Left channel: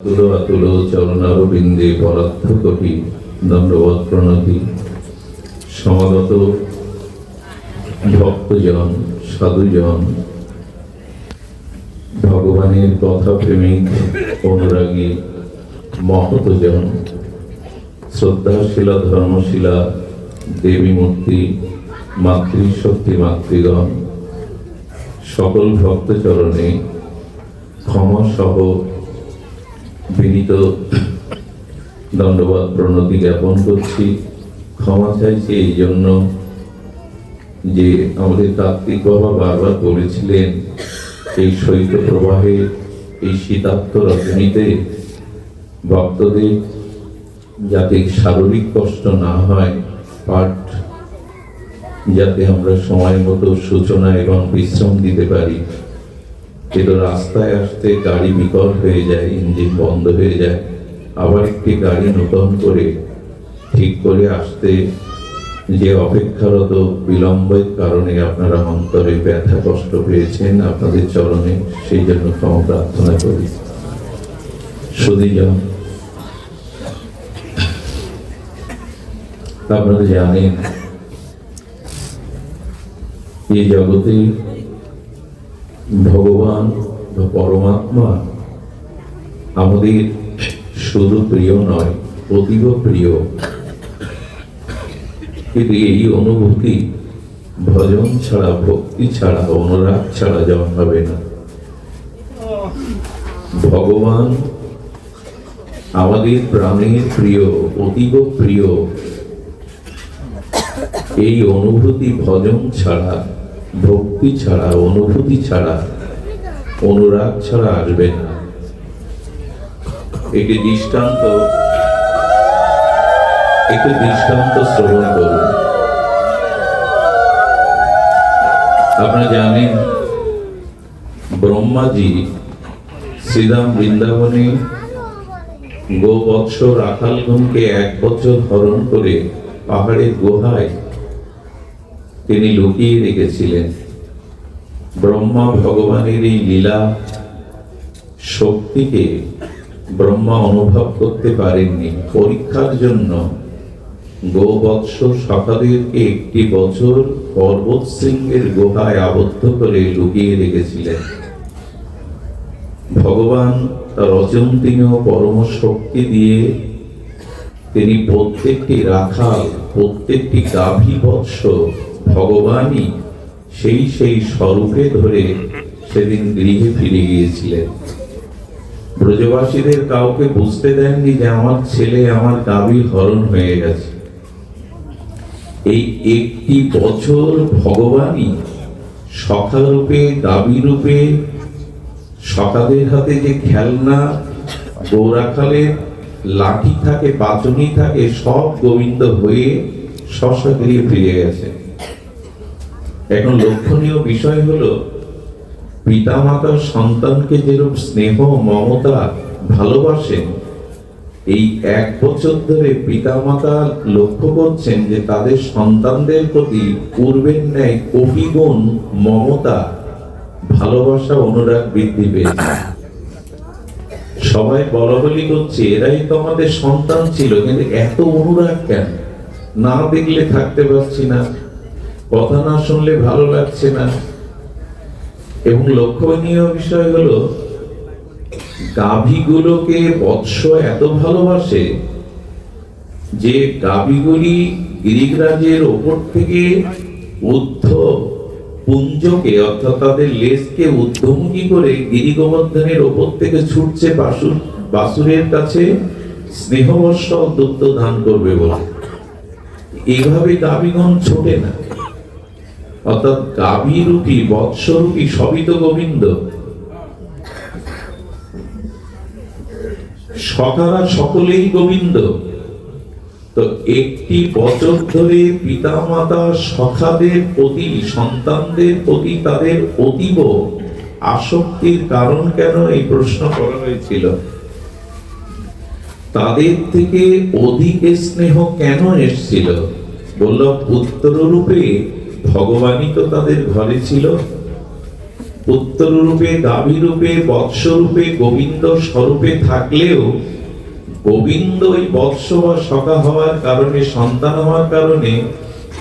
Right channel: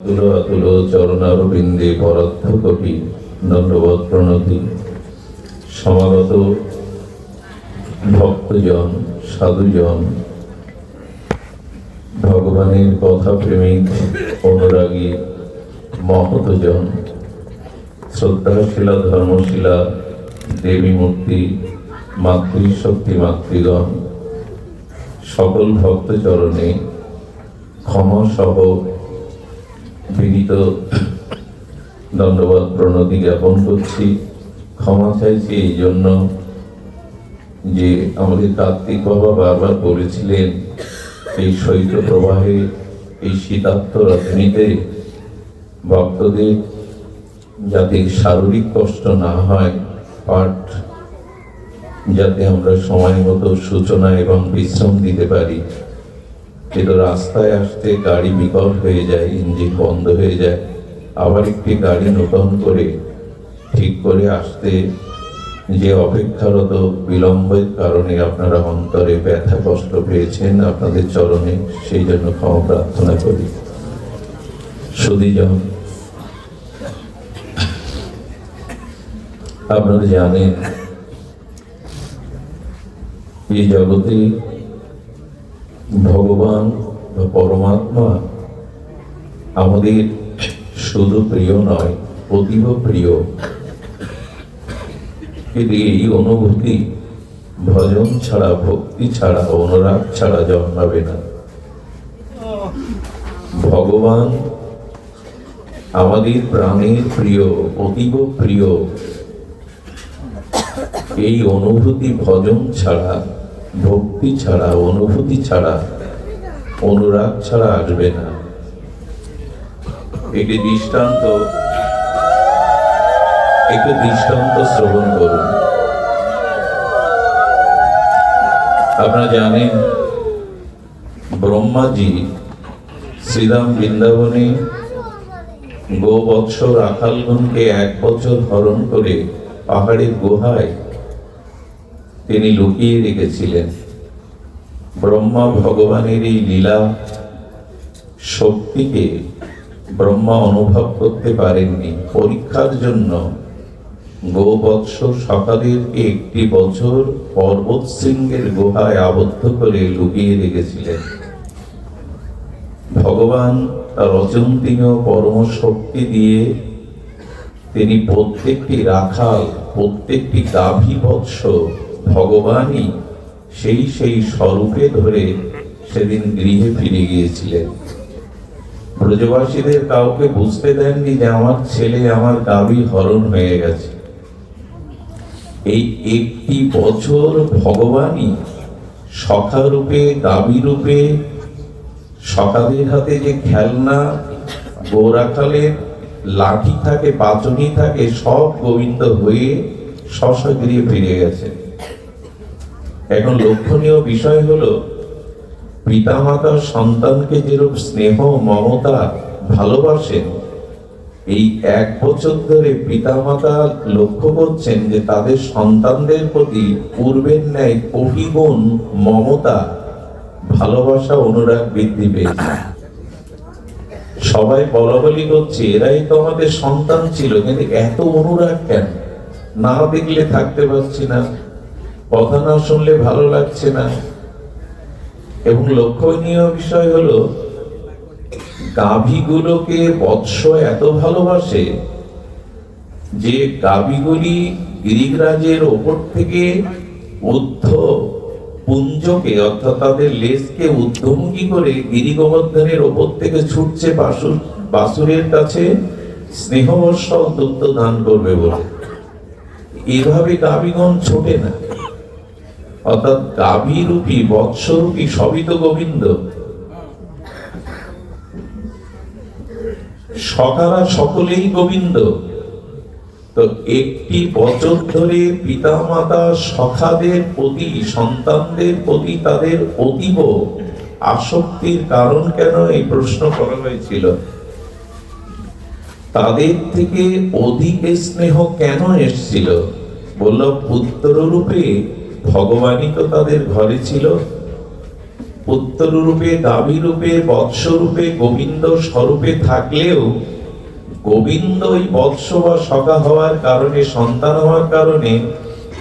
তুলো চরণারবিন্দে পরার্থ কোটি দণ্ডবৎ প্রণতি। সমাগত ভক্তজন, সাধুজন, ভগবানের কথা প্রেমিক অনুরাগী মহতজন, শ্রদ্ধাশীলা ধর্মশীলা দেবী মূর্তি, মাতৃশক্তি মাতৃগণ, সকল ভক্তচরণে ক্ষমা সহ বিনীত দণ্ডবৎ প্রণতি জ্ঞাপন করছি। ক্ষমা চাইছি এই জন্য যে আমাদের কার্তিক বাবা বারবার বলেছিলেন এই শৈত্য প্রবাহে, এই শীতার্ত রজনীতে ভক্তদের যাতে শারীরিক কষ্ট না হয়, পাঠ যাতে আমরা সময় মতো সূচনা এবং বিশ্রাম দিতে পারি। কিন্তু রাস্তায় আসতে গাড়ি বিকল হয়ে যায়, ইঞ্জিন বন্ধ হয়ে যায়, আবার একটি গাড়ি নতুন করে ঠিক করে আসতে যে অপেক্ষারত বিলম্বের কারণে আপনারা অন্তরে ব্যথা কষ্ট পেয়েছেন, আপনাদের চরণে সেই জন্য ক্ষমা প্রার্থনা করি। সুধীজন, আপনারা জানেন এই জগতে ভগবান বা পরমাত্মা আমাদের শুধু প্রিয় নয়, অতীব প্রিয়। কিন্তু এই অনুভূতি ভজন ছাড়া, ভক্তি ছাড়া, অনুরাগ ছাড়া জন্মাবে না। ভগবান আমাদের প্রাণের প্রিয়, অতীব প্রিয়। এই অনুভূতি ভজন ছাড়া, ভক্তি ছাড়া, অনুভূতি ছাড়া, অনুরাগ ছাড়া আসবে না। একটি দৃষ্টান্ত শ্রবণ করুন। আপনারা জানেন ব্রহ্মাজি শ্রীরাম বৃন্দাবনে গোবৎস রাখালগণকে 1 বছর হরণ করে পাহাড়ের গুহায় তিনি লুকিয়ে রেখেছিলেন। ব্রহ্মা ভগবানের এই লীলা শক্তিকে ব্রহ্মা অনুভব করতে পারেননি। পরীক্ষার জন্য গোবৎস সখাদেরকে 1 বছর পর্বত শৃঙ্গের গুহায় আবদ্ধ করে লুকিয়ে রেখেছিলেন। ভগবান তার অচিন্তনীয় পরম শক্তি দিয়ে তিনি প্রত্যেকটি রাখাল, প্রত্যেকটি গাভী বৎস ভগবানই সেই স্বরূপে ধরে সেদিন গৃহে ফিরে গিয়েছিলেন। ব্রজবাসীদের কাউকে বুঝতে দেননি যে আমার ছেলে, আমার গাভী হরণ হয়ে গেছে। এই 1 বছর ভগবানই সখা রূপে, গাভী রূপে, সখাদের হাতে যে খেলনা, গোরাখালের লাঠি থাকে, পাচনি থাকে, সব গোবিন্দ হয়ে গৃহে ফিরে গেছে। এখন লক্ষণীয় বিষয় হলো পিতামাতা সন্তানকে যেরূপ স্নেহ, মমতা, ভালোবাসেন, এই 1 বছর ধরে পিতামাতা লক্ষ্য করছেন যে তাদের সন্তানদের প্রতি পূর্বের ন্যায় কোটিগুণ মমতা, ভালোবাসা, অনুরাগ বৃদ্ধি পেয়েছে। সবাই বলাবলি করছে এরাই তো আমাদের সন্তান ছিল, কিন্তু এত অনুরাগ কেন? না দেখলে থাকতে পারছি না, কথা না শুনলে ভালো লাগছে না। এবং লক্ষণীয় বিষয় হলো গাভীগুলোকে বৎস এত ভালোবাসে যে গাভীগুলি গিরিরাজের ওপর থেকে ঊর্ধ্ব পুঞ্জকে, অর্থাৎ তাদের লেজকে ঊর্ধ্বমুখী করে গিরি গোবর্ধনের ওপর থেকে ছুটছে বাসুরের কাছে স্নেহবর্ষ দুগ্ধ দান করবে বলে। এভাবে গাভীগণ ছোটে না, অর্থাৎ গাভী রূপী, বৎস রূপী সবই তো গোবিন্দ। সখারা সকলেই গোবিন্দ। তো 1 বছর ধরে পিতামাতা সখাদের প্রতি, সন্তানদের প্রতি তাদের অতীব আসক্তির কারণ কেন, এই প্রশ্ন করা হয়েছিল। তাদের থেকে অধিক স্নেহ কেন এসেছিল? বলল পুত্র রূপে ভগবানই তো তাদের ঘরে ছিল। পুত্র রূপে, গাভী রূপে, বৎস রূপে, গোবিন্দ স্বরূপে থাকলেও গোবিন্দ ওই বৎস বা সখা হওয়ার কারণে, সন্তান হওয়ার কারণে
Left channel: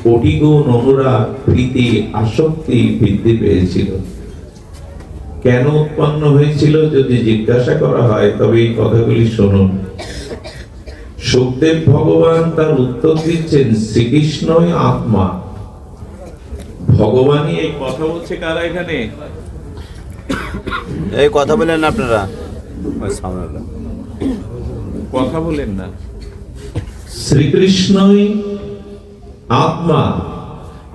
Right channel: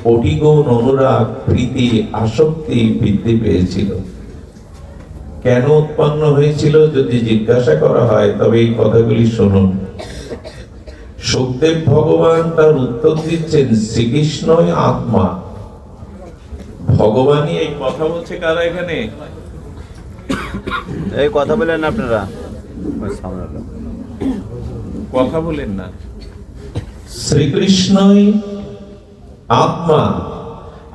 কোটি গুণ অনুরাগ, প্রীতি, আসক্তি বৃদ্ধি পেয়েছিল। কেন উৎপন্ন হয়েছিল যদি জিজ্ঞাসা করা হয়, তবে এই কথাগুলি শুনুন। সুখদেব ভগবান তার উত্তর দিচ্ছেন, শ্রীকৃষ্ণই আত্মা। ভগবানই এই কথা বলছে। কারা এখানে এই কথা বলেন আপনারা? কথা বলেন না। শ্রীকৃষ্ণই আত্মা,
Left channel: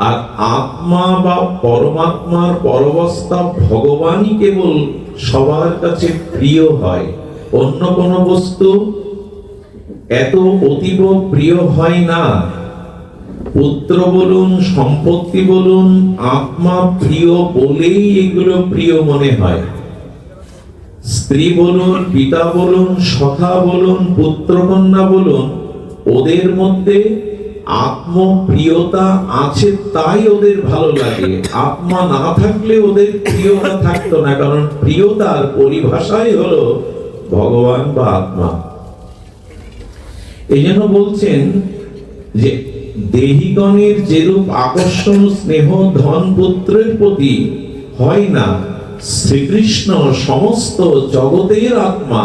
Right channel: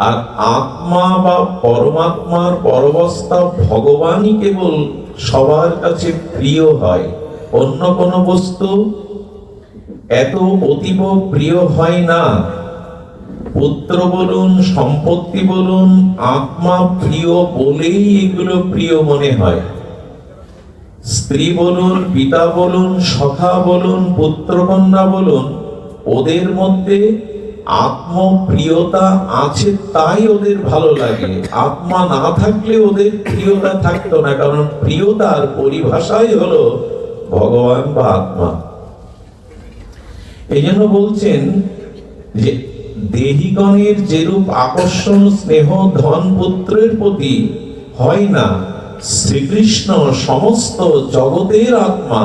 আর আত্মা বা পরমাত্মার পরবস্থা ভগবানই কেবল সবার কাছে প্রিয় হয়। অন্য কোন বস্তু এত অতীব প্রিয় হয় না। পুত্র বলুন, সম্পত্তি বলুন, আত্মা প্রিয় বলেই এগুলো প্রিয় মনে হয়। স্ত্রী বলুন, পিতা বলুন, সখা বলুন, পুত্রকন্যা বলুন, ওদের মধ্যে আত্মপ্রিয়তা আছে তাই ওদের ভালো লাগে। আত্মা না থাকলে ওদের প্রিয়তা থাকতো না, কারণ প্রিয়তার পরিভাষাই হলো ভগবান বা আত্মা। এই জন্য বলছেন যে দেহিগণের যেরূপ আকর্ষণ, স্নেহ, ধন, পুত্রের প্রতি হয় না, শ্রীকৃষ্ণ সমস্ত জগতের আত্মা,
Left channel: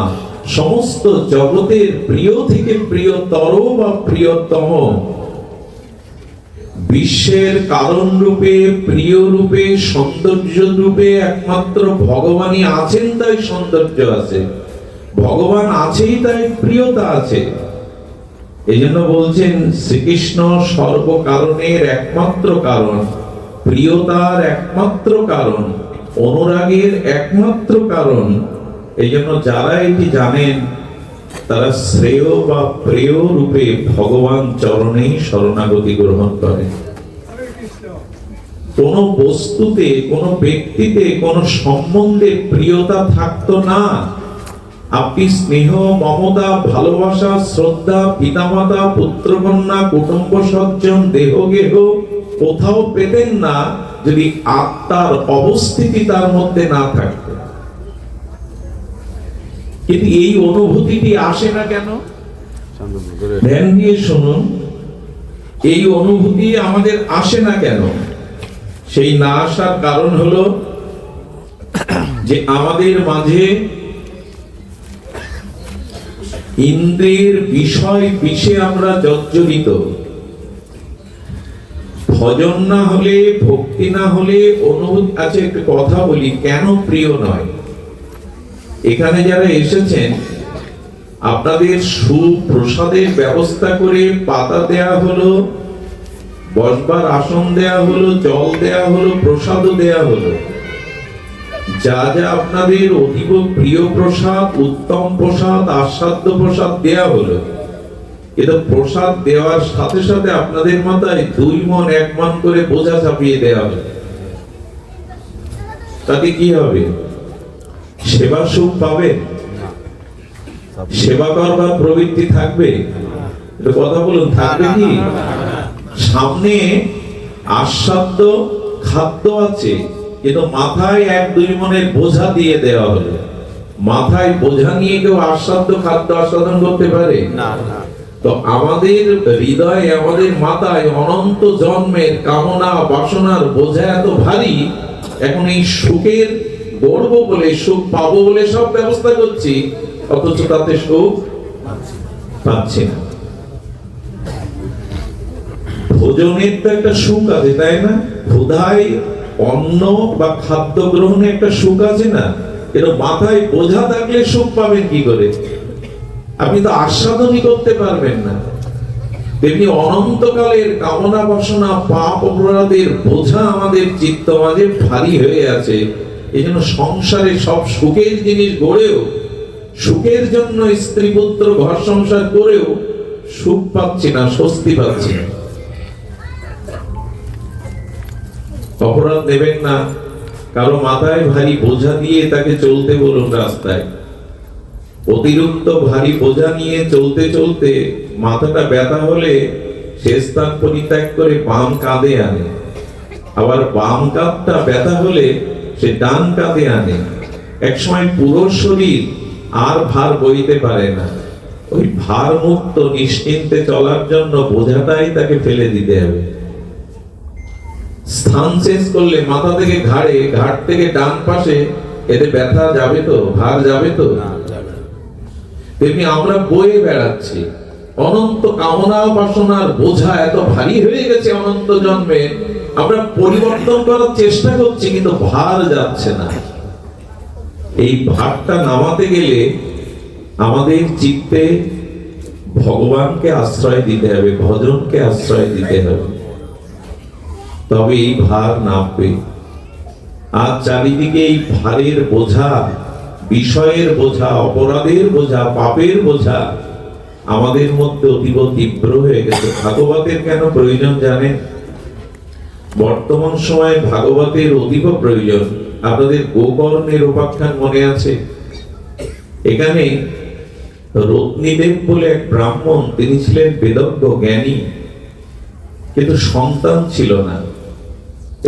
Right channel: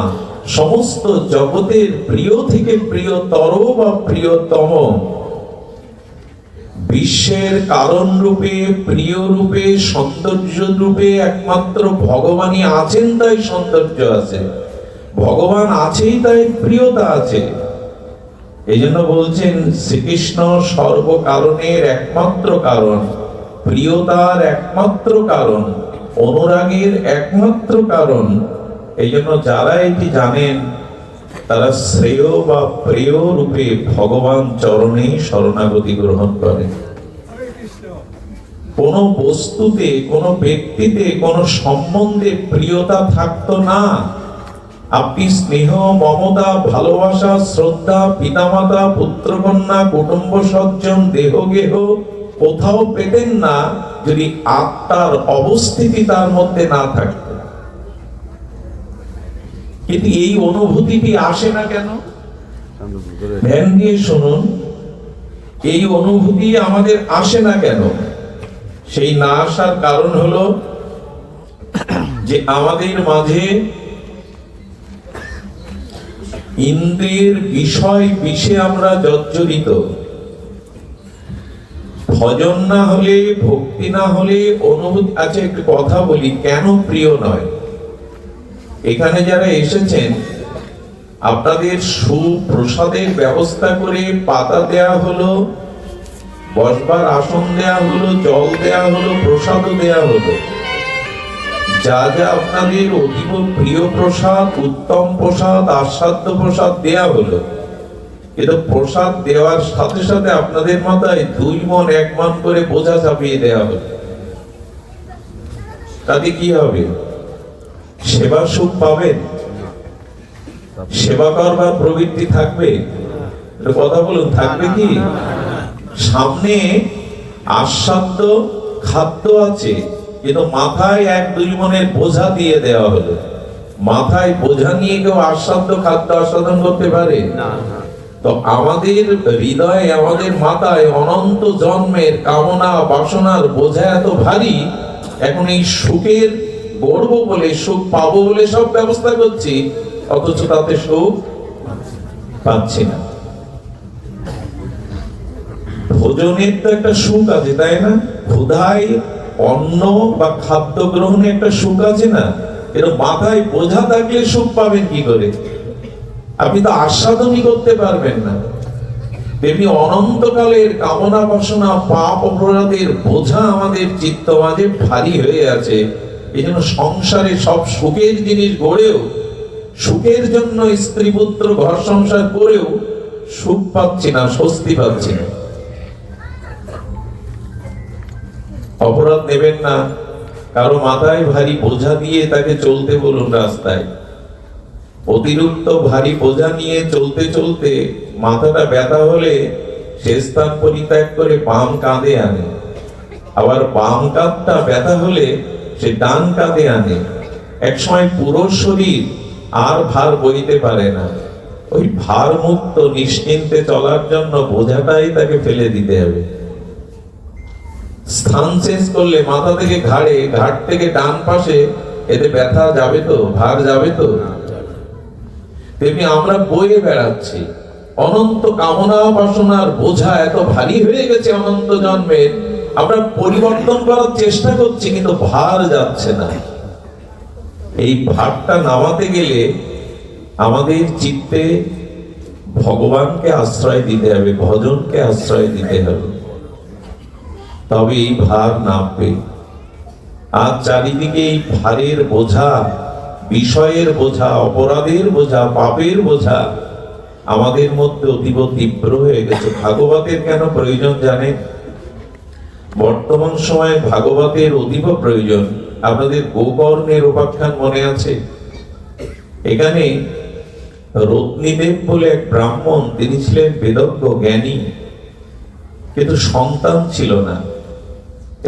সমস্ত জগতের প্রিয় থেকে প্রিয়তর বা প্রিয়তম, বিশ্বের কারণ রূপে, প্রিয় রূপে, সৌন্দর্য রূপে একমাত্র ভগবানই আছেন, তাই সৌন্দর্য আছে। ভগবান আছেই তাই প্রিয়তা আছে। এই জন্য বলছেন শ্রীকৃষ্ণ সর্বকারণের একমাত্র কারণ, প্রিয়তার একমাত্র কারণ, অনুরাগের একমাত্র কারণ। এই জন্য যারা এটি জানেন তারা শ্রেয় বা প্রিয় রূপে ভগবান চরণেই শরণাগতি গ্রহণ করেন। কোন বস্তুতে, কোন ব্যক্তিতে, কোন সম্বন্ধে প্রিয়তা থাকতো না, আপনি স্নেহ, মমতা, ভালোবাসা, শ্রদ্ধা, পিতামাতা, পুত্রকন্যা, কুটুম্ব সজ্জন, দেহ গেহ কোথাও পেতেন না যদি আত্মার অবস্থিতি তার মধ্যে না থাকত। কিন্তু এই অনুভূতিটি আসে না কেন? ধ্যান দিয়ে শুনুন, এই অনুভূতি আমাদের আসে না কেন? সেই না আসার কারণ হলো যে আমাদের মাঝে ইন্দ্রিয়ের বিষয় বিষে আমরা জর্জরিত। ভজন না হলে, ভক্তি না হলে অনুভূতি আছে। একটা কথা বলি, কেন প্রিয় নয়? এখানে যারা এসেছেন, আপনাদের সুপ্রসাদের ব্যবস্থা করে পাতা দেয়া হলো, বসবার আসন দেয়া হলো, জল দেয়া হলো, প্রসাদও দেয়া হলো। যা যা আপনাদের অতীব প্রিয় প্রসাদ, উত্তম প্রসাদ, আস্বাদ্য প্রসাদ দেয়া হলো, কিন্তু প্রসাদ দেওয়ার সাথে সাথে আপনাদের মাথায় 2 মণ 1 মণ করে বোঝা চাপিয়ে দেয়া হলো। তাতে কি হবে? সেবা সুখ পাবেন? সেবা করবার প্রবৃত্তি থাকবে? কথা বলুন, থাকবে কি? সামনে আস্বাদ্য খাদ্য আছে, কিন্তু মাথায় 1-2 মণের বোঝা দিয়ে দেওয়া হলো। মাথায় বোঝা নিয়ে কেউ আস্বাদ্য খাদ্য আস্বাদন করতে পারে না। তো আমাদের হৃদয়ে, আমাদের মাথায় অনন্ত জন্মের কামনা বাসনার বোঝা এত ভারী, এখন এই সুখের গড়বো বলে, সুখ পাবো বলে সব ব্যবস্থা করছি, অথচ তাতে সুখ পাচ্ছি না। ভোজনের তো একটা সুখ আছে, তাই না? ক্ষুধায় অন্ন বা খাদ্য গ্রহণে একটা সুখ আছে না? এর মাথায় বোঝা থাকলে সুখ পাবেন কি করে? আপনি তো আস্বাদনই করতে পারবেন না। তেমনি অনন্তকালের কামনা বাসনা, পাপ অপরাধের বোঝা আমাদের চিত্ত মাঝে ভারী হয়ে আছে। এই জন্য সংসারে সব সুখের জিনিস গড়েও, সুখের জন্য স্ত্রী পুত্র ঘর সংসার করেও সুখ পাচ্ছি না, স্বস্তি পাচ্ছি না। অপরাধ নেবেন না, কারো মাথায় ভারী বোঝা দিয়ে তাকে চলতে বলুন রাস্তায়। অতিরিক্ত ভারী বোঝা নিয়ে চলতে চলতে মাথাটা ব্যথা হলে সে স্থান পরিত্যাগ করে বাম কাঁধে আনে। আবার বাম কাঁধটা ব্যথা হলে সে ডান কাঁধে আনে। এক সময় পুরো শরীর আর ভার বইতে পারে না, ওই ভার মুক্ত নিশ্চিন্তে চলার জন্য বোঝাটাই তাকে ফেলে দিতে হবে। স্থান শেষ করলে মাথা থেকে ঘাড়ে, ঘাট থেকে ডান পাশে, এতে ব্যথা যাবে তো, ভার যাবে তো? তেমনি আমরা বয়ে বেড়াচ্ছি, অনন্ত কামনা বাসনার বোঝা এত ভারী হয়ে গেছে অনন্ত জন্মে, আমরা পরিবর্তন করার চেষ্টা করছি কিন্তু ভার যাচ্ছে না। এই ভারটা নামাতে গেলে আমাদের চিত্তে ভগবানকে আশ্রয় দিতে হবে, ভজনকে আশ্রয় দিতে হবে, তবে এই ভার নামবে। আর চারিদিকে এই ভারের বোঝা, বিষয়ের বোঝা, অপরাধের বোঝা, পাপের বোঝা আমাদের মধ্যে অতীব তীব্র হয়ে গেছে। ভাগবতের কেন প্রয়োজন জানেন? বর্তমান সময়ে ভাগবতের অতীব প্রয়োজন। আপনাদের গোকর্ণের উপাখ্যান মনে আছে? এখানে রত্নীদেব বলে এক ব্রাহ্মণ, তিনি ছিলেন বেদজ্ঞ জ্ঞানী, কিন্তু সন্তান ছিল না,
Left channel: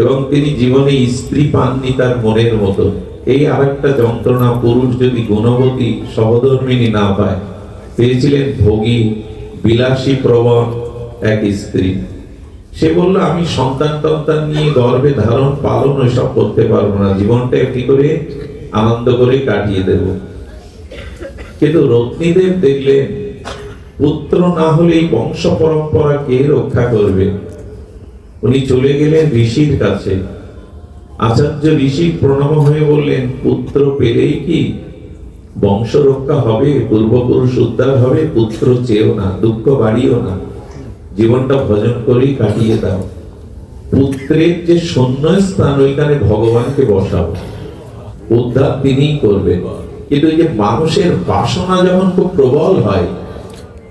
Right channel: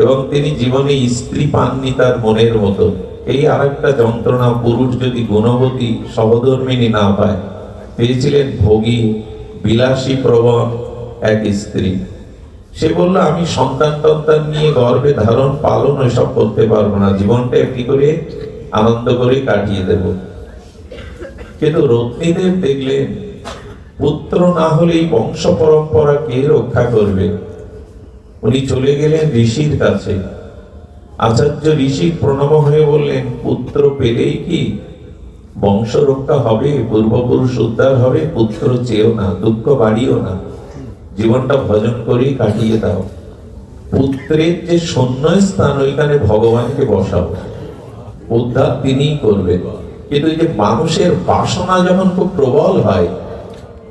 এবং তিনি জীবনে স্ত্রী পাননি তার মনের মতো। এই আরেকটা যন্ত্রণা, পুরুষ যদি গুণবতী সহধর্মিনী না পায়। পেয়েছিলেন ভোগী, বিলাসী প্রবণ এক স্ত্রী। সে বলল, আমি সন্তান টন্তান নিয়ে গর্ভে ধারণ পালন ওইসব করতে পারবো না, জীবনটা একটি করে আনন্দ করে কাটিয়ে দেব। কিন্তু রত্নীদেব দেখলেন, পুত্র না হলে এই বংশ পরম্পরা কে রক্ষা করবে? উনি চলে গেলেন ঋষির কাছে। আচার্য ঋষি প্রণাম হয়ে বললেন, পুত্র পেলেই কি বংশ রক্ষা হবে, পূর্বপুরুষ উদ্ধার হবে? পুত্র চেয়েও না, দুঃখ বাড়িও না, জীবনটা ভজন করেই কাটিয়ে দাও। পুত্রের যে শূন্য স্থান, ওইখানে ভগবানকে বসাবো, উদ্ধার তিনিই করবেন। কিন্তু যে মানুষের বাসনা যখন খুব প্রবল হয়,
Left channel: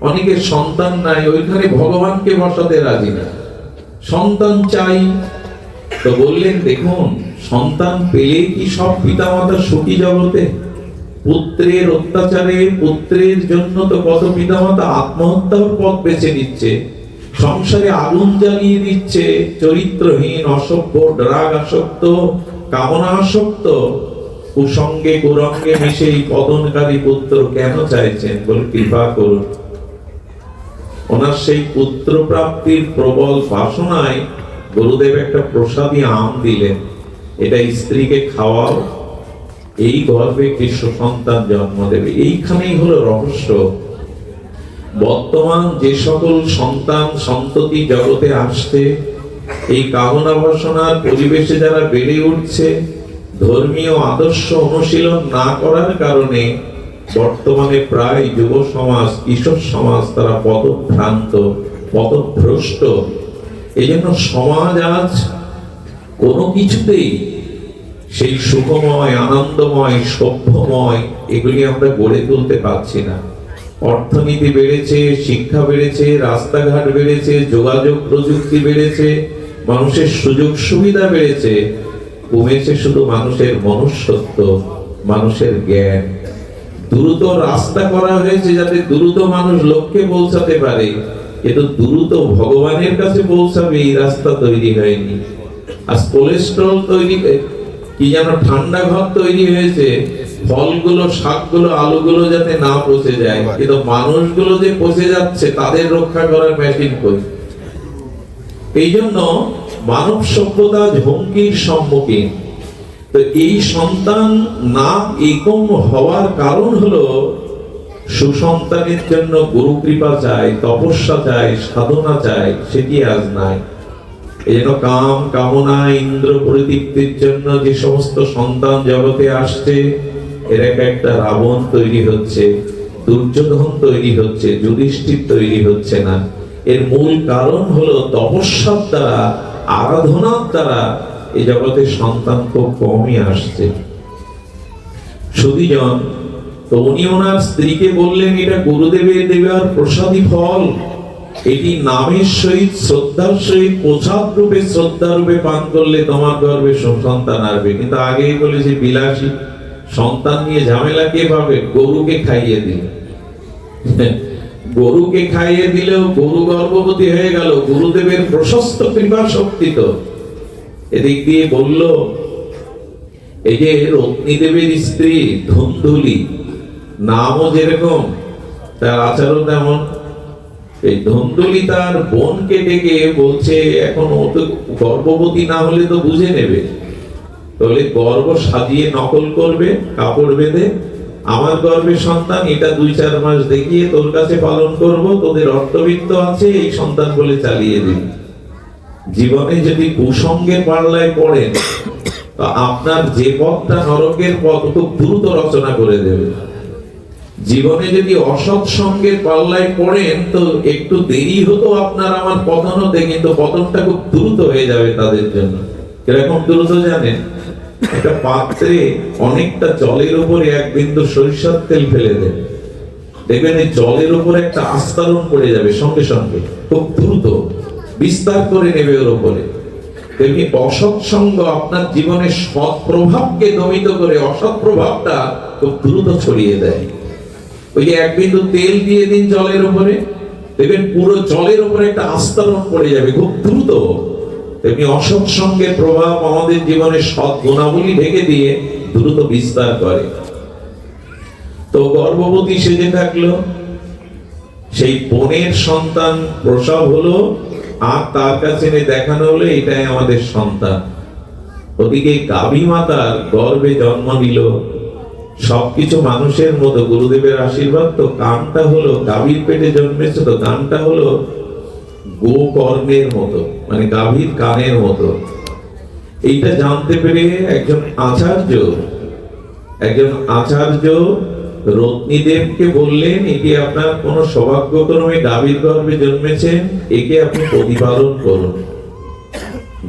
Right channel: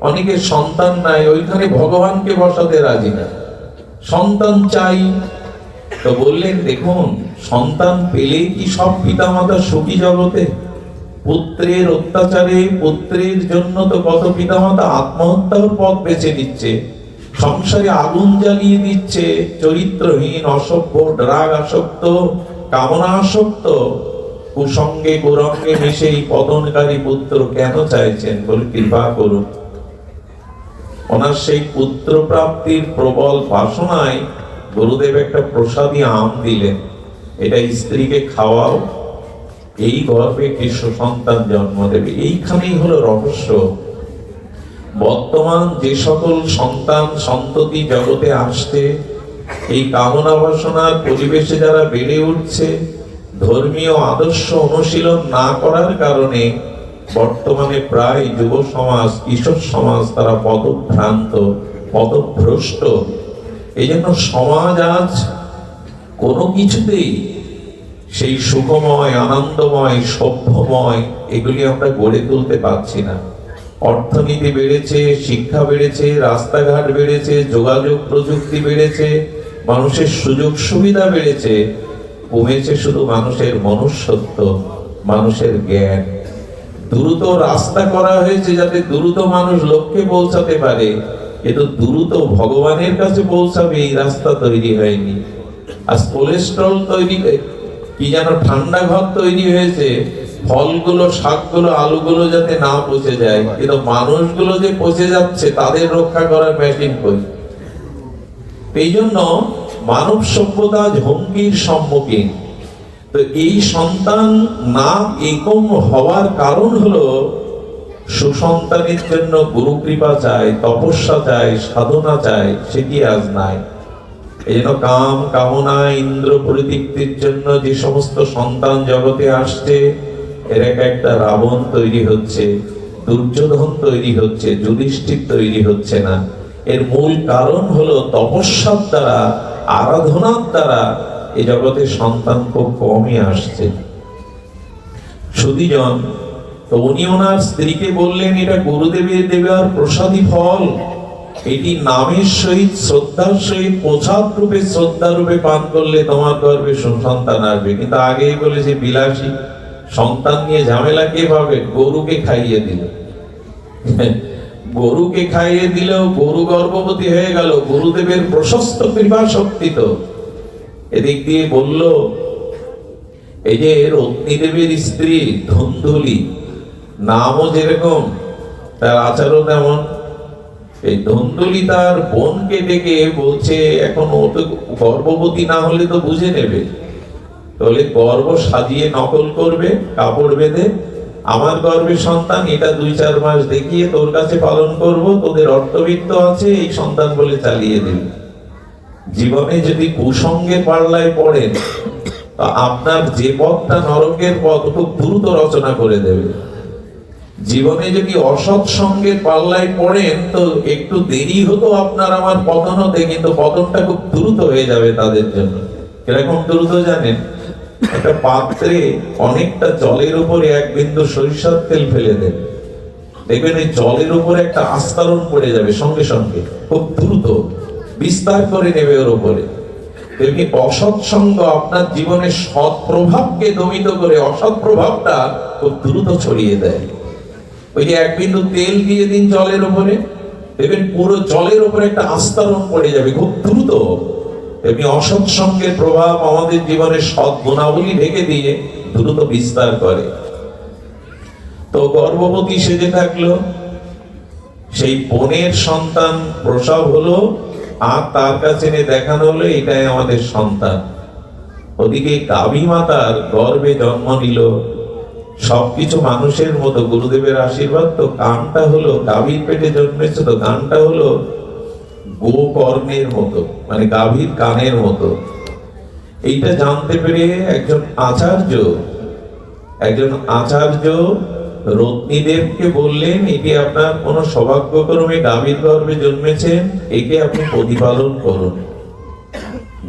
অনেকের সন্তান নাই, ওইখানে ভগবানকে বসাতে রাজি না, সন্তান চাই। তো বললেন, দেখুন, সন্তান পেলে কি সব পিতামাতা সুখী জগতে? পুত্রের অত্যাচারে, পুত্রের জন্য তো কত পিতামাতা আত্মহত্যার পথ বেছে নিচ্ছে, সংসারে আগুন জ্বালিয়ে দিচ্ছে। চরিত্রহীন, অসভ্য, ড্রাগ আসক্ত, কামনা আসক্ত, কুসঙ্গে কুরঙ্গে মিশে এই পতনকারী পুত্র কেন চাইছেন? বলে, কৃপা করুন। ওনার সেই পুত্র প্রাপ্তির প্রবল বাসনায় গুরুদেব একটা প্রসাদী আম দিলেন, এটা স্ত্রীকে খাওয়াও, এই গর্ভে একটি সুসন্তান জন্ম দেবে। এইখানেই হলো রহস্য। বর্তমান যে সকল সন্তান সন্ততি জগতে আসছে, এই কামনা বাসনার পরিবেশে যারা বেড়ে উঠছে, ধর্মীয় আদর্শ অনুশীলন না করার কারণে বর্তমানে প্রায় যুব সমাজ, কিশোর সমাজ তারা পদভ্রান্ত, পদভ্রষ্ট। এই জন্য সমাজ আজ কোনো কিছুতেই সেই সুখময়, আনন্দময়, সভ্যময় এগুলি আমরা গড়ে তুলতে পারছি না। অর্থনীতি বেড়েছে, শিক্ষা বেড়েছে, রাস্তাঘাট বেড়েছে, যোগাযোগ প্রযুক্তি বেড়েছে, মানুষের সুযোগ সুবিধা বেড়েছে, কমেছে শুধু মানুষের মনুষ্যত্ব, মানুষের জ্ঞান। দ্রুত রাস্তা করা হয়েছে যাতে দ্রুত মানুষ লক্ষ্যে পৌঁছাতে পারে, কিন্তু দ্রুত ভগবানের কাছে পৌঁছাবে এই রাস্তা তৈরি হয়নি। আজ কোলেস্ট্রল তৈরি, কি যেন ঠান্ডা ঘর তৈরি হয়েছে, ফলগুলো, শাকগুলো, আলুগুলো যাতে না পচে যায়, কিন্তু মানুষগুলো যে পচে যাচ্ছে তাদের রক্ষা করার মেশিন কই? এই জন্য মানব সভ্যতা হুমকির সম্মুখীন। তো এই সন্তান না একম হওয়ার কারণ হলো, সুসন্তানের জন্য গুরু কৃপা চাই, তপস্যা চাই, সাধনা চাই, সেটি আজ নাই। এই জন্য কাম, কামনা, ইন্দ্র প্রদীপ্তির জন্য যে সমস্ত সন্তান জগতে আসছে, এর একটা রাবণ তৈরি হচ্ছে, দুর্যোধন তৈরি হচ্ছে, যুধিষ্ঠির তৈরি হচ্ছে না। এর মূল কারণ হলো তপস্যার দ্বারা, আরাধনার দ্বারা এই জগতে সন্তান খুব কমই আসছে। সুধীজন, তো উনি ওনার স্ত্রীকে বললেন, এটা গুরুদেবের দেওয়ার প্রসাদী ফল, এটি নামের সহিত, শ্রদ্ধার সহিত, প্রসাদ রূপে, শ্রদ্ধা রূপে পান করলে তোমার গর্ভে সন্তান আসবে। কিন্তু আগেই বলেছে বিলাসী, সন্তান নিয়ে ঝামেলা কে পাবে? গরুকে খাইয়ে দিল, গরুকে খাইয়ে দিলেও গরু গর্ভবতী হয়ে গেল। গুরুদেবের প্রশস্ত কৃপা শক্তি তো। এদিক দিয়ে বলল, এই যে রত্নীদেবীর স্ত্রী ধুন্ধুলি, নামও যেরকম তার আচারও তেমন। এই ধুন্ধুলি তার বোনকে ডেকে বলছে, এখন ও তো গর্ভবতী না হলে তো বুঝে নেবে, তাহলে গর্ভ সাজিয়ে নকল করবে কাপড় বেঁধে, আমার গর্ভে সন্তান, এটা ২-৪ মাস দেখিয়ে তোর কাছে পালন করব, তোদের অর্থবিত্ত আছে, এই সন্তান বলে চালিয়ে দিবি। জীবনে যদি কুসঙ্গের পাল্লায় পড়েন, আপনার যে পথটা নরকের পথ খুব দ্রুত রচনা করে দেবে। জীবনে যদি অসৎ সঙ্গের পাল্লায় পড়েন, তো একটু দেরি হতো আপনার আমার পতন হতে, কিন্তু পতনটা খুব দ্রুত হয়ে যাবে তাদের জন্য। কিরকম দ্রুত জানেন? একটা পাত্রে অনেকটা জলের উপরে ১ বিন্দু সরিষার তেল ফেলে দেন, দেখবেন এই জলের উপরে একটা আস্তরণ পড়ে যাবে, সঙ্গে সঙ্গে খুব দ্রুত বিস্তার করে নেবে ওর উপরে। তেমনি অসৎ সঙ্গ আপনার জীবনের সৎ প্রভাবকে দমিত করে অসৎ প্রভাবটা খুব দ্রুত ছড়িয়ে দেয়। ওই যে ১ বিন্দু তেল দিয়ে দিন জলের উপরে, দেখবেন পুরো জলের উপরে একটা আস্তরণ পড়ে যাবে খুব দ্রুত। তেমনি অসৎ সঙ্গের প্রভাব আমাদের জীবনে সৎ গুণাবলী ঢেকে দিয়ে দ্রুত বিস্তার করে। তো গর্ভবতী সেজে থাকলো, সেই বোনের সন্তান প্রসব হলো, আর তার কাছে এনে দেখানো হলো এটাই আমাদের সন্তান। ওদিকে গাভী মাতার গর্ভে জন্ম নিল, সবকিছু মানুষের মতো, গুরুদেবের আশীর্বাদ। তো কানটা হলো, গাভীর পেটে জন্মেছে তো কানটা হলো গোকর্ণের মতো, মানে গাভীর কানের মতো। এইটা জানতে পেরে একজন আচার্য রত্নীদেবকে বললেন, এটি আপনার কোন সৌভাগ্যক্রমে গাভীর গর্ভে জন্মেছেন, একে আপনি প্রতিপালন করুন।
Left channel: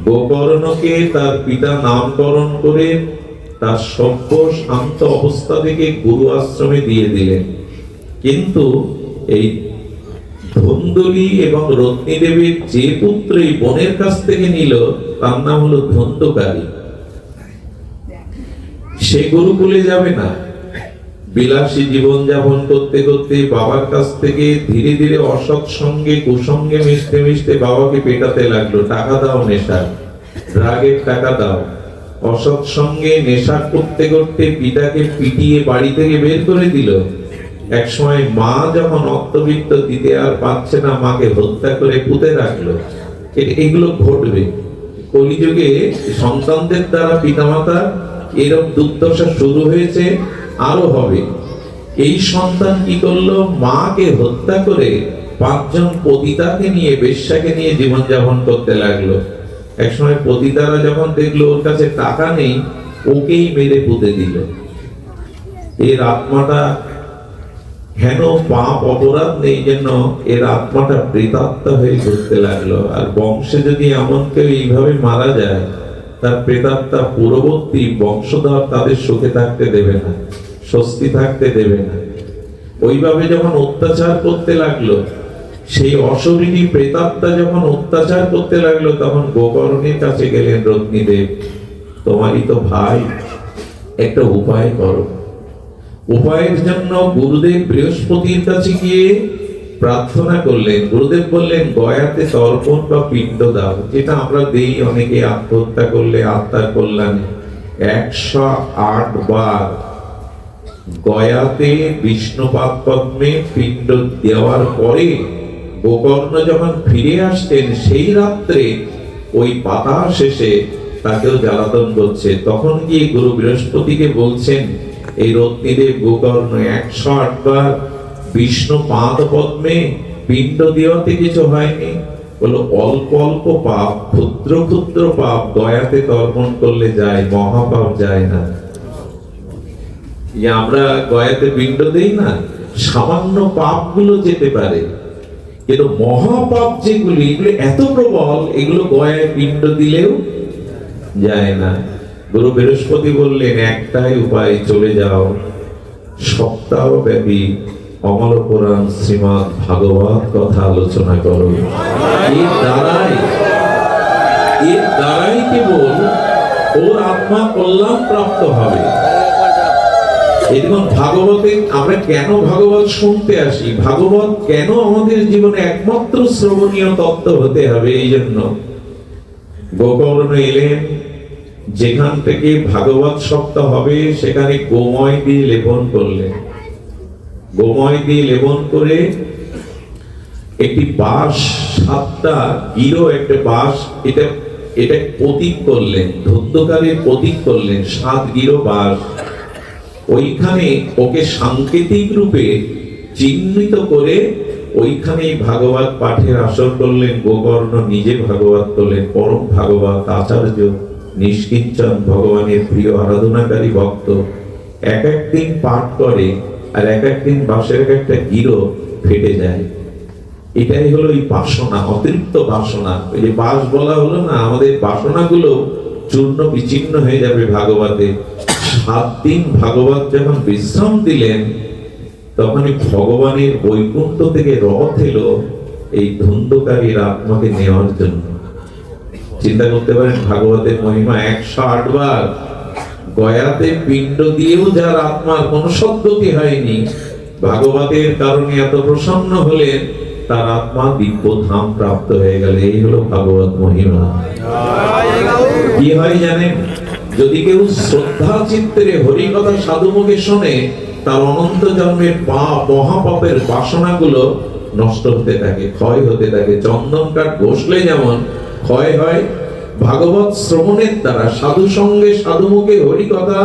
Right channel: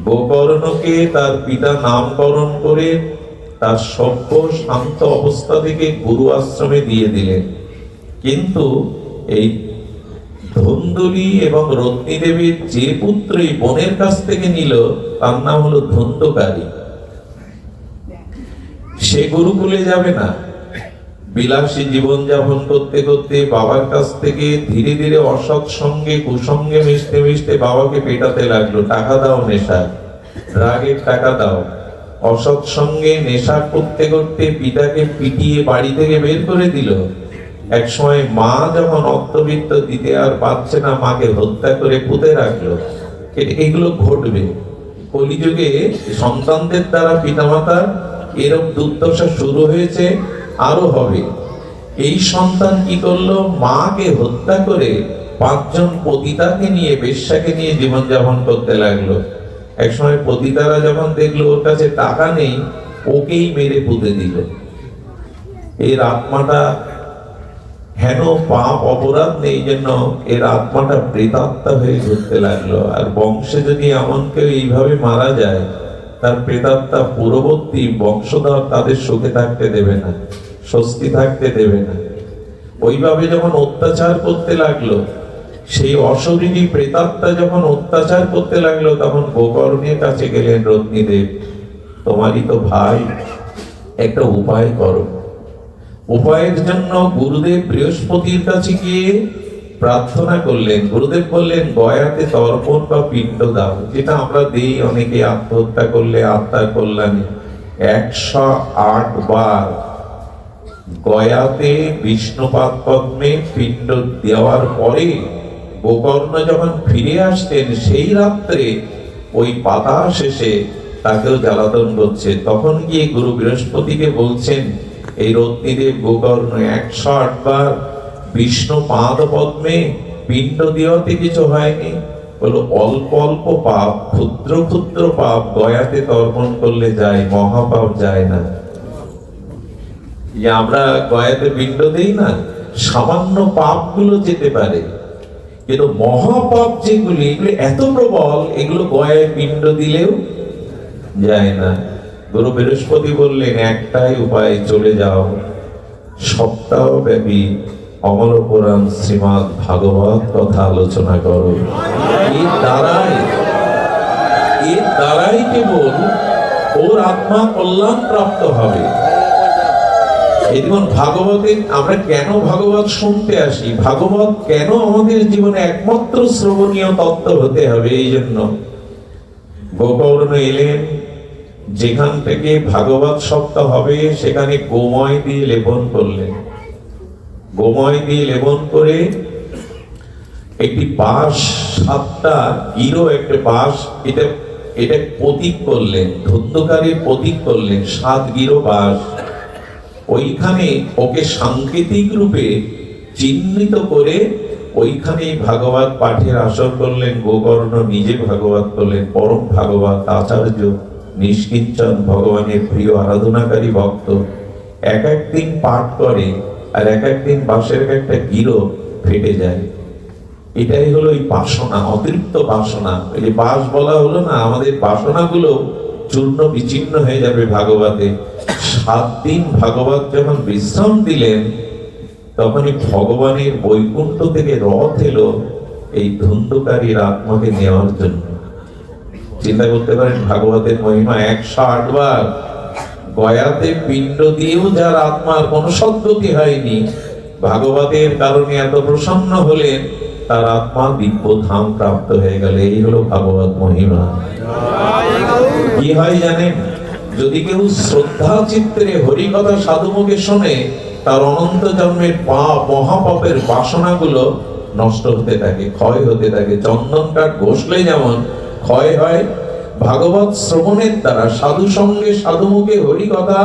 গোকর্ণকে তার পিতা নামকরণ করে তার সভ্য শান্ত অবস্থা থেকে গুরু আশ্রমে দিয়ে দিলেন। কিন্তু এই ধুন্ধুলি এবং রত্নীদেবীর যে পুত্র এই বোনের কাছ থেকে নিল, তার নাম হলো ধন্ধকারী। সে গুরুকুলে যাবে না, বিলাসী জীবন যাপন করতে করতে বাবার কাছ থেকে ধীরে ধীরে অসৎ সঙ্গে কুসঙ্গে মিশতে মিশতে বাবাকে পেটাতে লাগলো, টাকা দাও নেশা, রাগের টাকা দাও। অসৎ সঙ্গে নেশা করতে করতে পিতাকে পিটিয়ে বাড়ি থেকে বের করে দিল। এক সময় মা যখন অর্থবিত্ত দিতে আর পাচ্ছে না, মাকে হত্যা করে পুঁতে রাখলো। এগুলো ঘটবে কলিযুগে, সন্তানদের দ্বারা পিতামাতার এরকম দুর্দশা শুরু হয়েছে, আরো হবে। এই সন্তান কি করলো, মাকে হত্যা করে ৫ জন পতিতাকে নিয়ে, বেশ্যাকে নিয়ে জীবন যাপন করতে লাগলো। এক সময় পতিতারা যখন দেখলো ওর কাছে টাকা নেই, ওকেই মেরে পুঁতে দিল। এর আত্মাটা, হেন পাপ অপরাধ নেই জন্য এর আত্মাটা প্রেতাত্মা হয়ে ঘুরতে লাগলো। আর বংশে যদি এমন কেউ এইভাবে মারা যায়, তার প্রেতাত্মা পূর্ববর্তী বংশধর তাদের সুখে থাকতে দেবে না, স্বস্তি থাকতে দেবে না। ওইভাবে যখন অত্যাচার করতে লাগলো, সেই অশরীরী প্রেতাত্মা যখন অত্যাচার করতে লাগলো, তখন গোকর্ণের কাছে গেলেন রত্নীদেব, তোমারই তো ভাই, একটা উপায় করো। উপায়ের জন্য গুরুদেব বৃহস্পতির কাছে গিয়ে প্রার্থনা করলেন। গুরুদেব বললেন, গয়াতে তর্পণ বা পিণ্ড দাও, যেটা আমরা দেই অনেকে আত্মহত্যা করলে আত্মার কল্যাণে। ১০৮ বার গয়াতে বিষ্ণুপাদ পদ্মে পিণ্ড দেওয়ার পরে গোকর্ণ যখন ফিরে আসতেন, সেই রাত্রে ওই পাতা শেষে তাকেও জ্বালাতন করছে। তখন গিয়ে গুরু বৃহস্পতিকে বলছেন, এই রত্নীদেব গোকর্ণ ১০৮ বার বিষ্ণু পাদ পদ্মে পিণ্ড দেওয়াতে কিছু হয়নি। বলো, অল্প অল্প পাপ, ক্ষুদ্র ক্ষুদ্র পাপ গয়াতে তর্পণ করলে যায়, মহাপাপ যায় না। যে আমরা গয়াতে পিণ্ড দেই না, সামান্য পাপগুলো যেতে পারে, কিন্তু মহাপাপ যেগুলি, এগুলো এত প্রবল, এগুলো গয়ায় পিণ্ড দিলেও যায় না। গুরু বৃহস্পতি বললেন, একটাই উপায়, চলে যাও, সপ্তাহব্যাপী অমর পুরাণ শ্রীমদ ভাগবত কথা আলোচনা করো। এর দ্বারাই কেবল ওর আত্মা কল্যাণ প্রাপ্ত হবে। এরকম ভাগবতে আমরা কেন ভাগবত শুনতে আসি, ভাগবত কেন আমাদের জীবনে একমাত্র শ্রবণীয় তত্ত্ব হতে হবে, এই জন্য গোকর্ণ এলেন, যেখান থেকে ভাগবত সপ্তাহ হবে সেখানে গোময় দিয়ে লেপন করলেন। গোময় দিয়ে লেপন করে একটি বাঁশ, 7টা গিরো একটা বাঁশ, এটা প্রতীক করলেন, ধন্যকারের প্রতীক করলেন, 7 গিরো বাঁশ। ওইখানে ওকে সাংকেতিক রূপে চিহ্নিত করে ওইখানে ভাগবত পাঠের আসর করলেন। গোকর্ণ নিজে ভাগবত করলেন, পরম ভাগবত আচার্য নিষ্কিঞ্চন, ভগবানের প্রিয় আরাধনাকারী ভক্ত। এক একদিন পাঠ করে আর এক একদিন বাঁশের একটা গিরো ফেটে যায়। এটাই হলো এই বাসনা, অতিরিক্ত বাসনা। এই যে বাস বলা হলো না, আমাদের বাসনাগুলো চূর্ণ বিচ্ছিন্ন হয়ে যাবে ভাগবতে। 7 দিন ভাগবত যখন বিশ্রাম দিলেন, তখনই ভগবানের বৈকুণ্ঠ থেকে রথ এলো এই ধন্যকারীর আত্মাকে নেওয়ার জন্য। চিন্তা করতে পারেন ভাগবতের মহিমা। 108 বার গয়াতে পিণ্ড দিয়েও যার আত্মার কোনো সদ্গতি হয়নি, ভাগবতের কারণে এত প্রসন্ন হলেন, তার আত্মা দিব্য ধাম প্রাপ্ত হয়ে গেল। এই হলো ভাগবত মহিমা। কি হয় জানেন, যদি কেউ শ্রদ্ধা চিত্রে হরি কথা সাধুমুখে শোনে, তার অনন্ত জন্মের পাপ, মহাপাপের বাসনাগুলো নষ্ট হতে থাকে, ক্ষয় হতে থাকে। চন্দন কাঠ ঘষলে যেমন ক্ষয় হয়, ভাগবত শ্রবণের দ্বারা, সাধু সঙ্গে সাধুমুখে হরি কথা,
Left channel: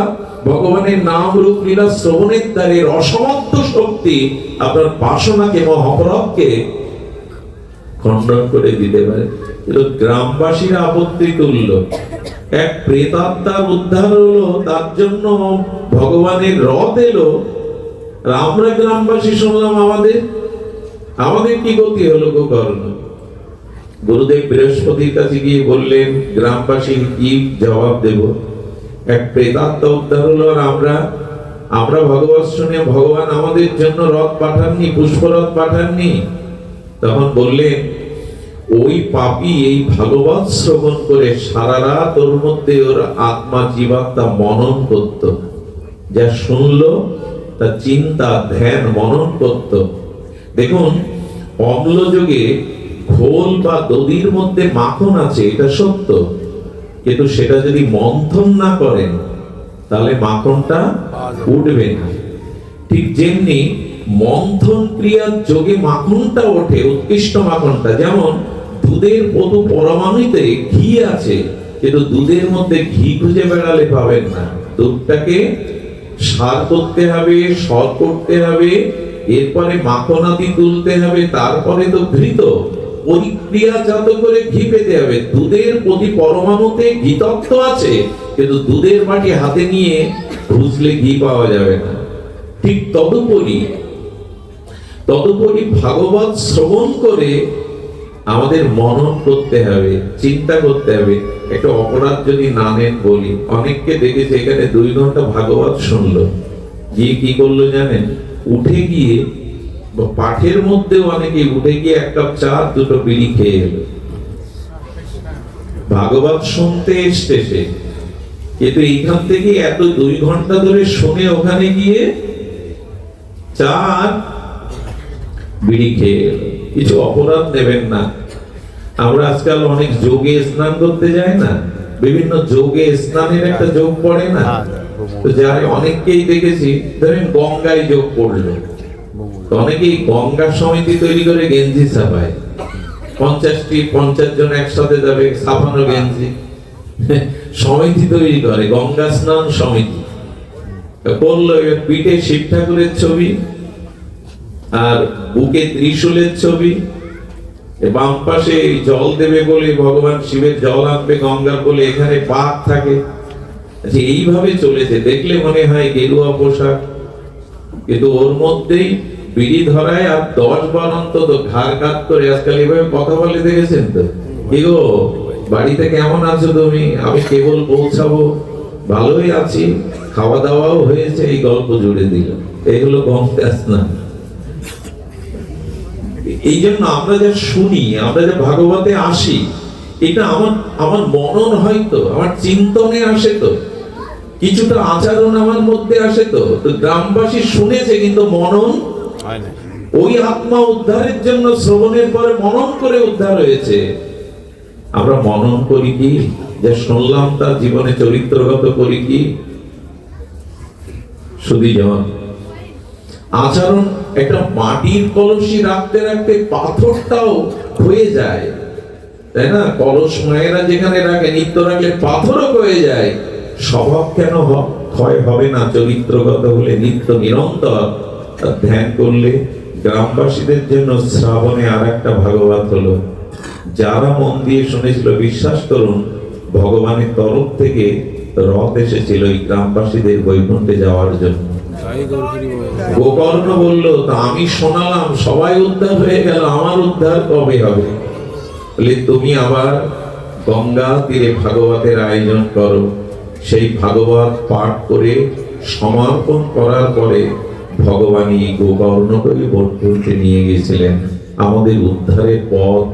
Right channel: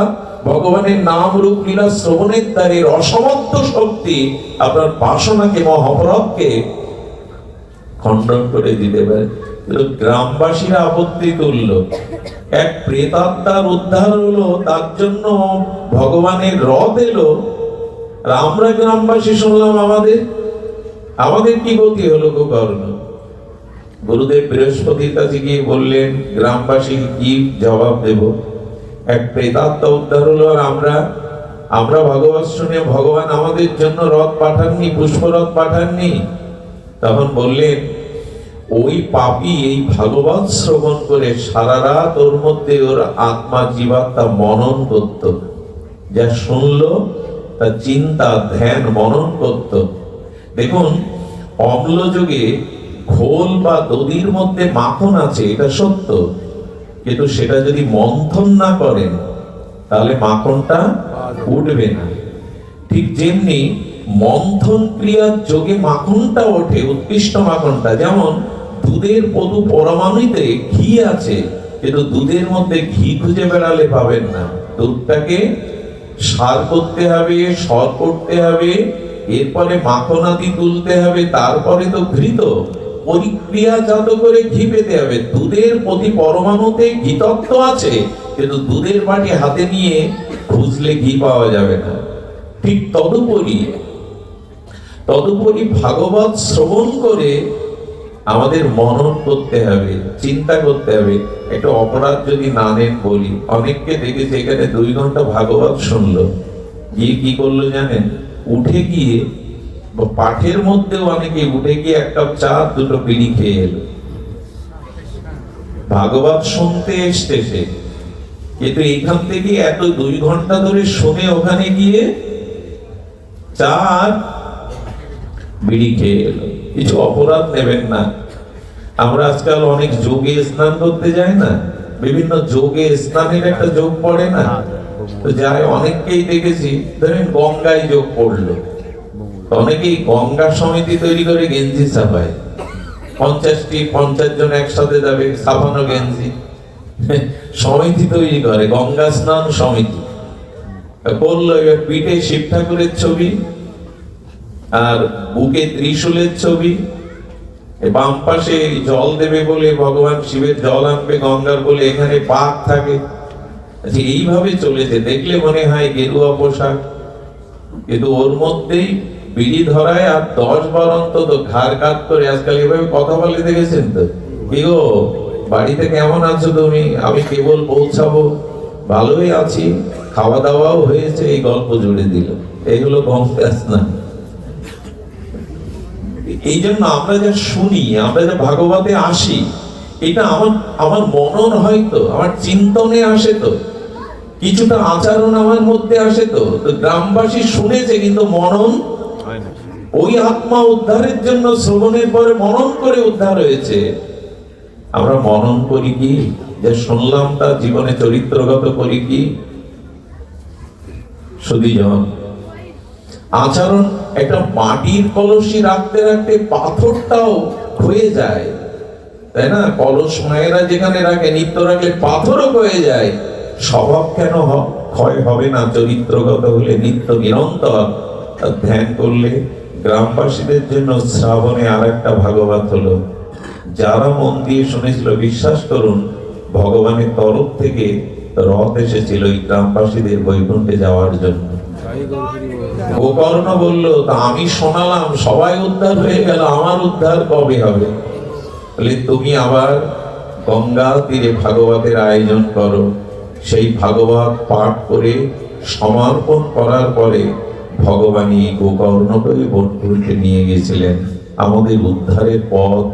ভগবানের নাম রূপ লীলা শ্রবণের দ্বারা অসমর্থ শক্তি আপনার বাসনাকে, মহাপরাধকে খণ্ডন করে দিতে পারে। গ্রামবাসীরা আপত্তি তুলল, এক প্রেতাত্মার উদ্ধার হলো, তার জন্য ভগবানের রথ এলো, আর আমরা গ্রামবাসী শুনলাম আমাদের কি গতি হলো গোকর্ণ। গুরুদেব বৃহস্পতির কাছে গিয়ে বললেন, গ্রামবাসীর কি জবাব দেব? এক প্রেতাত্মা উদ্ধার হলো, আর আমরা ভাগবত শুনে ভগবান আমাদের জন্য রথ পাঠাননি, পুষ্পরথ পাঠাননি। তখন বললেন, ওই পাপী এই ভাগবত শ্রবণ করে সারা রাত ওর মধ্যে ওর আত্মা, জীবাত্মা মনন করত, যা শুনলো তা চিন্তা, ধ্যান, মনন করত। দেখুন, অম্ল যুগে ঘোল বা দধির মধ্যে মাখন আছে, এটা সত্য, কিন্তু সেটা যদি মন্থন না করেন তাহলে মাখনটা উঠবে না। ঠিক যেমনি মন্থন ক্রিয়ার যোগে মাখনটা ওঠে, উৎকৃষ্ট মাখনটা। যেমন দুধের প্রতি পরমাণুতে ঘি আছে, কিন্তু দুধের মধ্যে ঘি খুঁজে বেড়ালে পাবেন না। দুধটাকে সার করতে হবে, সর করতে হবে, এরপরে মাখনাদি তুলতে হবে, তারপরে তো ঘৃত পরিক্রিয়াজাত করে ঘি পেতে হবে। দুধের প্রতি পরমাণুতে ঘি তত্ত্ব আছে, কিন্তু দুধের বাটি হাতে নিয়ে খুঁজলে ঘি পাওয়া যাবে না। ঠিক তদুপরি ভাগবত শ্রবণ করে আমাদের মনন করতে হবে, চিন্তা করতে হবে। একটা অপরাধ যদি না নেন বলি, অনেককে দেখেছি এখানে 2 ঘন্টা ভাগবত শুনলো, গিয়ে কি করলো জানেন? উঠে গিয়ে পাঠের মধ্যে অনেকে উঠে গিয়ে 1 কাপ চা, 2টো বিড়ি খেয়ে এলো। ভাগবত শুনতে এসছে সে, কিন্তু এইখান থেকে এত 2 ঘন্টা ধরে শুনে ওখানে গিয়ে চা, বিড়ি খেয়ে এলো। কিছু অপরাধ নেবেন না। আমরা আজকাল অনেক যোগে স্নান করতে যাই না, বিভিন্ন যোগে স্নানের একটা যোগ পড়ে না, তো যারা অনেককেই দেখেছি, ধরেন গঙ্গায় যোগ পড়লো, অনেকেই গঙ্গা সমিতি তৈরি করে গেঞ্জি ছাপায়, 50 জন একসাথে যাবে, ছাপানো গেঞ্জি সমিতি তৈরি করে, গঙ্গা স্নান সমিতি করলো। এবার পিঠে শিব ঠাকুরের ছবি আর বুকে ত্রিশূলের ছবি, বাম পাশে জল দেবে বলে ভগবান শিবের জল আনবে গঙ্গার বলে এখানে পাক থাকে। আচ্ছা, এইভাবে চলেছে, দেখলে মনে হয় গেরুয়া পোশাক, কিন্তু ওর মধ্যেই বিড়ি ধরায় আর 10 বার অন্তত ঘাড় কাত করে আজকাল এভাবে কথা বলে দেখেছেন তো? কি গো, বাড়িতে কেমন আছো তুমি? আমি কেবল পৌঁছাবো, ভালোই আছি, খাওয়া দাওয়াও হয়েছে, এই গল্প জুড়ে দিল। এগুলো গঙ্গা স্নান। এই জন্য আমরা যা শুনি, আমরা যা ভাগবতে আসি, এটা আমার মনন হয়তো, আমার চিন্তনে আসে, তো কিছুটা আচরণ আমার মধ্যে আসে, তো গ্রামবাসী শুনেছে কিন্তু মনন হয় না। ওই আত্মা উদ্ধারের জন্য শ্রবণের পরে মনন করে উদ্ধার হয়েছে। আমরা মনন করি কি? যে শুনলাম তার জীবনে চরিত্রগত করি কি? শুধুজন আচরণ, একটা মাটির কলসি রাখতে রাখতে পাথরটাও ক্ষয়ে যায়, তাই না? কলস মায়েরা যেখানে রাখে, নিত্য রাখলে পাথরও ক্ষয়ে যায়। স্বভাব কেন ক্ষয় হবে না? চরিত্রগত হলে, নিত্য নিরন্তর ধ্যান করলে। গ্রামবাসীদের জন্য শ্রাবণে আর একটা ভাগবত হলো। যারা মন দিয়ে শুনেছিল, বিশ্বাস করুন, ভগবানের তরফ থেকে রথ এসেছিল এই গ্রামবাসীদের বৈকুণ্ঠে যাওয়ার জন্য। গোকর্ণ বলল, তা আমি শোনালাম, সবাই উদ্ধার হয়ে গেল, আমার উদ্ধার কবে হবে? বলে, তুমি আবার গঙ্গা তীরে ভাগবতের আয়োজন করো। সেই ভাগবত পাঠ করে সমর্পণ করার পরে ভগবান এই গোকর্ণকে বৈকুণ্ঠে নিয়ে গেছিলেন। আমাদের উদ্ধারের পথ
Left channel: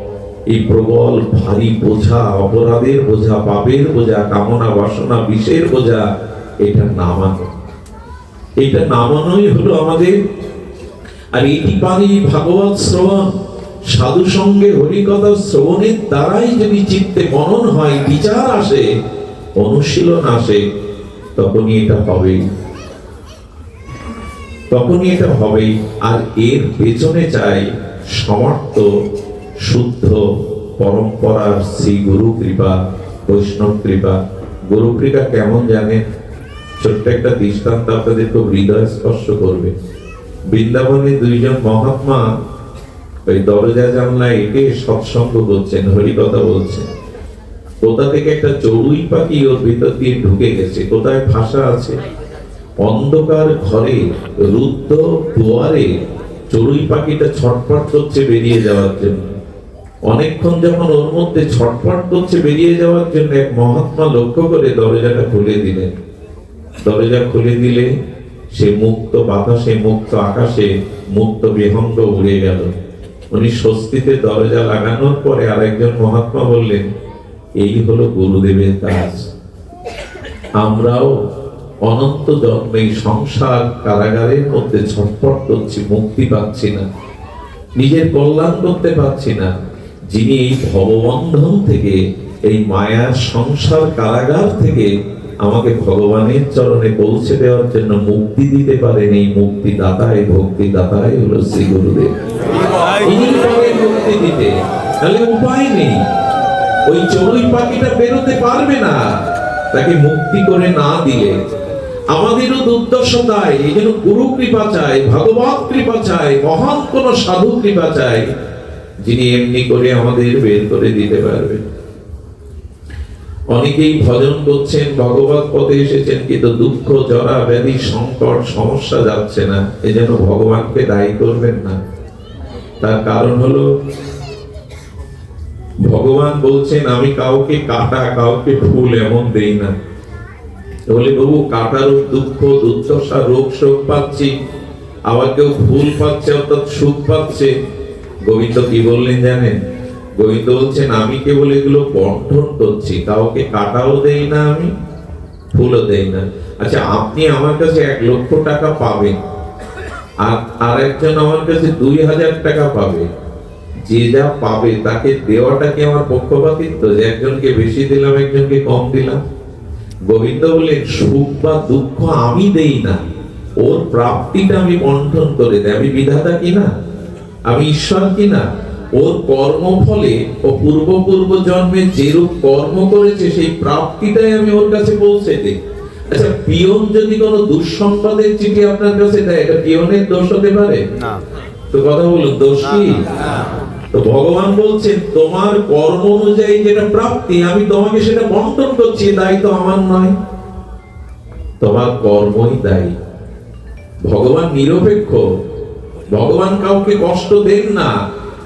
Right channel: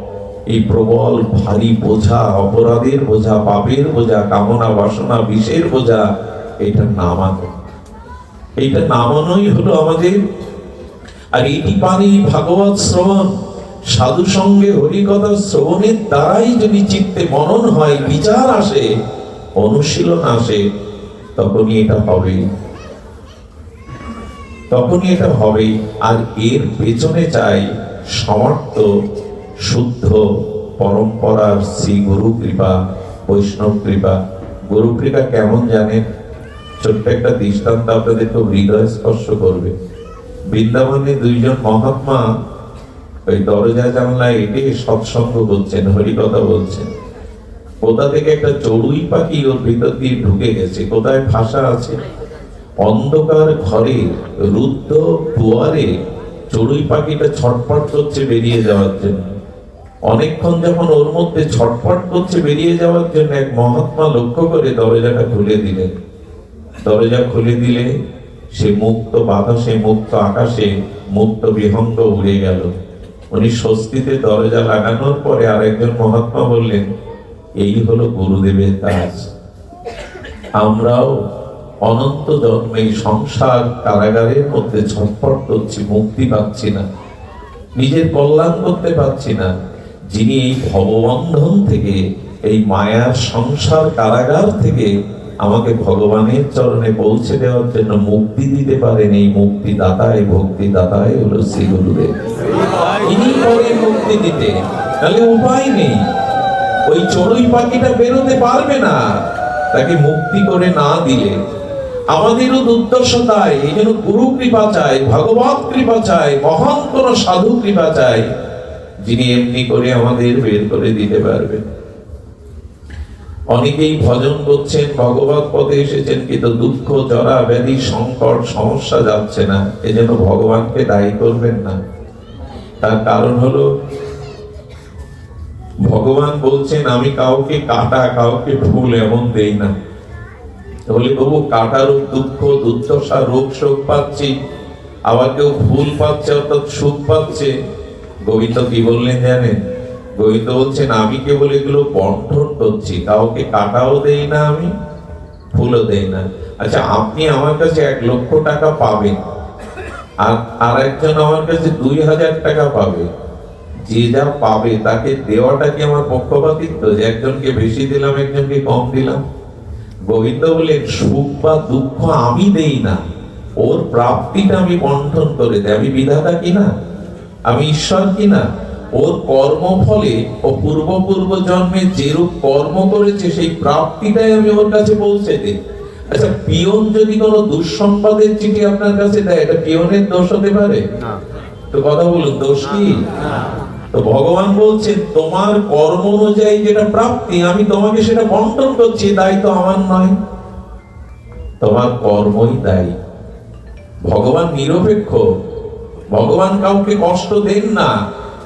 এই প্রবল ভারী বোঝা, অপরাধের বোঝা, পাপের বোঝা, কামনা বাসনা বিষের বোঝা, এটা নামানো। এটা নামানোই হলো আমাদের। আর এটি পানি ভাগবত শ্রবণ, সাধু সঙ্গে হরিকথা শ্রবণের দ্বারাই যদি চিত্তে মনন হয়, বিচার আসে, অনুশীলন আসে, তখনই এটা হবে, তখনই এটা হবে। আর এর পেছনে চাই সমর্থ শুদ্ধ পরম্পরার শ্রী গুরু কৃপা, বৈষ্ণব কৃপা। গুরু কৃপা কেমন জানেন? ছোট্ট একটা দৃষ্টান্ত আপনাদের খুব হৃদয় স্পর্শ করবে। বৃন্দাবনে দুইজন মহাত্মা ওই দরজা জানলা এটে সৎসঙ্গ করছেন, হরিকথা বলছেন। কোথা থেকে একটা চড়ুই পাখি ওর ভিতর দিয়ে ঢুকে গেছে, কোথায় ভাষা আছে। অন্ধকার ঘরে রুদ্ধ দুয়ারে চড়ুই পাখিটা ছটফট করছে বেরিয়ে যাওয়ার জন্য। অনেকক্ষণ যখন ওর মধ্যে ছটফট করছে বেরিয়ে যাওয়ার জন্য, এক মহাত্মা লক্ষ্য করে দরজাটা খুলে দিলেন। দরজা খুলে দিলে সে মুক্ত বাতাসে, মুক্ত আকাশে, মুক্ত বিহঙ্গ উড়ে গেল। উনি স্বস্তিতে দরজা লাগানোর পরে আরেকজন মহাত্মা বললেন, এই হলো গুরুদেবের কাজ। আমরাও অনন্ত জন্মে সংসার কারাগারের মধ্যে ছটফট করছি, মুক্তি পাচ্ছি না, নিজের কল্যাণ করতে পারছি না। যিনি এই ভববন্ধন থেকে, এই মায়ার সংসার কারাগার থেকে আমাকে ভগবানের চরণে পৌঁছে দেওয়ার জন্য মুক্তি দিতে পারেন, এই মুক্তি দাতাই, ভক্তি দাতাই হলো শ্রী গুরুদেব। ইনি পারেন মুক্তি দিতে, তাহলে উপায় নেই। ওই চড়ুই পাখিটা বেরোতে পারবে না তাকে মুক্তি করে না দিলে। আমাদেরও দুর্দশা তাই, এই জন্য গুরু কৃপা চাই, ভগবত কৃপা চাই, মহান কোন সাধু কৃপা চাই, যিনি এমনি করে আমাদের বের করে দিতে পারবেন। অনেকেই ভজন করছেন, ভগবত পদে এসেছেন, কিন্তু দুঃখ, জরা, ব্যাধি, সংকট, সমস্যা যাচ্ছে না। এজন্য ভগবানকে দায়ী করবেন না। তার কারণ হলো, ভগবান বলছেন, আমি কাউকে কাটা, কাউকে ফুল এমন দেই না। বলে, বাবু কাটার দুঃখ, দুর্দশা, রোগ শোক পাচ্ছি, আবার কেউ ফুল পাচ্ছে, অর্থাৎ সুখ পাচ্ছে। গোবিন্দ কি বললেন জানেন? গোবিন্দ বলছেন, আমি কেবল এগুলো বন্টন করছি, কাউকে কাটাও দেই না, আমি ফুলও দেই না। আচ্ছা, আপনি আমার কাছে 1 লক্ষ টাকা পাবেন, আর একজন আমার কাছে 2000 টাকা পাবে। যে যা পাবে তাকে দেওয়াটা কি আমার পক্ষপাতিত্ব, যে একজনকে বেশি দিলাম, একজনকে কম দিলাম? গোবিন্দ বলেন, সুখ বা দুঃখ আমি দেই না, ওর প্রাপ্তিটা আমি বন্টন করে দেই। আমি বিধাতা কিনা? আমি ঈশ্বর কিনা? ওর কর্মফলে ও পূর্ব জন্মে যেরূপ কর্ম করেছে সেই প্রাপ্তিটাই আমি ওর কাছে পৌঁছে দিই। আচ্ছা, পিয়ন যদি কোনো দুঃসংবাদের চিঠি আপনার কাছে দেয়, এটা পিয়নের দোষ হতে পারে না? তো কথা বলুন, দোষ কি? তো ভগবান বলছেন, তোমার কর্ম অনুযায়ী যেটা প্রাপ্তি, আমি তোমাকে সেটা বন্টন করছি, দায়িত্ব আমার নয়, তোমার কর্মই দায়ী। ভগবান নিরপেক্ষ, ভগবান কাউকে কষ্ট দেন না,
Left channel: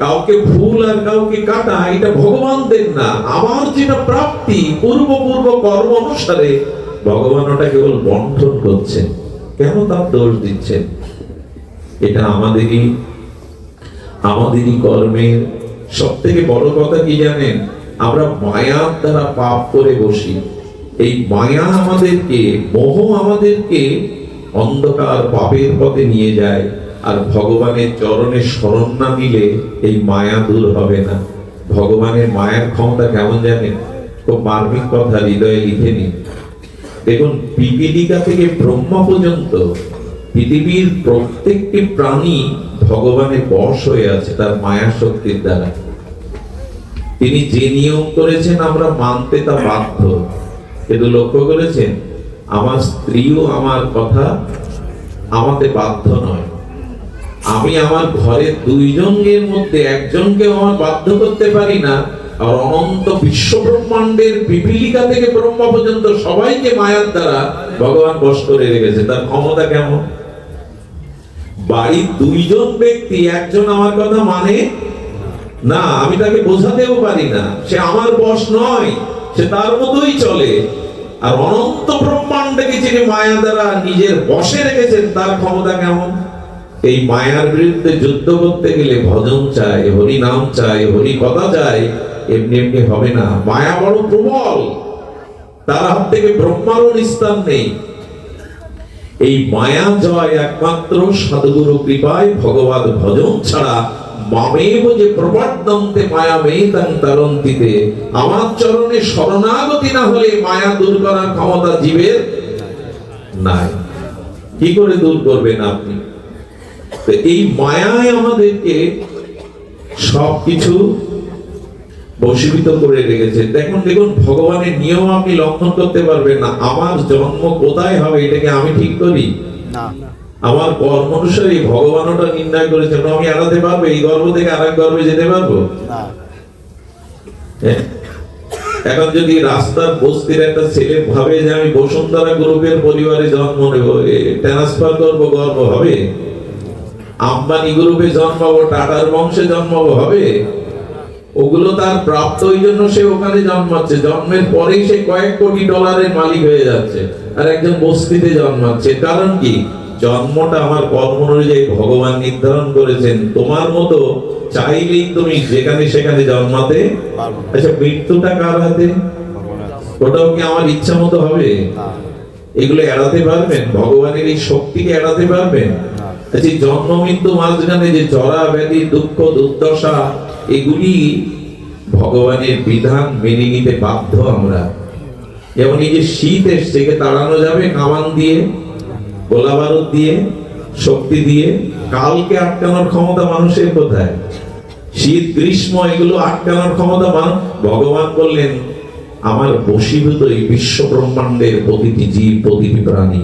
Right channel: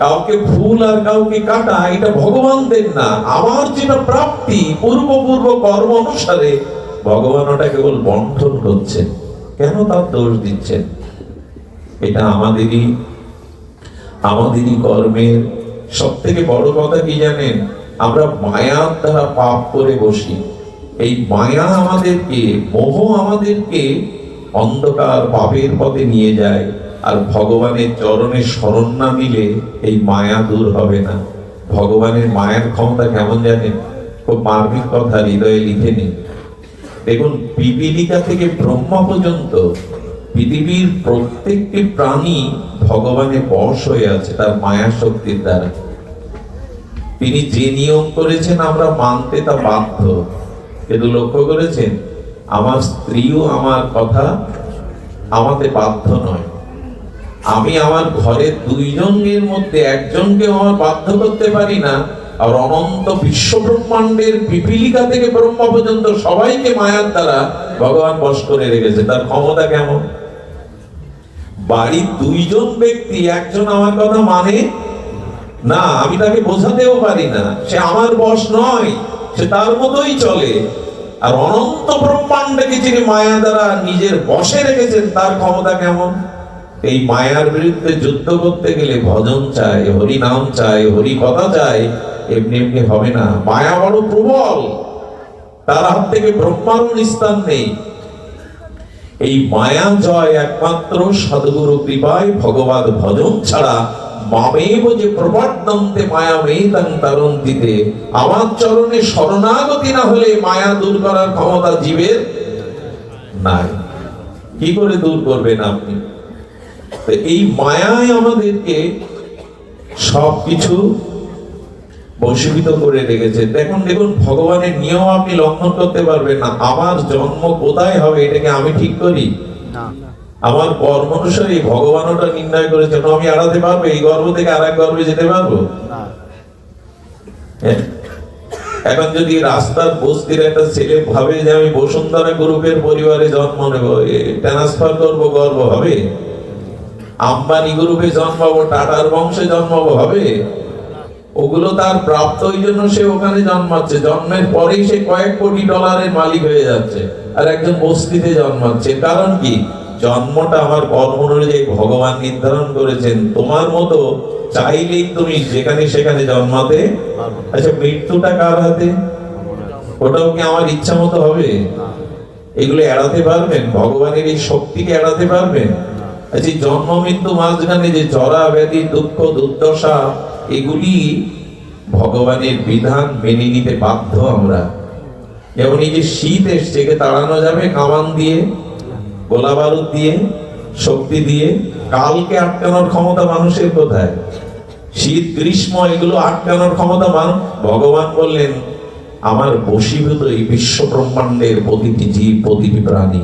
কাউকে ফুল আর কাউকে কাটা এটা ভগবান দেন না। আমার যেটা প্রাপ্তি পূর্ব কর্ম অনুসারে ভগবান ওটা কেবল বন্টন করছেন। কেন তার দোষ দিচ্ছেন? এটা আমাদেরই কর্মের। সব থেকে বড় কথা কি জানেন? আমরা মায়ার দ্বারা পাপ করে বসি। এই মায়া আমাদেরকে, মোহ আমাদেরকে অন্ধকার পাপের পথে নিয়ে যায়। আর ভগবানের চরণে শরণ না নিলে এই মায়া দূর হবে না। ভগবানের মায়ের ক্ষমতা কেমন জানেন? খুব মার্মিক কথা, হৃদয়ে লিখে নিন। দেখুন, পিপীলিকা থেকে ব্রহ্মা পর্যন্ত পৃথিবীর প্রত্যেকটি প্রাণী ভগবানের বশ হয়ে আছে তার মায়া শক্তির দ্বারা। তিনি যে নিয়ম করেছেন আমরা মানতে তা বাধ্য। কিন্তু লক্ষ্য করেছেন, আমার স্ত্রীও আমার কথা আমাদের বাধ্য নয়। আমি আমার ঘরের দুইজনের মধ্যে একজনকে আমার বাধ্য করতে পারি না, আর অনন্ত বিশ্ব ব্রহ্মাণ্ডের পিপীলিকা থেকে ব্রহ্মা পর্যন্ত সবাইকে মায়ার দ্বারা ভগবান বশ করে রেখেছে। তার ক্ষমতা কেমন? বাড়ির দুইজন ব্যক্তি, একজন আমার কথা মানে না, আমি তাকে বোঝাতেও পারি না, সে আমার বশ নয়, সে তার মতোই চলে। আর অনন্ত ব্রহ্মাণ্ডকে যিনি মায়া দ্বারা নিজের বশে রেখেছেন, তার ক্ষমতা কেমন? এই মায়ার বিরুদ্ধে যুদ্ধ করতে গেলে ভজন চাই, হরি নাম চাই, হরি কথা চাই, এমনি এমনি হবে না। মায়া বড় প্রবল, তার হাত থেকে ব্রহ্মারও নিস্তার নেই। এই মায়া জয় একমাত্র সাধুগুরু কৃপায়, ভগবত ভজন ছাড়া মামেব যে প্রপদ্যন্তে মায়া মেতাং তরন্তিতে, আমার চরণে শরণাগতি না হলে মায়া দূর করার ক্ষমতা জীবের নাই। কি করে দূর করবেন আপনি? এই মায়ায় আমাদেরকে সবকিছু বশীভূত করে রেখেছে। দেখুন দেখুন, ভগবানের নিয়ম আপনি লঙ্ঘন করতে পারবেন না। আমার জন্ম কোথায় হবে এটাকে আমি ঠিক করি না। আমার কর্ম অনুসারে ভগবান ওটা নির্ণয় করেছেন। আমি এড়াতে পারবো? এই গর্ভ থেকে আরেক গর্ভে যেতে পারবো না। এখন যদি রাস্তার বস্তির একটা ছেলে ভাবে যে আমি বসুন্ধরা গ্রুপের পরিবারে জন্ম নেব, ট্রান্সফার করবো, গর্ব হবে? আম্বানি গ্রুপে জন্মাবো, টাটার বংশে জন্মাবো, হবে? ওগুলো তার প্রাপ্ত, ওই জন্য সে ওখানে জন্মাচ্ছে। জন্মের পরেই সে কয়েক কোটি ডলারের মালিক হয়ে যাচ্ছে, আর একজন বস্তিতে জন্মাচ্ছে। কারণ কি? জন্মটা আমার কর্ম অনুযায়ী ভগবান নির্ধারণ করেছেন। তোমার মতো চাইলেই তুমি যেখানে সেখানে জন্মাতে। আচ্ছা, মৃত্যুটা কার হাতে? ওটাও কি আমার ইচ্ছা মতো হবে? এগুলো এড়াতে পারবেন? ভগবানের এই শক্তিকে এড়াতে পারবেন? আচ্ছা, জন্ম মৃত্যু মাঝখানে যে জরা ব্যাধি দুঃখ দুর্দশা, এগুলি ভগবানের বিধান মেনে নিতে বাধ্য আমরা। যেমন এই যে শীত এসছে, একে তাড়ানো যাবে কামান দিয়ে, গোলা বারুদ দিয়ে, শক্তি দিয়ে? কালকে আটকানোর ক্ষমতা মানুষের কোথায়? শীত গ্রীষ্ম এগুলো আটকানোর ক্ষমতা ভগবান বললেন আমার বশীভূত এই বিশ্ব ব্রহ্মাণ্ডের প্রতিটি জীব, প্রতিটি প্রাণী।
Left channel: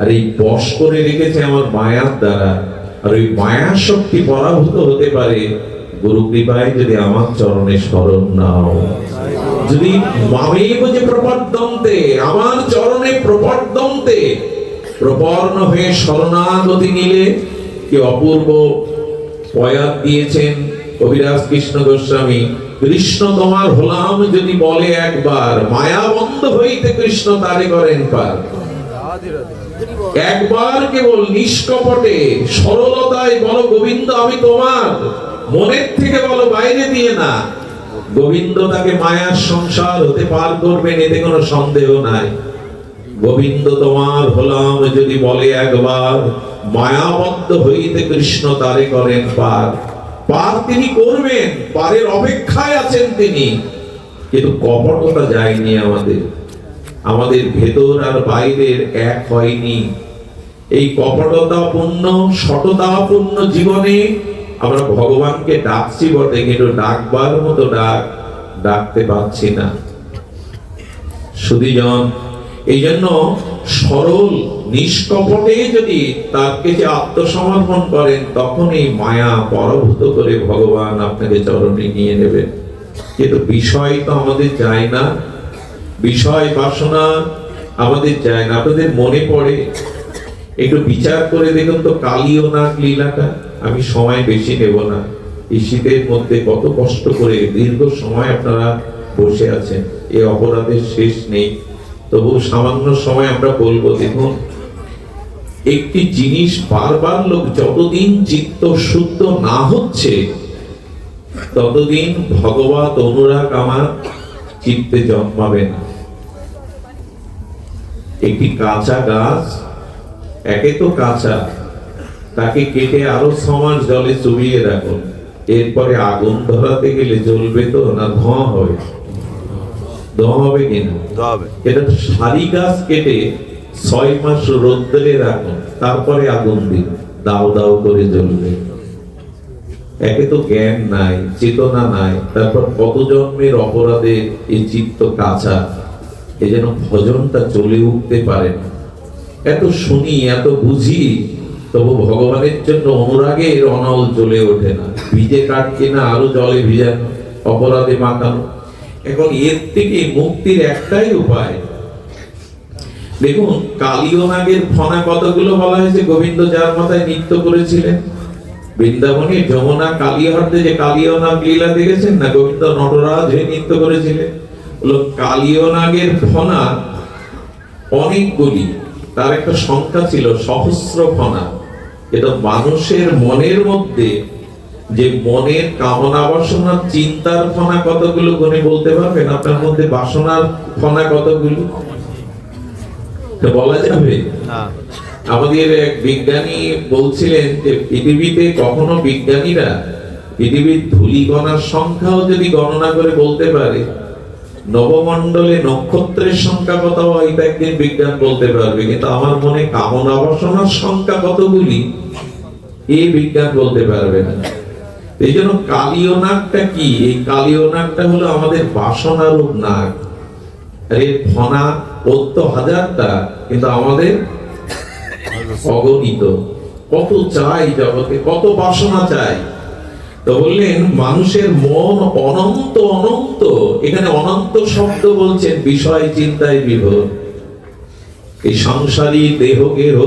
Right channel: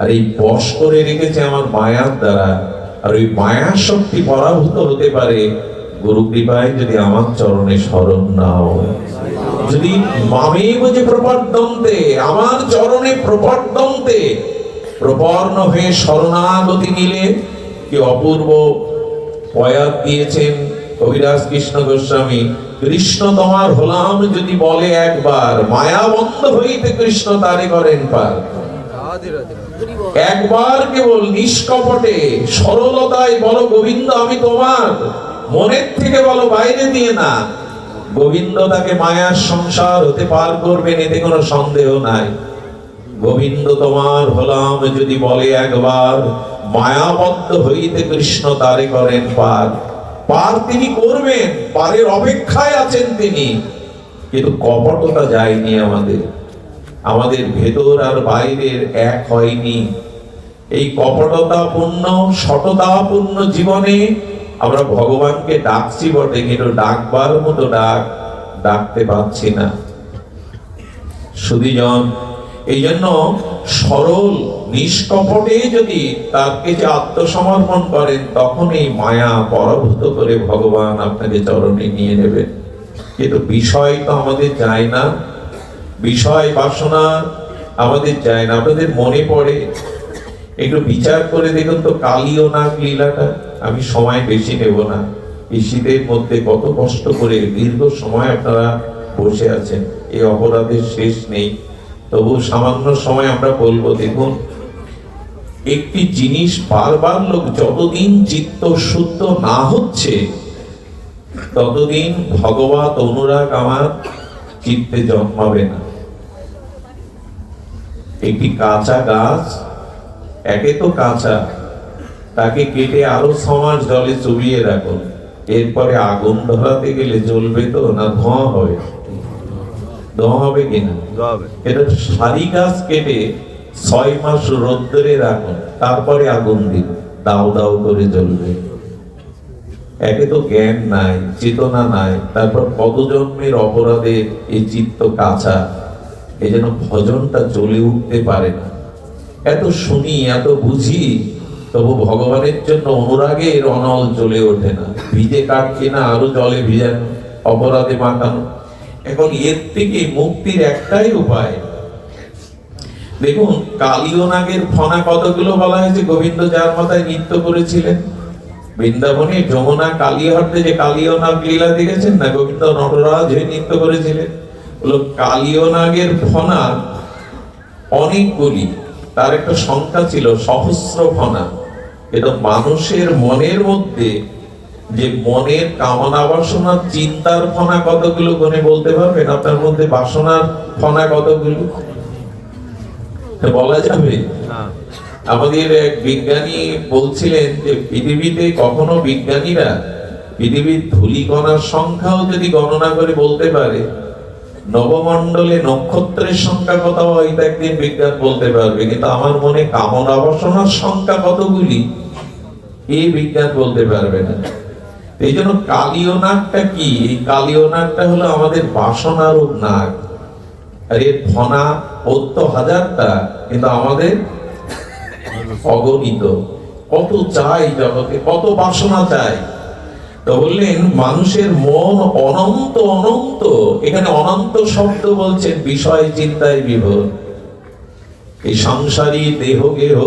আর এই বশ করে রেখেছে আমার মায়ার দ্বারা। আর ওই মায়ার শক্তি পরাভূত হতে পারে গুরু কৃপায় যদি আমার চরণে শরণ নাও। যদি মামেব যে প্রপদ্যন্তে, আমার চরণে প্রপদ্যন্তে প্রপন্ন হয়ে শরণাগতি নিলে, কি অপূর্ব বয়াত দিয়েছেন কবিরাজ কৃষ্ণ গোস্বামী। কৃষ্ণ তোমার হলাম যদি বলে একবার, মায়া বন্ধ হইতে কৃষ্ণ তারে করেন পার। একবার কেবল নিষ্কপটে সরলতায় বলো গোবিন্দ আমি তোমার, মনের থেকে বলো, বাইরে দিয়ে না। গোবিন্দ তাকে মায়ার সংসার হতে পার করবেন, এতে কোনো সন্দেহ নাই। গোবিন্দ তোমার হলাম যদি বলে একবার, মায়াবদ্ধ হইতে কৃষ্ণ তারে করেন পার। পার তিনি করবেন, পারের অপেক্ষায় আছেন তিনি। কিন্তু কপটতা যায়নি আমাদের, আমাদের ভেতর আর বাইরের এক হয়নি। এই কপটতাপূর্ণ সততাপূর্ণ জীবনে আমরা ভগবানকে ডাকছি বটে, কিন্তু ডাকবার মতো ডাকতে পারছি না। সুধীজন, এই জন্য সরল নিষ্কপটে যদি তার কাছে আত্মসমর্পণ করেন, তখন এই মায়া পরাভূত করে ভগবান আপনাকে চরণে নিয়ে নেবেন। কিন্তু বিষয় তো আমাদের যায় না, বিষয় বাসনা আমাদের যায় না। আপনাদের মনে পড়ে, একটু বিচার করে দেখুন তো কালীয় নাগ লীলাটা। আমি সময় বেশি নেব না। এই শীতের মধ্যে কত কষ্ট করে দীর্ঘ সময় আপনারা বসে আছেন, এই অপরাধের শেষ নেই। তবু সামান্য সময় আমরা বলবো, দেখুন একটি জিনিস বারবার লোক যতদিন চিত্ত শুদ্ধ না হচ্ছে, ততদিন ভগবত অনুরাগ আমার চিত্তে জন্মাবে না। একটি কাঁচা গাছ, একে তো কাঁচা, তাকে কেটে আরো 6 মাস জলে চুবিয়ে রাখুন, এরপরে আগুন ধরাতে গেলে জ্বলবে তো না ধোঁয়া হবে? ধোঁয়া হবে কিনা? এটা সারি গাছ কেটে 6 মাস রোদ্রে রাখুন, তারপরে আগুন দিন, দাও দাও করে জ্বলবে। একে তো জ্ঞান নাই, চেতনা নাই, তারপর কত জন্মের অপরাধের এই চিত্ত কাঁচা, এই যেন ভজনটা চলে উঠতে পারে না। এত শুনি, এত বুঝি, তবু ভগবানের জন্য অনুরাগের অনল জ্বলে ওঠে না। ভিজে কাটছে না, আরো জলে ভিজানো, অপরাধে মাখানো। এখন এর থেকে মুক্তির একটাই উপায়। দেখুন, কালীয় নাগের ফনা কতগুলো বলা হয়েছে। গোবিন্দ যার মাথায় নৃত্য করেছিলেন বৃন্দাবনে যমুনা কালীহট্টে, যে কালীয় নাগ লীলা দেখেছেন না, গোবিন্দ নটরাজ হয়ে নৃত্য করেছিলেন। কালীয় নাগের ফনা অনেকগুলি, তার একটা সংখ্যা ছিল সহস্র ফনা। এটা মানুষের মনের মধ্যে যে মনের কামনা বাসনা চিন্তার ফনা কতগুলো গুণে বলতে পারবেন? আপনার মধ্যে বাসনার ফনা কতগুলো বলা যাবে? আমাদের এক বিজ্ঞানী বলছিলেন যে পৃথিবীতে কখনো বিজ্ঞানীরা পৃথিবীর ধূলিকণার সংখ্যাও যদি গণনা করে বলতে পারে, নবমণ্ডলে নক্ষত্রের সংখ্যা কত হয় এটা একদিন বিজ্ঞান বলতে পারবে, কিন্তু আমার মনে কামনা বাসনার সংখ্যা কতগুলি এই বিজ্ঞান বলতে পারবে না। এই জন্য কালীয় নাগটা কি? এই কালীয় নাগটা হলো আমাদের বাসনারূপ নাগ। আর এর ফনা ৭০,০০০টা, কিন্তু আমাদের অগণিত। কত চাই জগতে, কত বাসনা চাই। তো বললেন মানুষের মন অনন্ত অনন্ত, এখানে অনন্ত শব্দ বলছেন বিষয় চিন্তায় বিভোর। এই সংসারী দেহ গেহ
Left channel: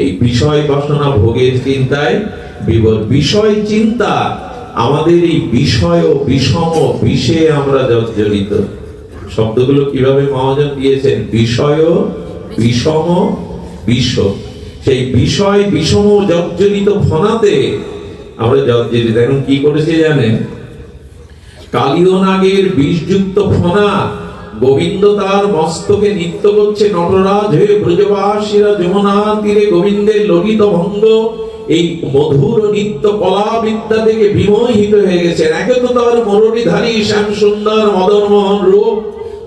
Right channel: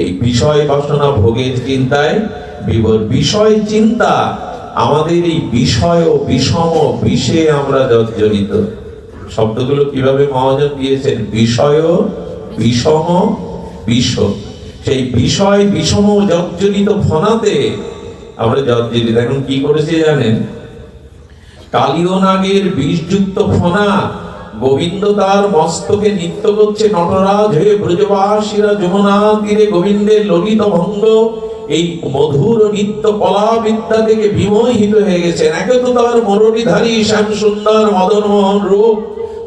এই বিষয় বাসনা ভোগের চিন্তায় বিভোর। বিষয় চিন্তা, আমাদের এই বিষয় ও বিষম বিষে আমরা জর্জরিত। শব্দগুলো কিভাবে মহাজন দিয়েছেন? বিষয় ও বিষম বিষ। সেই বিষয় বিষম জর্জরিত ফনাতে আমরা জর্জরিত। এখন কি করেছে জানেন? কালীয় নাগের বিষযুক্ত ফনা গোবিন্দ তার মস্তকে নৃত্য করছে নটরাজ হয়ে। ব্রজবাসীরা যমুনা তীরে গোবিন্দের ললিত ভঙ্গ এই মধুর নৃত্য কলা বিদ্যা থেকে বিমোহিত হয়ে গেছেন। একে তো তার মুরলীধারী শ্যাম সুন্দর মদন মোহন রূপ,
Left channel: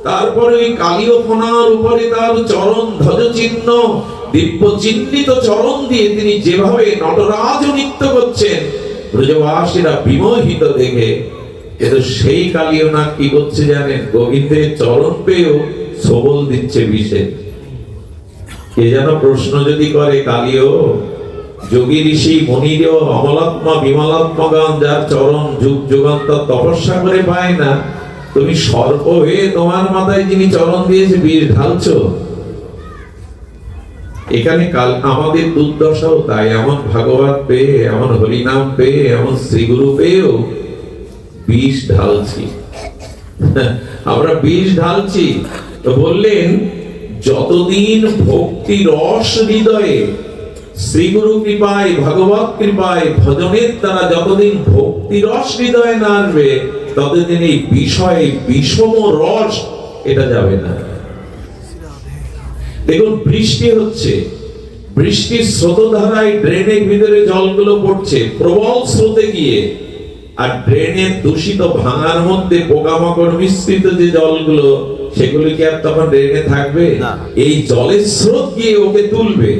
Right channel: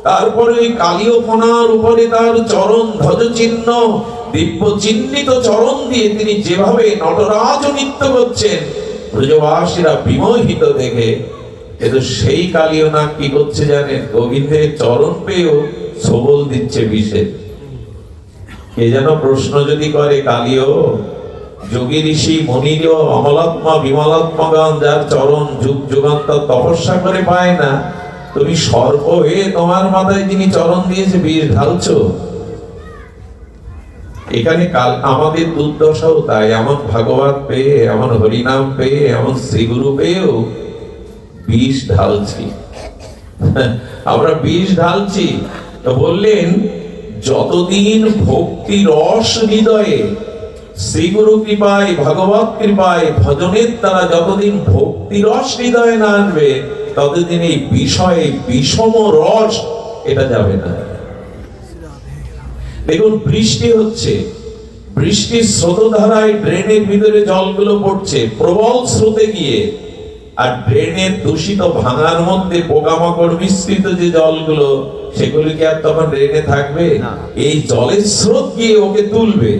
তারপরে ওই কালীয় ফনার উপরে তার চরণ ধ্বজ চিহ্ন, দিব্য চিহ্নিত চরণ দিয়ে তিনি যেভাবে নটরাজ নৃত্য করছেন, ব্রজবাসীরা বিমোহিত দেখে। কিন্তু সেই কালীয় নাগ কি করছে জানেন? গোবিন্দের চরণ পেয়েও সবল দিচ্ছে বিষে। কে যেন প্রশ্ন যদি করে, কালীয় যোগী ঋষি মুনির অমলাত্মা বিমলাত্মগণ যার চরণ যুগ যুগান্তর তপস্যা করে পায় না, তুমি সর্প হয়ে তোমার মাথায় যিনি চরণ দিয়েছে বিষ ঢালছো। এখানে কাল আমাদের দুর্দশাও তাই। এমন ভাগবত পেয়ে, এমন হরিনাম পেয়ে, এমন শ্রীগুরু পেয়েও বিষ ঢালছি। আমরা বিষ ঢালছি। তো বললেন যতদিন ভক্তি রস হৃদয়ে, শ্রীগুরু কৃপায়, ভাগবত কৃপায়, ভজনের দ্বারা যতদিন ভক্তি রস হৃদয়ে না আসবে, ততদিন এই বিষয়ে বিষম রস এটা যাবে না। দেখুন, বৃষ্টি হচ্ছে, বৃষ্টির স্রোতধারায় ড্রেনের ভিতরে জলগুলো পড়ছে প্রবল স্রোতে গিয়ে, আর ড্রেনের দূষিত ভাঙার মধ্যে পোকামাকড় মিশ্রিত যে জলগুলো, সেগুলি কি আর তখন ড্রেনে থাকবে? এই জলের স্রোত গিয়ে ওকে তুলবে,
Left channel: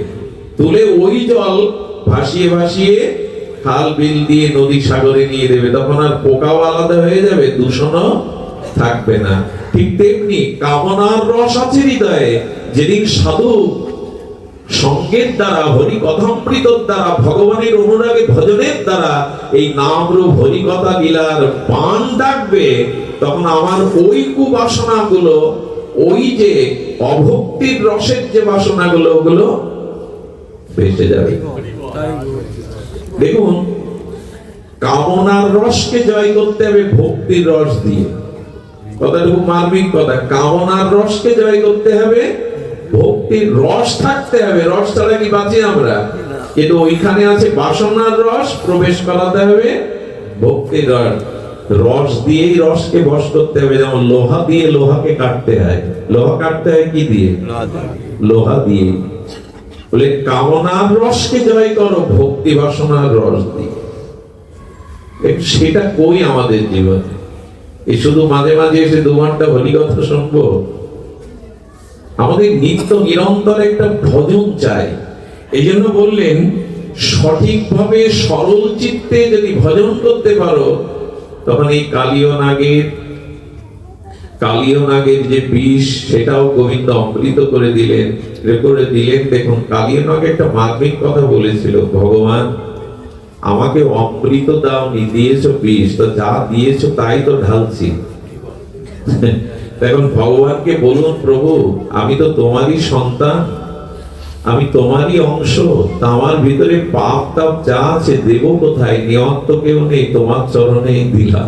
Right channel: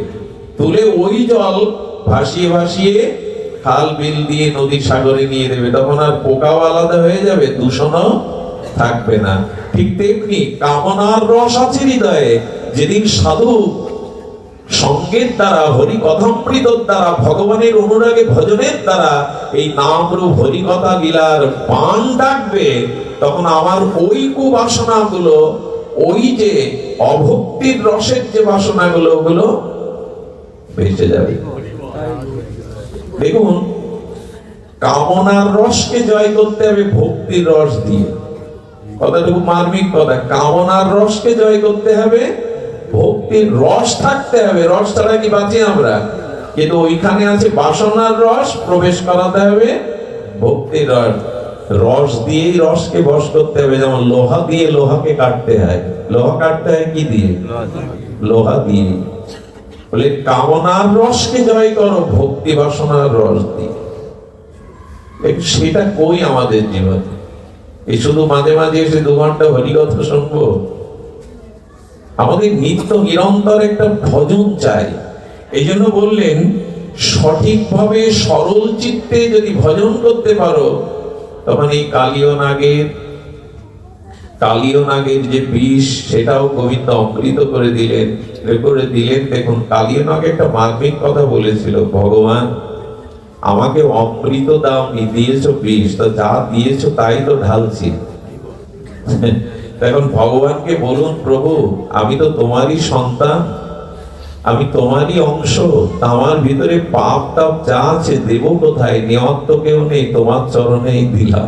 তুলে ওই জল ভাসিয়ে ভাসিয়ে খাল বিল দিয়ে নদী সাগরে নিয়ে দেবে। তখন আর পোকাও আলাদা হয়ে যাবে, দূষণও থাকবে না। ঠিক তেমনি কামনার রস আছে হৃদয়ে। যেদিন সাধু সঙ্গের দ্বারা, হরি কথামৃতর দ্বারা, ভগবানের অনুরাগে ভজনের দ্বারা এই নাম রূপ হরি কথা লীলার বাণ ডাকবে, তখন আমার ওই কুবাসনা গুলো, ওই যে অভক্তির রসের যে বাসনা গুলো, ওগুলো ভেসে যাবে। দেখুন, কামনার রসকে জয় করতে হবে ভক্তির রস দিয়ে। কথাটা খুব মার্মিক কথা। কামনার রসকে জয় করতে হবে, ভক্তির রস থাকতে হবে। রস ছাড়া কি বাঁচি আমরা? কিন্তু ওইখানে আছে বাসনার রস, প্রবেশ করাতে হবে ভক্তির রস। রস দিয়েই রসকে বশ করতে হবে। যেমন লোহা দিয়ে লোহাকে কাটতে হয়। লোহা কাটতে হয় কি দিয়ে? লোহা দিয়ে। বলে কামনার রসকে জয় করো ভক্তি বাসনার রস দিয়ে। সেটা কই আমাদের জীবনে? এ শুধু মাঝে মাঝে এসে 2 ঘন্টা হরিকথা শুনবো? আমাদের নিত্য নিরন্তর একটা ভজন চাই। এই জন্য বললেন সঠিকভাবে সরল চিত্তে যদি ভজন করতে পারো, তখন এই কালীয় নাগের যে বিষ, সেটাও গোবিন্দ অমৃত করে দিলেন। দেখুন, কালীয় নাগ একটা মার্মিক কথা বলেছিল, ভগবান আমাকে অমৃত দাওনি, দিয়েছো বিষ, তো যা দিয়েছো তাই তো ঢালছি। এখন ভগবানকে বলুন, প্রভু আমি তো তোমারই সন্তান, আমি তোমারই অংশ, আমার ভিতরে পাপ তাপ যা আছে দেব কোথায়? নেওয়ার তো কেউ নেই, তোমার চরণে দিলাম।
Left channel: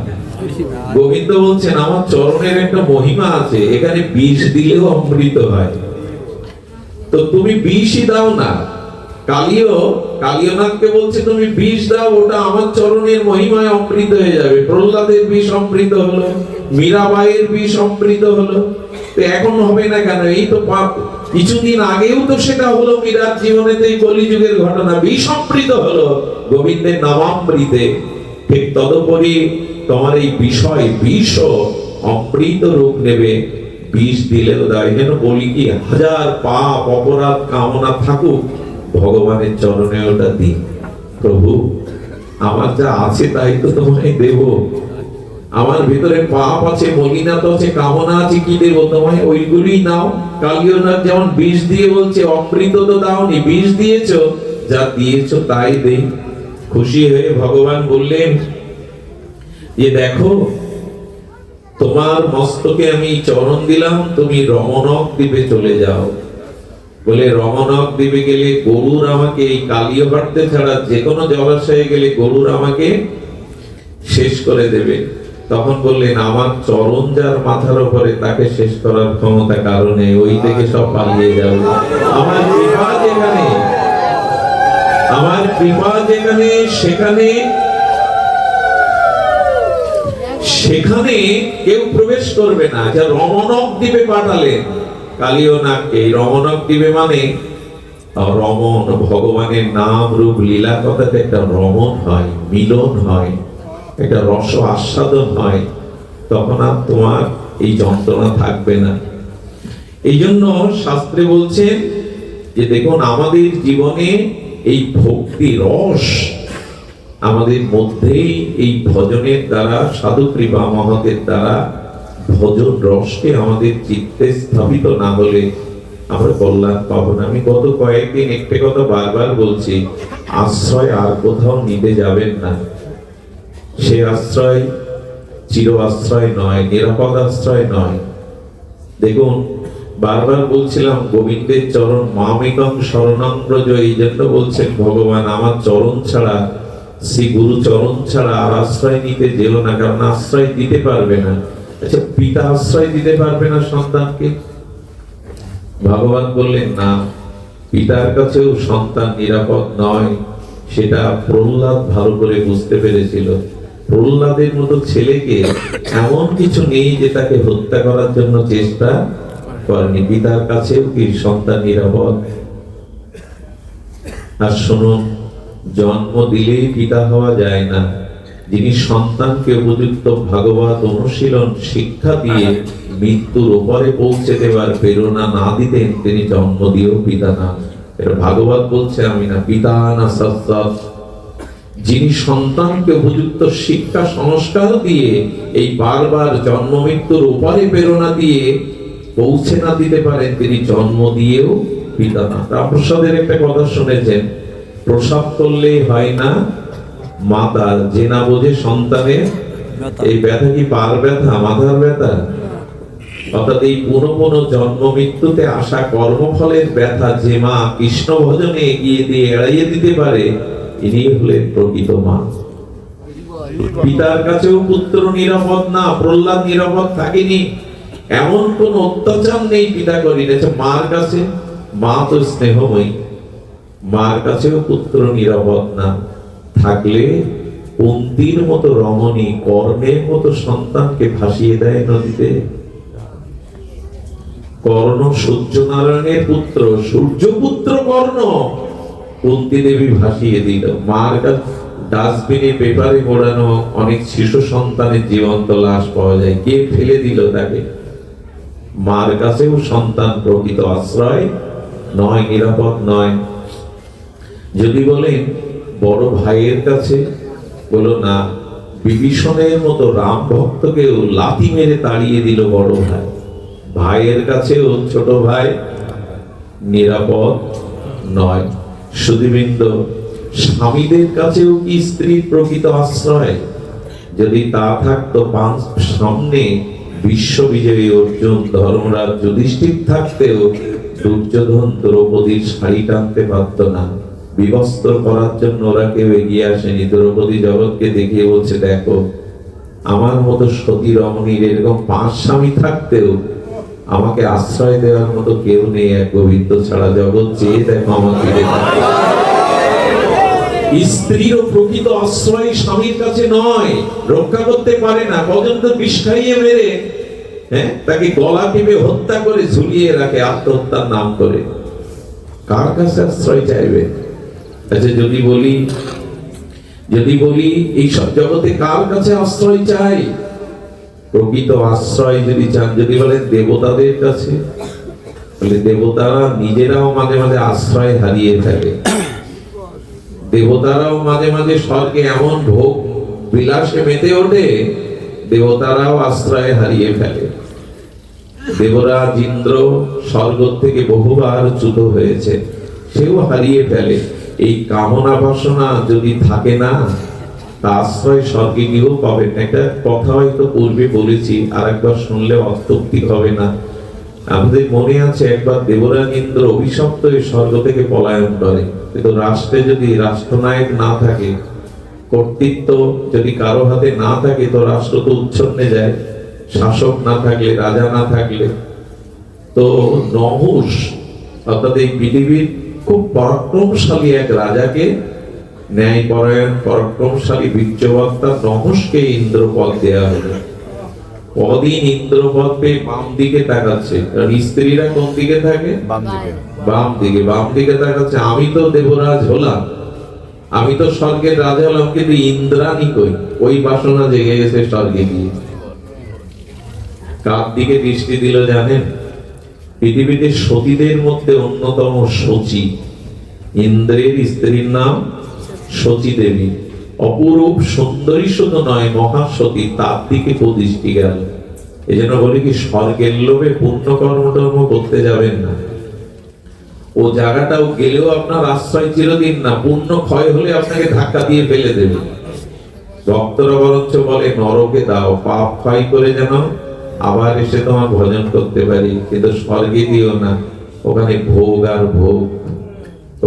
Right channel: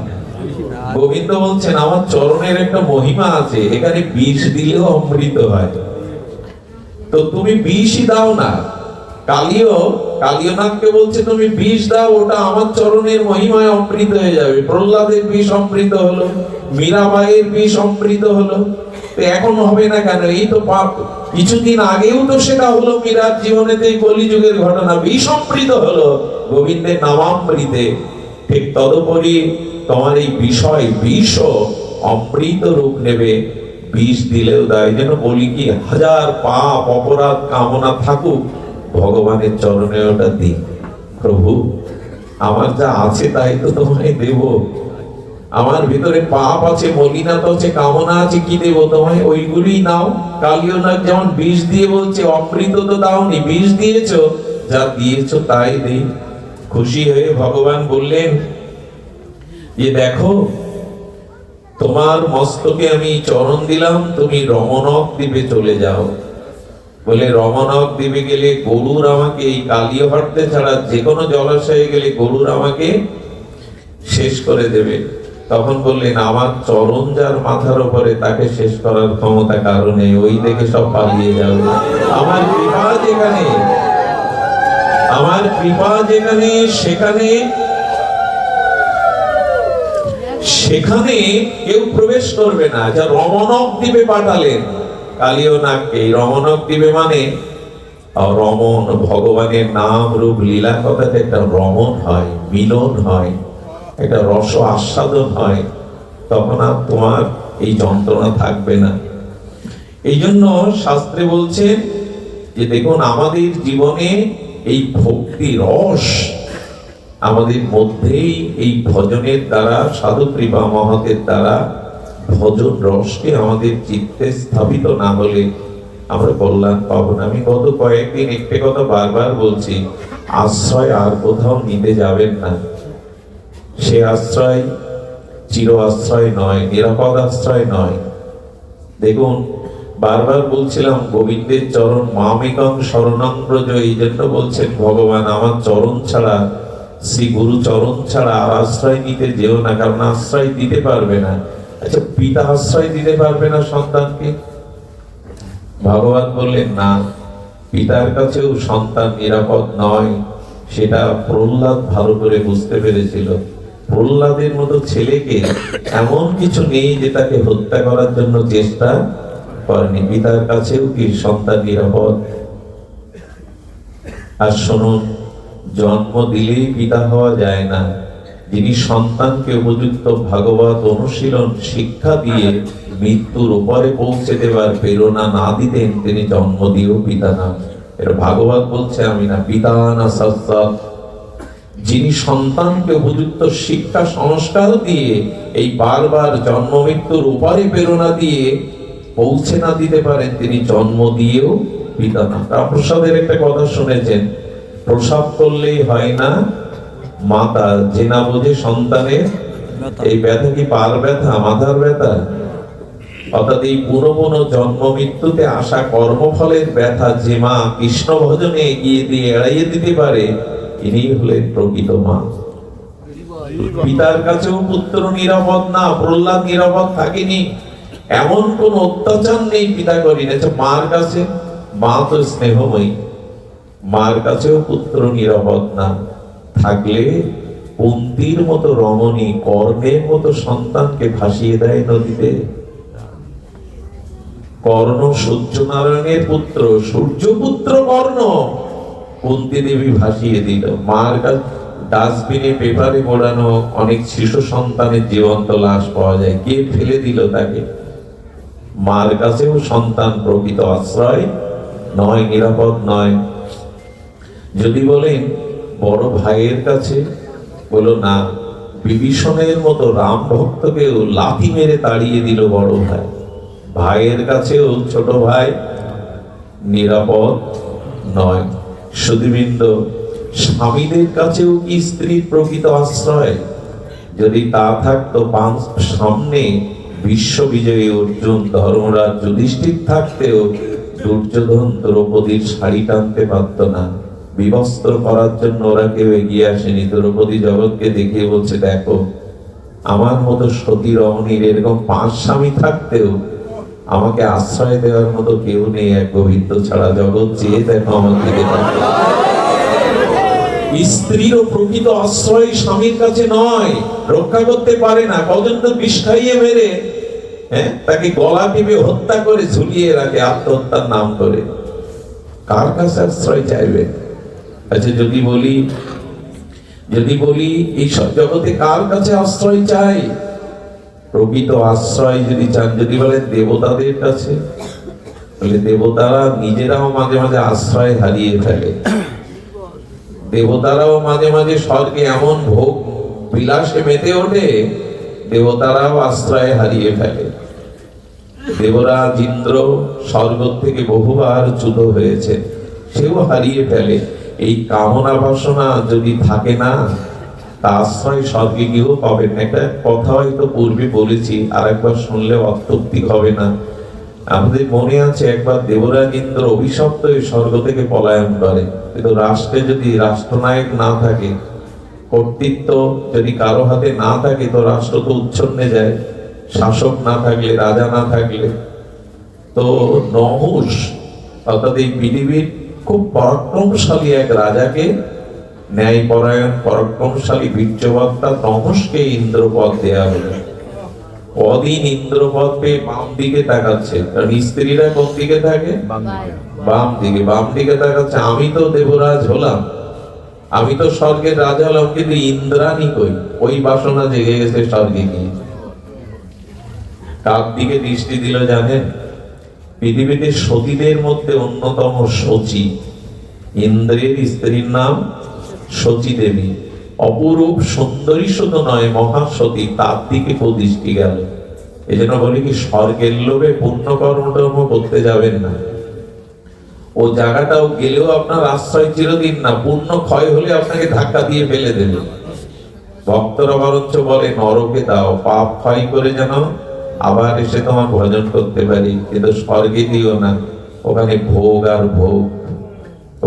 গোবিন্দ বলছেন আমার চরণের একটা মহিমা আছে, এখানে বিষ দিলেও অমৃত হয়, তো তুমি বিষই দাও না। কালীয়নাথকে বলছে তুমি বিষ দাও, ওটা আমার চরণের মহিমায় অমৃত হয়ে যাবে। প্রহ্লাদের বিষ অমৃত হলো, মীরাবাইয়ের বিষ অমৃত হলো, তো এখন হবে না কেন? এই তো কিছুদিন আগেও তো সেটা হলো, মীরার জীবনেতে কলিযুগের ঘটনা, বিষ অমৃত হলো গোবিন্দের নামামৃতে। ঠিক তদুপরি তোমার এই বিষয় বিষ অমৃত রূপ নেবে, বিষ দিলেও দেয়। যেন বলি কি, হাজার পাপ অপরাধ কামনা থাকুক, ভগবানের চরণে ওটা দিই। প্রভু আমার যা আছে তাই তো তোমায় দেব, আমার ভিতরে পাপ আছে, মলিনাত আছে, কামনা আছে, কি দেব তোমায়? ওইগুলি নাও। কালীয়নাথ যেমন বিষ দিয়ে বলছে অমৃত তো দাওনি, বিষ দিয়েছো, যা দিয়েছো তাই দেই। খুশি হয়ে ভগবান বললেন যে দেখো, তোমার মস্তকে আমি চরণ দিলাম, তুমি রমণক দ্বীপে চলে যাও। বলে রমণক দ্বীপে গেলে গরুর আমাকে, এই কালীয় হটতে ছাড়া যে কোনো জলাশয়ে গেলে গরুর আমাকে শেষ করে দেবে। তখন বললেন আমার চরণ যার মাথার উপরে, তাকে শেষ করার ক্ষমতা কারণে ওই দেখে সব পালিয়ে যাবে। আমার কৃপা যেখানে সেখানে কেউ প্রবেশ করবে না। যা রমণক দ্বীপে পাঠালেন কালীয়নাগকে। রমণক দ্বীপে মানে রমণ, ভগবানের নাম রূপ লীলা কথাতে একটা রমণ হয়, মিলন হয়, একটা রস আস্বাদন হয়, তখন আর তোমার এই যন্ত্রণা থাকবে না। এই জন্য শাস্ত্রে বলছেন যে দেখুন, আমাদের জীবনে এই ভক্তি রস আমাদের মধ্যেই, এই ভজনের দ্বারা, সাধু কৃপা মহতের দ্বারা ভজন রসকে আমাদের চিত্তে স্থাপিত না হলে আমরা কল্যাণ পাবো না। আমি গত কয়েকদিন একটা কথা বারবার বলছি, আশ্রয় আর কোথাও নিতে যাবেন না। সে আশ্রয় চির আশ্রয় নয়, নিরাপদ আশ্রয় নয়। দেখুন, বারবার বলছিলাম গোবিন্দের চরণ মামেকং শরণং ব্রজ, এই জন্য বলছেন ভগবান আমার চরণ ছাড়া, শ্রী গুরু চরণ ছাড়া আর আশ্রয় নিতে যেও না, কারণ আশ্রয় দিতে পারবে না। আচ্ছা, পিতা আশ্রয় দিতে পারবে না সন্তানকে? ভগবান বললেন না, পিতার কাছেও সন্তান নিরাপদ নয়। সেটা প্রহ্লাদ ভালো করে বুঝতে পেরেছিল। প্রহ্লাদের মতো ছেলেকে এমন কিছু নেই যে তাকে হত্যা করার জন্য চেষ্টা করেনি। পিতার কাছেও কি সন্তান নিরাপদ? আর শুনুন, জন্ম দিলেই পিতা হওয়া যায় না। যিনি সন্তানকে উপযুক্ত ভাগবত অনুশীলন শিক্ষা দিয়ে মৃত্যুর উপরে পৌঁছে দেওয়ার প্রেরণা না দিতেন, তিনি জন্ম দিয়েও পিতা না। এটা ভাগবত বলছে, আমি না। পিতা না সৎ, যিনি সন্তানকে উপযুক্ত শিক্ষা সংস্কার দিয়ে এই বারবার জন্ম মৃত্যুর উপরে প্রেরণা দিয়ে পৌঁছে না দিতে পারেন, তিনি জন্ম দিয়েও পিতা না। রামপ্রসাদের একটা কথা শুনেছেন, প্রসব করলেই হয় না মাতা, যে না বোঝে সন্তানের এই ব্যথা। কি পার ব্যথা, মাথার ব্যথা? অর্থাৎ এই পুনঃ জন্ম মৃত্যুতে আসা কর্মফলের ব্যথা যে মা কৃষ্ণ ভজনে এগিয়ে দিয়ে এড়াইয়ে দিতে পারে, ইনি হলেন প্রকৃত মা। পিতার কাছেও পুত্র নিরাপদ না। প্রহ্লাদ নিরাপদ থাকেনি, এমন কোন অত্যাচার নেই পিতা করিনি। মার কাছে, মা তো স্নেহময়ী, মার কাছেও পুত্র নিরাপদ না। থাকলে কুন্তির মতো রমণী কর্ণের মতো সন্তানকে ভাসিয়ে দেয় নদীতে। কর্ণ সূর্যনারায়ণের পুত্র, সূর্যপুত্র কর্ণ, কুন্তি দেবী ভাসিয়ে দিল। মার কাছে ডাস্টবিনে পেপারে মোড়ানো অনেক শিশু সন্তানের জীবন্ত লাশ পাওয়া যায়। কে ফেলে দিল তাকে? মার কাছেও সন্তান প্রকৃত আশ্রয় নয়, নিরাপদ নয়। যদি বলেন বড় ভাইয়ের কাছে, বলো না, বিভীষণের মতো রাম ভক্তকেও লাথি মেরে তাড়িয়ে দিল বড় ভাই। ভাইয়ের কাছেও ছোট ভাই নিরাপদ নয়। সুধীবৃন্দ, স্বামীদের কাছেও কি স্ত্রী প্রকৃত আশ্রয়? যদি তা থাকতো, সামনে বিশ্ববিজয়ী অর্জুন, ধর্মরাজ, যুধিষ্ঠির থাকতেও দুর্যোধন দ্রৌপদীর শাড়ি টানতে পারত না। বিবস্ত্র করার জন্য ওরা কেউ এগিয়ে আসেনি। দ্রৌপদী জগৎকে দেখিয়ে বলছে, দেখো, আমার মতো সতী রমণীর এরকম 5 স্বামী থাকতেও আমাকে আশ্রয় দেওয়ার মতো কেউ নেই, এক গোবিন্দ ছাড়া। জগৎ চেয়ে দেখো আমাকে। স্ত্রীর প্রকৃত আশ্রয় স্বামীর কাছে নয়, রক্ষা করতে পারে না। কজন তো বিষ খাইয়ে মেরে তাকে গলা টিপে হত্যা করে ঝুলিয়ে রাখে আত্মহত্যার নাম করে। কার কাছে আশ্রয় চাইবে? আচ্ছা, যদি বলি এই সব জগতে কার কাছে আশ্রয় চাই? প্রকৃত আশ্রয় যদি চান, যদি বলেন দেবতাদের কাছে, বলে দেবতারা নিজেরাও মাঝে মাঝে আশ্রয় হারিয়ে ফেলে। দেবতারাও মাঝে মাঝে স্বর্গে এমন ভোগ বিলাসে মেতে ওঠে, দেবতারাও আশ্রয় হারিয়ে ফেলে। দেবরাজ ইন্দ্র স্বর্গ থেকে বহুবার চ্যুত হয়েছে, সেও হারিয়ে ফেলে। এই কামনা বাসনা যদি থাকে না, তা আশ্রয় স্বর্গে গিয়েও পাবেন। একটা কথা হয়তো পূর্বে বলেছি, আর একবার শুনলে অত্যুক্তি হবে না। আমাদের মনে আছে একবার দেবরাজ ইন্দ্র অভিশপ্ত হয়ে স্বর্গ থেকে পলায়ন করে। কিন্তু রাষ্ট্রে যদি রাষ্ট্রনায়ক না থাকে, কর্তৃত্ব যদি কারো হাতে না থাকে, তো রাষ্ট্র তো উচ্ছন্নে যায়। শাসক না থাকলে, রাজা না থাকলে, তো নহুষ অর্থাৎ এই পৃথিবীর খুব পরাক্রমশালী এক রাজাকে, ন্যায়পরায়ণ পরাক্রমশালী বীর্যবক্তা নহুষকে ইন্দ্রপদ দেয়া হলো। কদিন ইন্দ্রপদ পেয়ে বাম দিকে তাকাচ্ছে, কারণ স্ত্রীরা কোন দিকে থাকে? বাম দিকে। বাম দিকে তাকাচ্ছে, আমি তো দেবরাজ হলাম, আমি তো স্বর্গের রাজা হলাম, কিন্তু ইন্দ্রাণী কই? ওই বাসনা জেগে গেছে স্বর্গে গিয়ে। কার দিকে দৃষ্টি দিল জানেন? পৃথিবীতে সতীদের মধ্যে অন্যতম শচী, ইন্দ্রের স্ত্রীর নাম শচী দেবী। অপরূপ সুন্দরী শুধু নয়, মহাসতী, তার দিকে দৃষ্টি গেল। এই জন্য বলি কি, স্বর্গের লোভে পুণ্য কর্ম করতে যাবেন না। ও জায়গাটাও গেলেও আপনার আশ্রয় চিরদিন না, পুণ্য ক্ষয় হলে আপনাকে ধাক্কা দিয়ে ফেলে দেবে। ভক্তরা বরঞ্চ বলে, নরকে দাও, পাপ ক্ষয় করে যেন আবার এসে তোমার ভজন করতে পারি। কিন্তু স্বর্গে দিও না, ওখানে ভোগ আর ভোগ,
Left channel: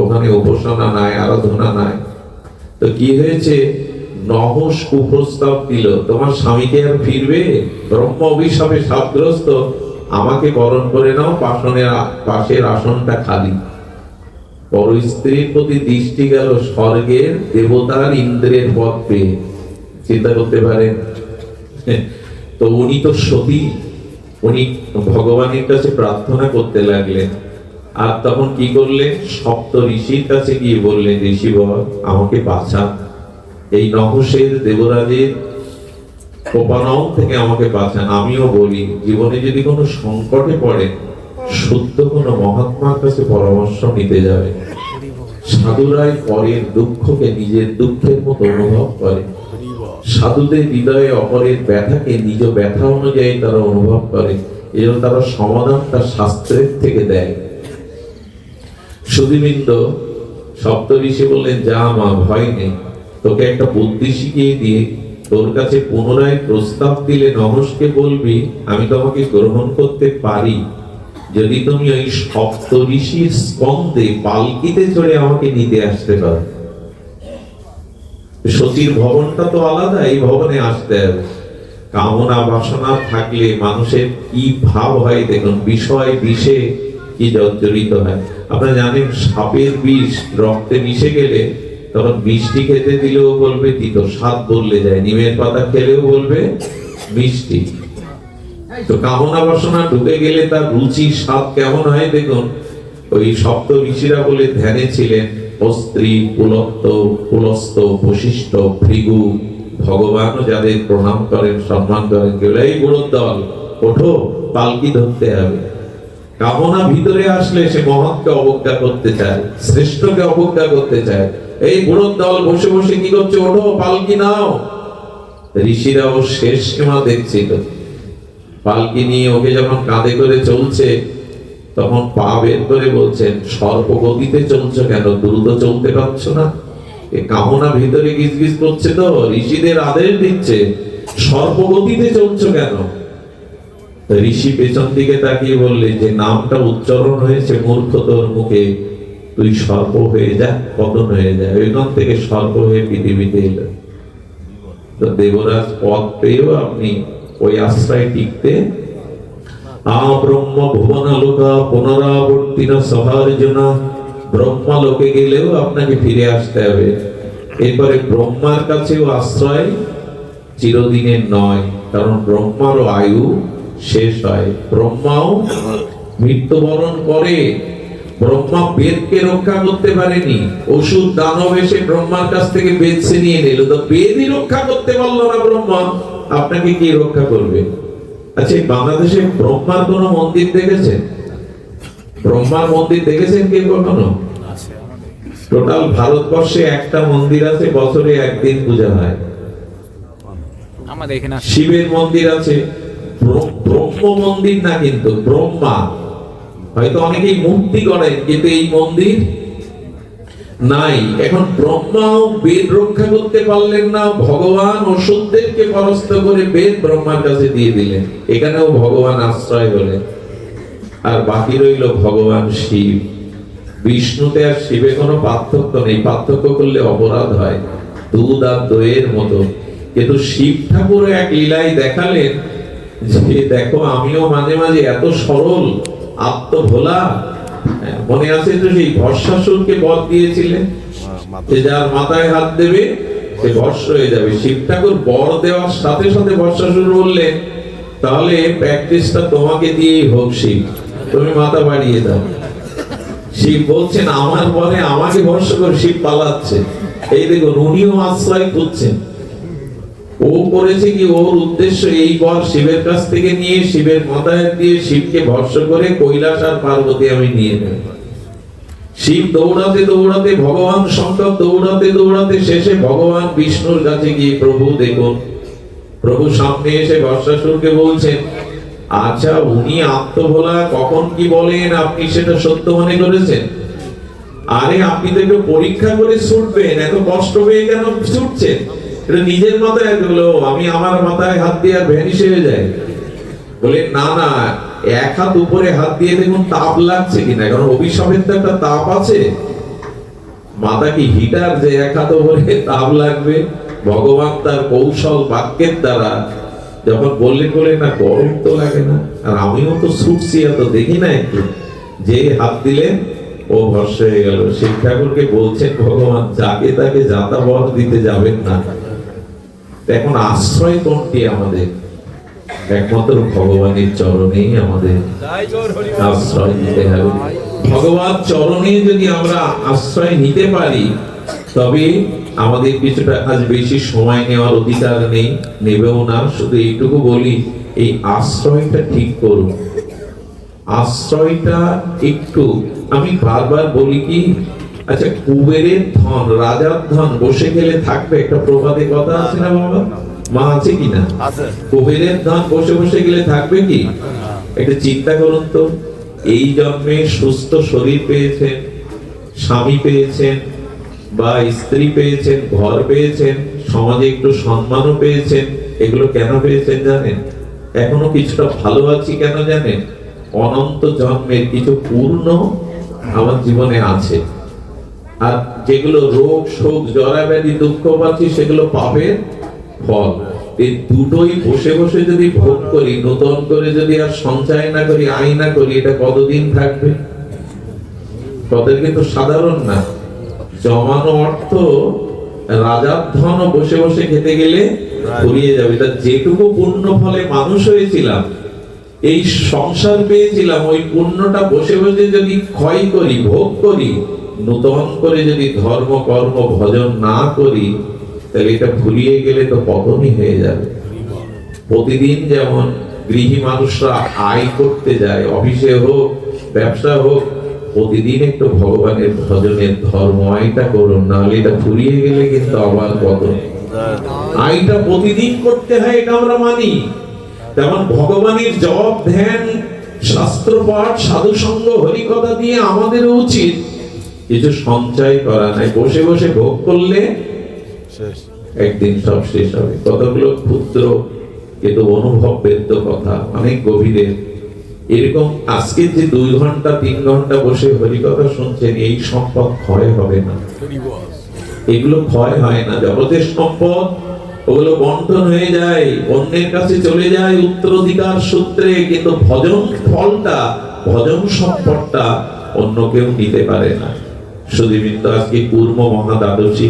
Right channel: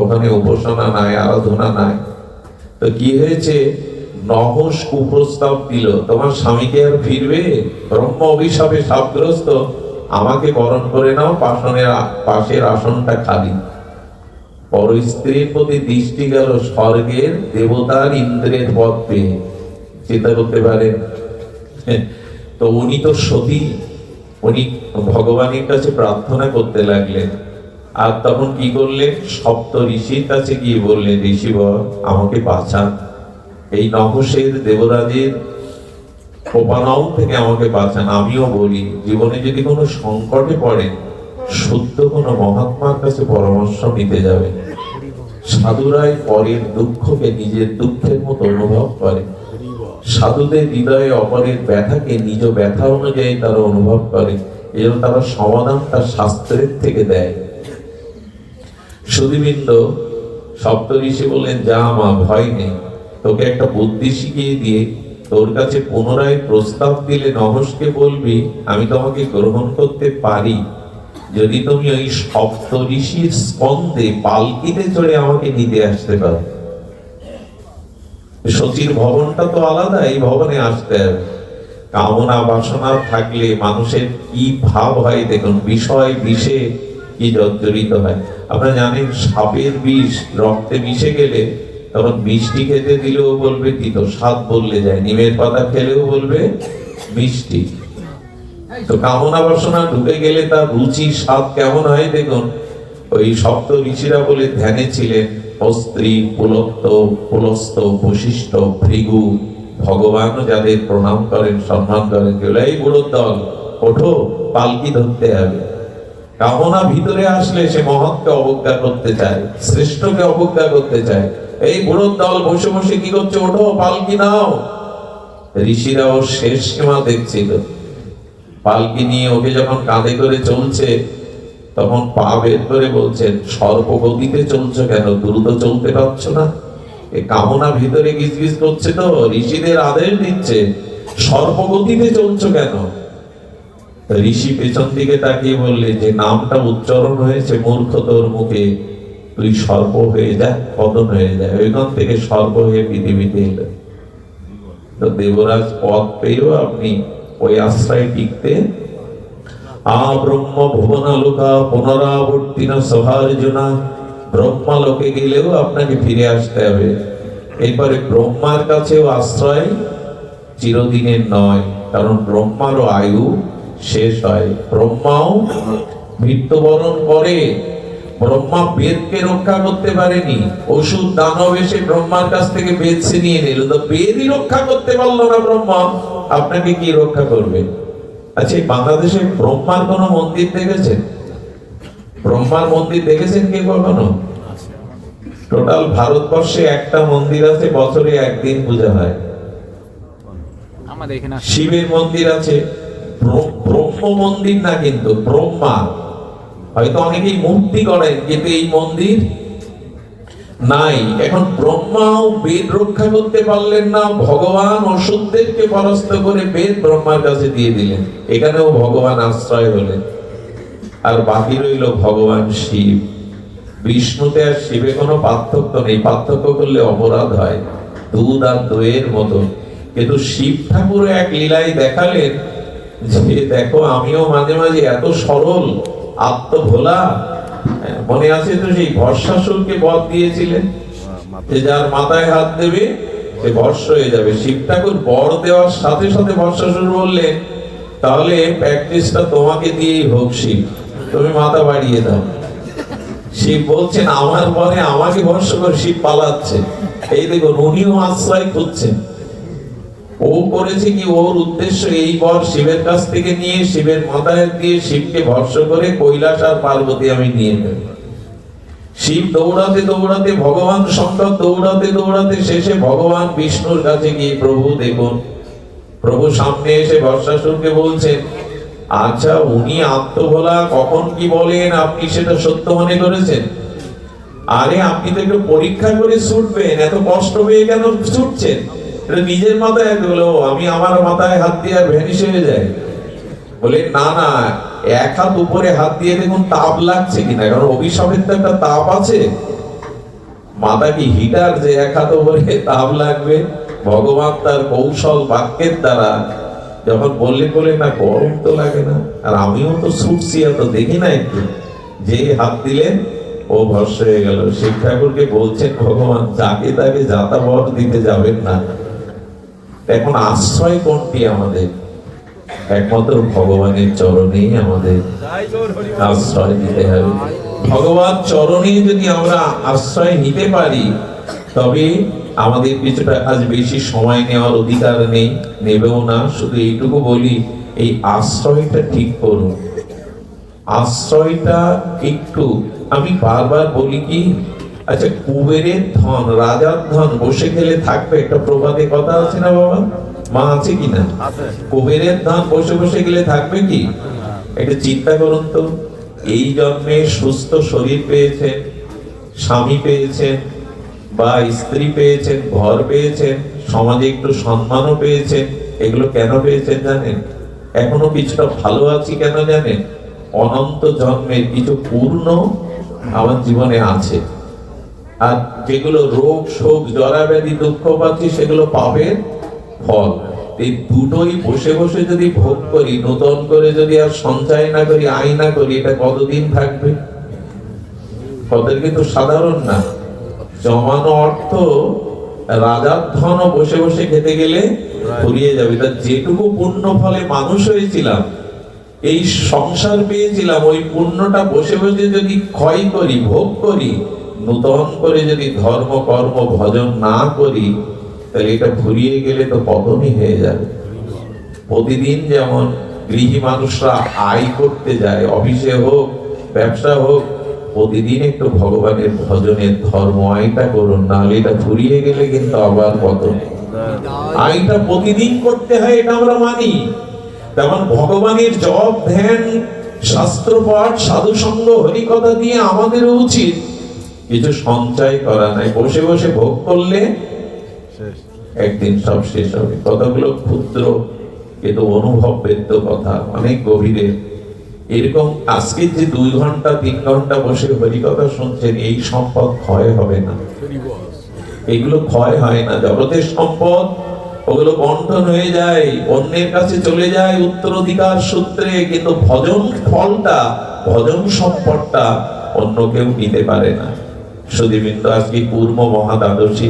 ওখানে উপাসনা নাই, আরাধনা নাই। তো কি হয়েছে? নহুষ কুপ্রস্তাব দিল, তোমার স্বামীকে আর ফিরবে? ব্রহ্ম অভিশাপে শাপগ্রস্ত, আমাকে বরণ করে নাও, পাশের আসনটা খালি। পর স্ত্রীর প্রতি দৃষ্টি গেল স্বর্গের দেবতার ইন্দ্রের পদ পেয়ে। চিন্তা করতে পারেন? তো উনি তো সতী, উনি ভগবানের কাছে প্রার্থনা করতে লাগলেন। আর তখন কি করলেন? সপ্ত ঋষির কাছে গিয়ে বললেন, ঋষিবর, আমাকে বাঁচান, এই নহুষের, দেবরাজের কোপানল থেকে আমাকে বাঁচান। আমিও বলি, জীবনে যদি কোনো সংকটে পড়েন, শুদ্ধ কোনো মহাত্মার কাছে পরামর্শ নিতে যাবে। সাধুরাই পরের দুঃখকে নিজের দুঃখের মতো অনুভব করে। সাধুদের হৃদয়ে অপরের ব্যথাকে নিজ ব্যথা অনুযায়ী তারা অনুভব করে। এজন্য তারা সমাধান তার শাস্ত্রের থেকে দেয়। সুধীবৃন্দ, সপ্তঋষি বললেন, যা মা, ভয় নেই, তোকে একটা বুদ্ধি শিখিয়ে দিয়ে তোর কাছে পুনরায় প্রস্তাব দিলে নহুষকে বলবি, আমি তোমাকে গ্রহণ করতে পারি, যদি তুমি ওই সপ্তঋষির স্কন্ধে পালকিতে চড়ে আমাকে নিতে আসতে পারো। শচীর ভবনটা তো আলাদা, এই ভবনে আসতে হবে। কামনা বাসনা থাকলে মানুষের কি ভাব হয় দেখুন, বিষয় বিষে কি জর্জরিত হয়। আপনারা জানেন, সাপের বিষ রক্তে মিশে গেলে তখন মিষ্টি খেতে দিলেও বলবে তিতো, স্বাদ বললে যায়। নিমের পাতা খেলেও বলবে মিষ্টি। তো কামনা বাসনা ঢুকে গেলে তার রুচি স্বাদ কেমন হয় দেখুন। ওই সপ্ত ঋষিরা বলে ধ্যানে ছিলেন, অস্ত্রী, পুলত্ত, পুলস্ত, বশিষ্ঠ, ভৃগু, ভগবানও যাদের প্রণাম করেন, সম্মান করেন, কেউ এই বুড়োর দল ওঠো, পালকি ধরতে হবে। কামনা ভিতরে আসলে সে মহৎকে অবজ্ঞা করতে চায়, শ্রেষ্ঠকে অবজ্ঞা করতে চায়। এই বুড়োর দল বসে বসে কি করছে, ওঠো পালকি নাও। ঋষিরা ও শেষ সীমা দেখছিল, পালকি নিয়ে ওকে যখন কাঁধে করে চলছে তখন পা বের করে বলছেন, সর্পগতিতে চলছো কেন, দ্রুত চলতে পারছো না? এ কামনা ভিতরে গিজগিজ করছে, তো ঋষিদের আদেশ দিচ্ছে, সর্পগতিতে চলছো কেন? ঋষি পেছন দিকে তাকিয়ে বললেন, যে নামটা উচ্চারণ হয়েছে মূর্খ তোর মুখে, তুই সর্প হয়ে যা, পতন হয়ে যা। ওইখান থেকে সর্প হয়ে পৃথিবীতে এলো। তো দেবরাজ পদ পেয়েও আপনি ওই আশ্রয় টিকতে ব্রহ্ম ভুবনালোকা পুনরাবর্তিন সভার্জনা, ব্রহ্মা লোকে গেলেও আপনাকে ফিরে আসতে হবে। এরপরে ব্রহ্মার কাছেও আশ্রয় চিরদিনের নয়, কারণ ব্রহ্মারও আয়ু শেষ হয়, ব্রহ্মাও মৃত্যুবরণ করে। ব্রহ্মা বেদকে রক্ষা করতে পারেনি, অসুর দানব এসে ব্রহ্মার কাছ থেকে বেদ ছিনিয়ে নিল, তো বেদই রক্ষা করতে পারলো না ব্রহ্মা, আপনাকে কি রক্ষা করবে? আচ্ছা, বাংলাদেশে ব্রহ্মার কোন মন্দির দেখেছেন? ব্রহ্মার মন্দির দেখেছেন কে কখনো? টোটাল ভারতবর্ষে একটা মন্দির আছে, বছরে একদিন পূজা হয়। শিবের মন্দির আছে, ব্রহ্ম মন্দির না, কিন্তু ব্রহ্মা। হয়তো অনেকেই মূর্তি করেন, কিন্তু এই মন্দির নাই। এখন ব্রহ্মাও বেদ রক্ষা করতে পারলেন না, ভগবান অসুরদেরকে পরাস্ত করে বেদ ব্রহ্মার কাছে দিয়ে দিলেন, এখানেও ভগবান আশ্রয় হলেন। আর বাকি রইল ভগবান শিব। বিষ্ণুতে আর শিবে কোনো পার্থক্য নেই, পার্থক্য করলে অপরাধ হয়, দুধ আর দইয়ের মতো। কিন্তু শিব ঠাকুর এক লীলায় দেখালেন যে দেখো, আমিও মাঝে মাঝে এত সরল, আত্মভোলা। মনে আছে তো, সেই ভস্মাসুরকে বর দিয়েছিলেন যে যার মাথায় হাত দেবে সে ভস্ম হয়ে যাবে। শিব ঠাকুর বর দেওয়ার সাথে সাথে ভস্মাসুর বললেন, তাহলে প্র্যাকটিসটা তোমাকে দিয়েই হোক শিব, তুমি মাথা বাড়িয়ে দাও। শিব বলছেন, আমার পরে আমাকে ভস্ম করে। শিব পালাচ্ছে। এই দেখুন, উনিও আশ্রয় খুঁজছেন। ও করেছে কি, ওর উদ্দেশ্য এই বর শিবের কাছ থেকে নিয়ে শিবের মাথায় দিয়ে শিবকে ভস্ম করে কৈলাস আর পার্বতী আমি নিয়ে নেব। শিব দৌড়াতে দৌড়াতে, ভগবান শঙ্কর দৌড়াতে দৌড়াতে শেষে ভগবান বিষ্ণুর কাছে গিয়ে, প্রভু দেখুন, প্রভু সামনে এসে ভস্মাসুরকে বলছেন, আচ্ছা উনি আত্মভোলা, কখন কি বলেন আপনি সেটা সত্য মনে করেছেন? আরে আপনি তো একটু পরীক্ষা করে ছুটবেন, এত কষ্ট পেয়ে কেন ছুটছেন? নিজের মাথায় হলো, আমি আমার মাথায় হাত দিয়ে আর ভ্যানিশ হয়ে যায়। বলে না না, এক হাত উপরে হাত দিয়ে দেখুন তাপ লাগছে কিনা, কারণ অভিশাপের তো একটা তাপ আছে। মাথা কি হিটার যে এক হাত উপরে তাপ লাগবে? ভগবান তার কৌশল বাক্যের দ্বারা যখন বললে না, গরম তো লাগে না, আর আমিও তো ছুটছি, এত দেখি না একটু, যে হাত দিলেন ও ভস্ম হয়ে গেল। শিব ঠাকুরকে বলছেন ভগবান, যাকে তাকে যাতা বর দিতে যাবেন না। এখন আশ্রয় কোনটি আমাদের? একমাত্র ভগবানের চরণেই আমাদের আশ্রয় নিতে হবে। ভগবান চরণে যদি আমরা আশ্রয় নিতে পারি, তবে আমাদের কিছুটা আজ বেশি সময় নেওয়ার অধিকার নেই, নেবেও না। শুধু এইটুকু বলি, এই আশ্রয়টা ঠিক করুন। আশ্রয়টা একটু, আমি বারবার বলি কি, আচ্ছা কুবেরের ধন, রাজার ধন বসে গেলে থাকবে? একটা প্রবাদে কথা আছে না বাবা, মা আছে কিনা? কুবেরের ধন বসে বসে গেলে থাকবে কি? একটা চিন্তা করুন তো, এই জন্মে সুস্থ শরীর পেয়েছেন, স্বামী পেয়েছেন, বা স্ত্রী পেয়েছেন, ঘর পেয়েছেন, সমাজে একটু সম্মানও পেয়েছেন। এগুলো কেন পেয়েছেন জানেন? এখনো কিছুটা ভালো আছি কেন জানেন? অনন্ত জন্মের কিছু পূর্ণ আমার জীবনে আছে। আর যেগুলো রোগ শোক জরা ব্যাধি দুঃখ পাচ্ছি, সেগুলো পাবেন ফল। এই দুটোই বসে বসে যদি ভোগ করি, নতুন করে যদি আর সঞ্চয় না করি, আয় না করি, এটা কতদিন থাকবে? কদের কিন্তু সাধারণ না। জমানো অর্থ, রাজার ধন বসে বসে খেতে গেলে ফুরিয়ে যাবে। তা যেটুকু পুণ্য ফলে মানুষ হয়েছিলাম, এই সংসার পেয়েছিলাম, ওই পুণ্যটা বসে বসে যদি ক্ষয় করি, ভোগ করি, নূতন করে যদি ধর্ম কর্ম ভজন না করি, তাহলে এটা ফুরিয়ে গেলে তো পতনই হয়ে যাবে। প্রতিদিন যেমন গৃহী মানুষরা আয় করতে যায়, অফিসে হোক ব্যবসা হোক, প্রতিদিন একটু ভগবানের ভজনের ধর্ম আয়টা করুন, নাহলে এটা ফুরিয়ে গেলে কিন্তু আবার পতন। আয়টা প্রতিদিন করতে হয়, এটা আমরা মানি। তেমন ভগবানের জপ ধ্যান শাস্ত্র পাঠ সাধু সঙ্গ হরিকথা দিয়ে আমাদের উচিত কিছু সঞ্চয় করা নাই। বসে বসে ভোগ করলে একদিন সব শেষ হবে। কথাগুলো ক্ষুদ্র কিন্তু অনুভব বেদ্য কথা, অনেক গভীরে। এরকম আজকে যে 2 ঘন্টা 3 ঘন্টা বসে হরিকথা শুনছেন, এই সম্পদ ক্ষয় হবে না, এগুলো ক্ষয় হয় না। জগতের সম্পদ ওগুলো বন্টন হয়ে যায়, অন্যের কাছে চলে যায় উত্তরাধিকার সূত্রে, কিন্তু ভজন ফলটা, ভজন সম্পদটা অন্য কেউ নিতে পারে না। সুধীবৃন্দ, আজকে পূর্ব মহাদ্বাদশী,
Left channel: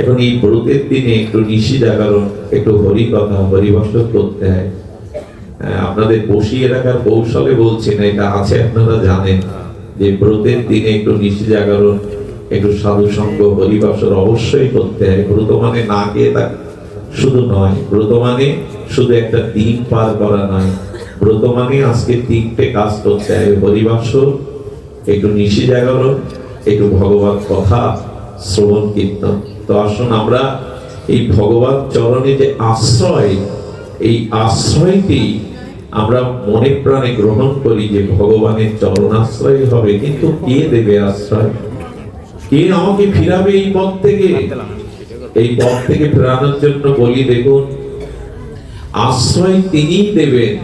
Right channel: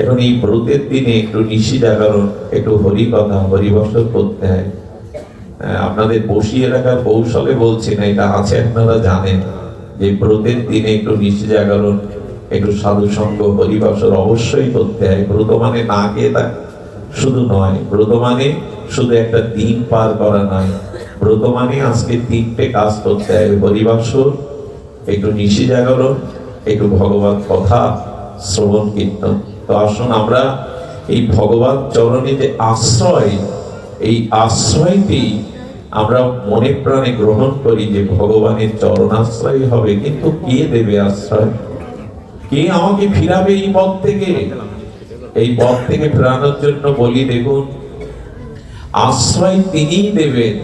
এখন এই ব্রতের দিনে একটু নিশি জাগরণ, একটু হরিকথা হরিবসর করতে হয়। আপনাদের বসিয়ে রাখার কৌশলে বলছি না, এটা আছে, আপনারা জানেন যে ব্রতের দিনে একটু নিশি জাগরণ, একটু সাধু সঙ্গ হরিবসর অবশ্যই করতে হয়। ব্রত মানে না গিয়ে থাকা শুধু নয়, ব্রত মানে শুধু একটা দিন পার করা নয়, ব্রত মানে আজকে 3টে কাজ করতে হয়: হরিবসর, একটু নিশি জাগরণ, একটু ভগবত কথা শ্রবণ কীর্তন। তো আসুন আমরা এই ভগবত চরণে যে আশ্রয়, এই আশ্রয়টি আমরা মনে প্রাণে গ্রহণ করি যে ভগবানের চরণ আশ্রয় হবে। কিন্তু কে দেবে আশ্রয়? কে আমাকে ফিরাবে এই পথ থেকে? এই পথ থেকে ফেরানোর জন্য বলি, দেখুন, আশ্রয় তিনিই দেবেন।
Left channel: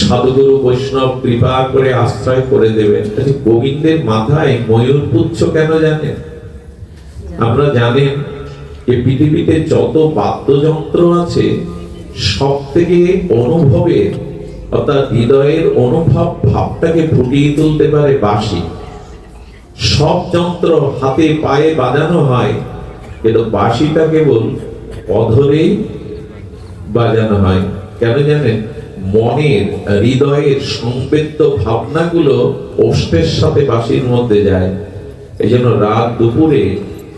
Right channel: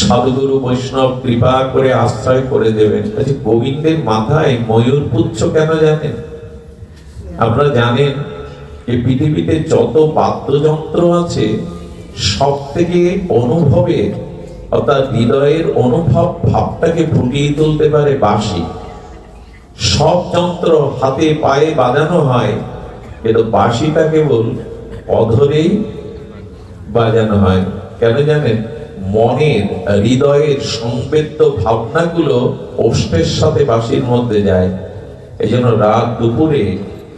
সাধুগুরু বৈষ্ণব কৃপা করে আশ্রয় করে দেবেন। গোবিন্দের মাথায় ময়ূর পুচ্ছ কেন জানেন? আপনারা জানেন যে পৃথিবীতে যত বাদ্যযন্ত্র আছে, সব থেকে অনুভবের অর্থাৎ হৃদয়ের অনুভব ভাবটাকে ফুটিয়ে তুলতে পারে বাঁশি। সব যন্ত্র হাতে পায়ে বাজানো হয়, কিন্তু বাঁশিটা কেবল অধরেই বাজানো হয়। কেন জানেন? মনের হৃদয়ের সংবেদ্য ভাবনাগুলো ওষ্ঠের সাথে বাঁশির মধ্যে যায়। এই জন্য রাত দুপুরে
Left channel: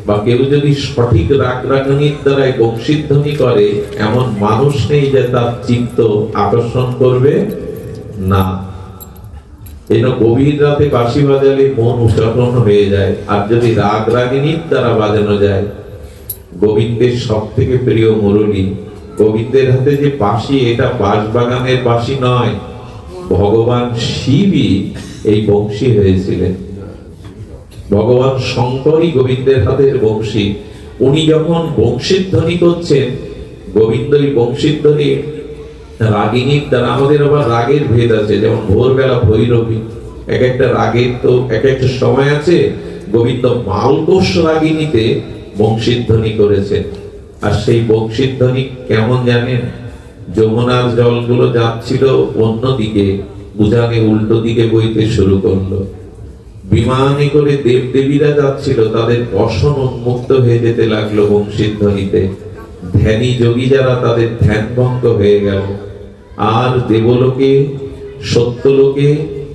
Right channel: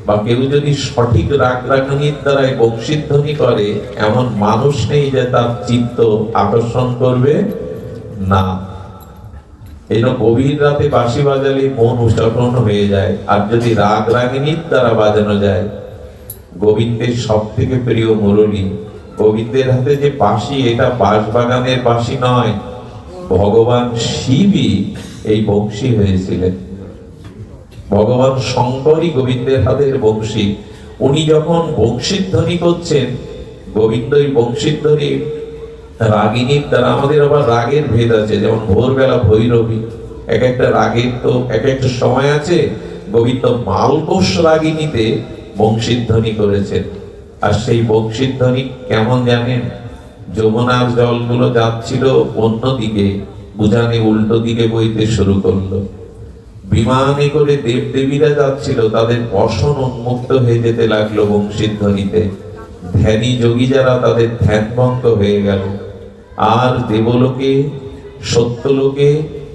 বা কেউ যদি সঠিক রাগ রাগানির দ্বারাই বংশীধ্বনি করে, এমন মানুষ নেই যে তার চিত্ত আকর্ষণ করবে না। এই জন্য গভীর রাতে বাঁশি বাজালে মন উৎসাহন হয়ে যায়। আর যদি রাগ রাগিনীর দ্বারা বাজানো যায়, গোবিন্দের সব থেকে প্রিয় মুরলী, গোবিন্দের হাতে যে বাঁশি, এটা বাঁশবাগানের বাঁশি নয়, ভগবান শিবই এই বংশী হয়েছিলেন। ভগবান শঙ্করই গোবিন্দের হাতের বংশী। উনি যখন বংশীধ্বনি করছেন, গোবিন্দই বংশীধ্বনি রাগিনীর দ্বারা। আমাদের আবার রাগের ভেদ আছে, যেমন ভোরবেলা ভৈরবী, এক একটা রাগের তো এক একটা সময় আছে। গোবিন্দ মালকোষ রাগিনীতে বংশীধ্বনি করেছেন। আর সেই বংশীধ্বনি কেমন জানেন? যমুনার জলগুলো যাচ্ছিল অন্যদিকে, উজানে উল্টো দিকে বইতে শুরু করলো। বিমানে করে দেবদেবীরা যাচ্ছিল, তাদের বসন উন্মুক্ত হয়ে যেতে লাগলো বংশীধ্বনিতে। ধ্যানী যোগী যারা, তাদের ধ্যান ভঙ্গ হয়ে গেল। আর দেবলোকে সত্যলোকে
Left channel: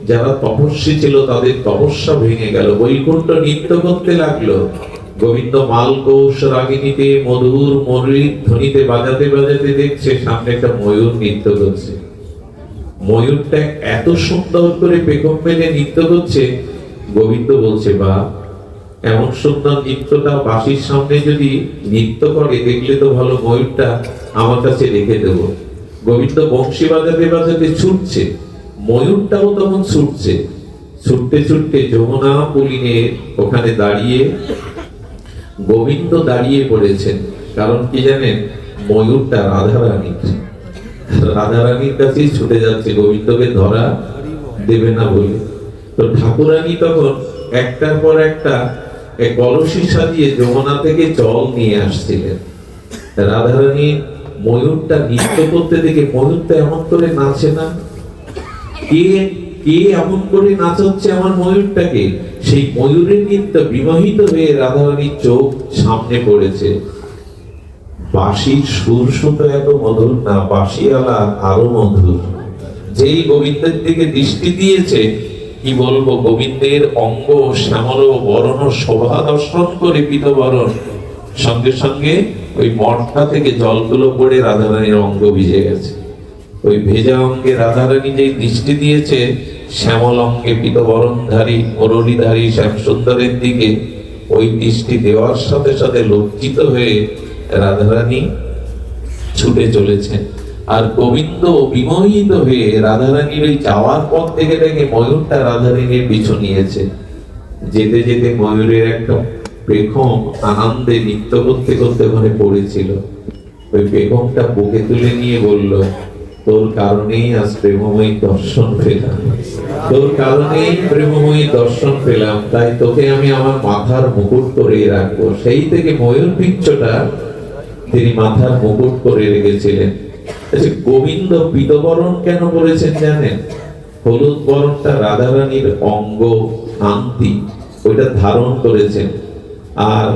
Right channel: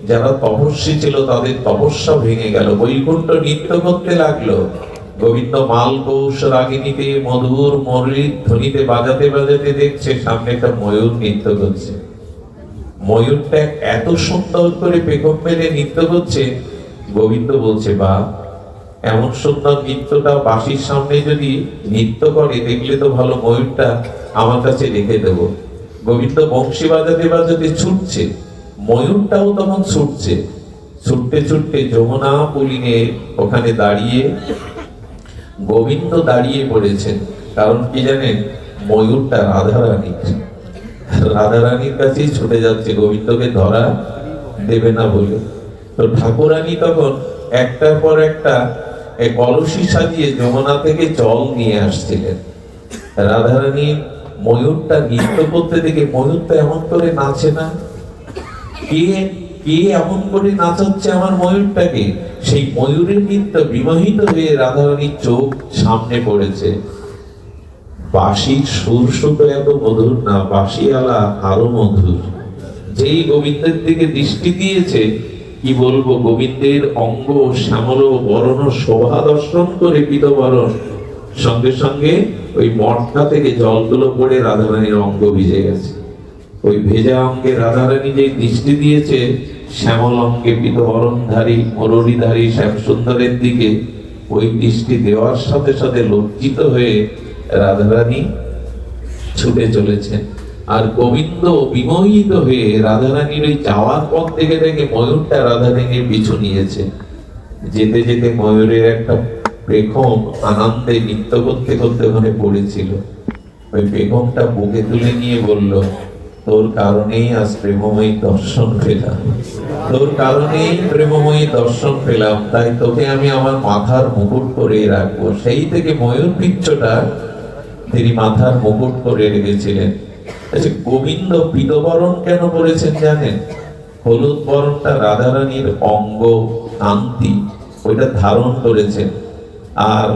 যারা তপস্বী ছিল, তাদের তপস্যা ভেঙে গেল। বৈকুণ্ঠ নৃত্য করতে লাগলো। গোবিন্দ মালকোষ রাগিনীতে মধুর মরীর ধ্বনিতে বাজাতে বাজাতে দেখছে সামনে একটা ময়ূর নৃত্য করছে। ময়ূরটা এত সুন্দর করে পেখম মেলে নৃত্য করছে। গোবিন্দ বলছে, বা এমন সুন্দর নৃত্যটা বাঁশির সামনে যদি নৃত্য করে, দেখলে তো ভালো, ময়ূরটা আমার কাছে রেখে দেব। গোবিন্দ বংশী বাজাতে বাজাতে ছুটছে, ময়ূরটাও তখন ছুটছে। ছুটতে ছুটতে যমুনা পুলিনে ওখানে দাঁড়িয়ে গোবিন্দ দাঁড়িয়ে পড়েছেন। কারণ কি জানেন? ময়ূরটা রাধারানীর কাছেই ছুটে যাচ্ছে, গোবিন্দকে ধরা দেবে না বলে। তো ঠাকুরানী তখন একটার পর একটা কলসি সাজিয়ে যমুনা থেকে জল নিয়ে আসছিলেন। রাধারানী ময়ূরটা নৃত্য করতে দেখে, ময়ূরটা এমন করে নাচে না, কে কে এমন করে নাচাচ্ছে আমার ময়ূরটাকে? সেই ময়ূরের নৃত্য বিমোহিত হয়ে রাধারানীর চোখ সামনে পড়েছে। বাঁশির সুর শুধু এত মধুর না, বাঁশিওয়ালা আরো মধুর। যেই গোবিন্দের দিকে দৃষ্টি দিয়েছে, কি বলবো, গোবিন্দের অঙ্গ শ্যামল বরণ শোভা দর্শন করে পীতবরণ, সঙ্গে সঙ্গে ওই মঠটা থেকে জলগুলো পড়ে রাধারানীর অঙ্গ ভিজে গেছে। ওই ভেজা অঙ্গে রাধারানী যে দৃষ্টি দিয়েছে শ্যামল অঙ্গে পীতবরণধারী মুরলীধারী শ্যামসুন্দরের দিকে, ওই দৃষ্টি দেওয়ার সাথে সাথে লজ্জিত হয়ে রাধারানী ছুটে চলেছেন। আর গোবিন্দ বিমোহিত হয়ে রাধারানীর ওই যাওয়ার পথ থেকে দেখে ময়ূরটা রাধারানীর পিছু নিয়েছে। যেতে যেতে ময়ূরের একটা পেখম আনন্দে নৃত্য করতে করতে ওখানে পড়েছিল। ওই পেখমটা বুকে তুলে নিয়ে বলল, তোর কারণেই আজ প্রেমময়ী দর্শন পেলাম, তোর কারণেই প্রেমময়ী দর্শন পেলাম, তাই তোকে আমি আমার মাথার মুকুট করে রাখবো। সেই থেকে ময়ূর পিচ্ছটা তিনি মাথার মুকুট করে রেখেছিলেন। আচ্ছা, গোবিন্দ পীতবরণ কেন করেছেন জানেন? হলুদ বরণটা রাধারানীর অঙ্গ কান্তি, ওইটা ধারণ করেছেন। আর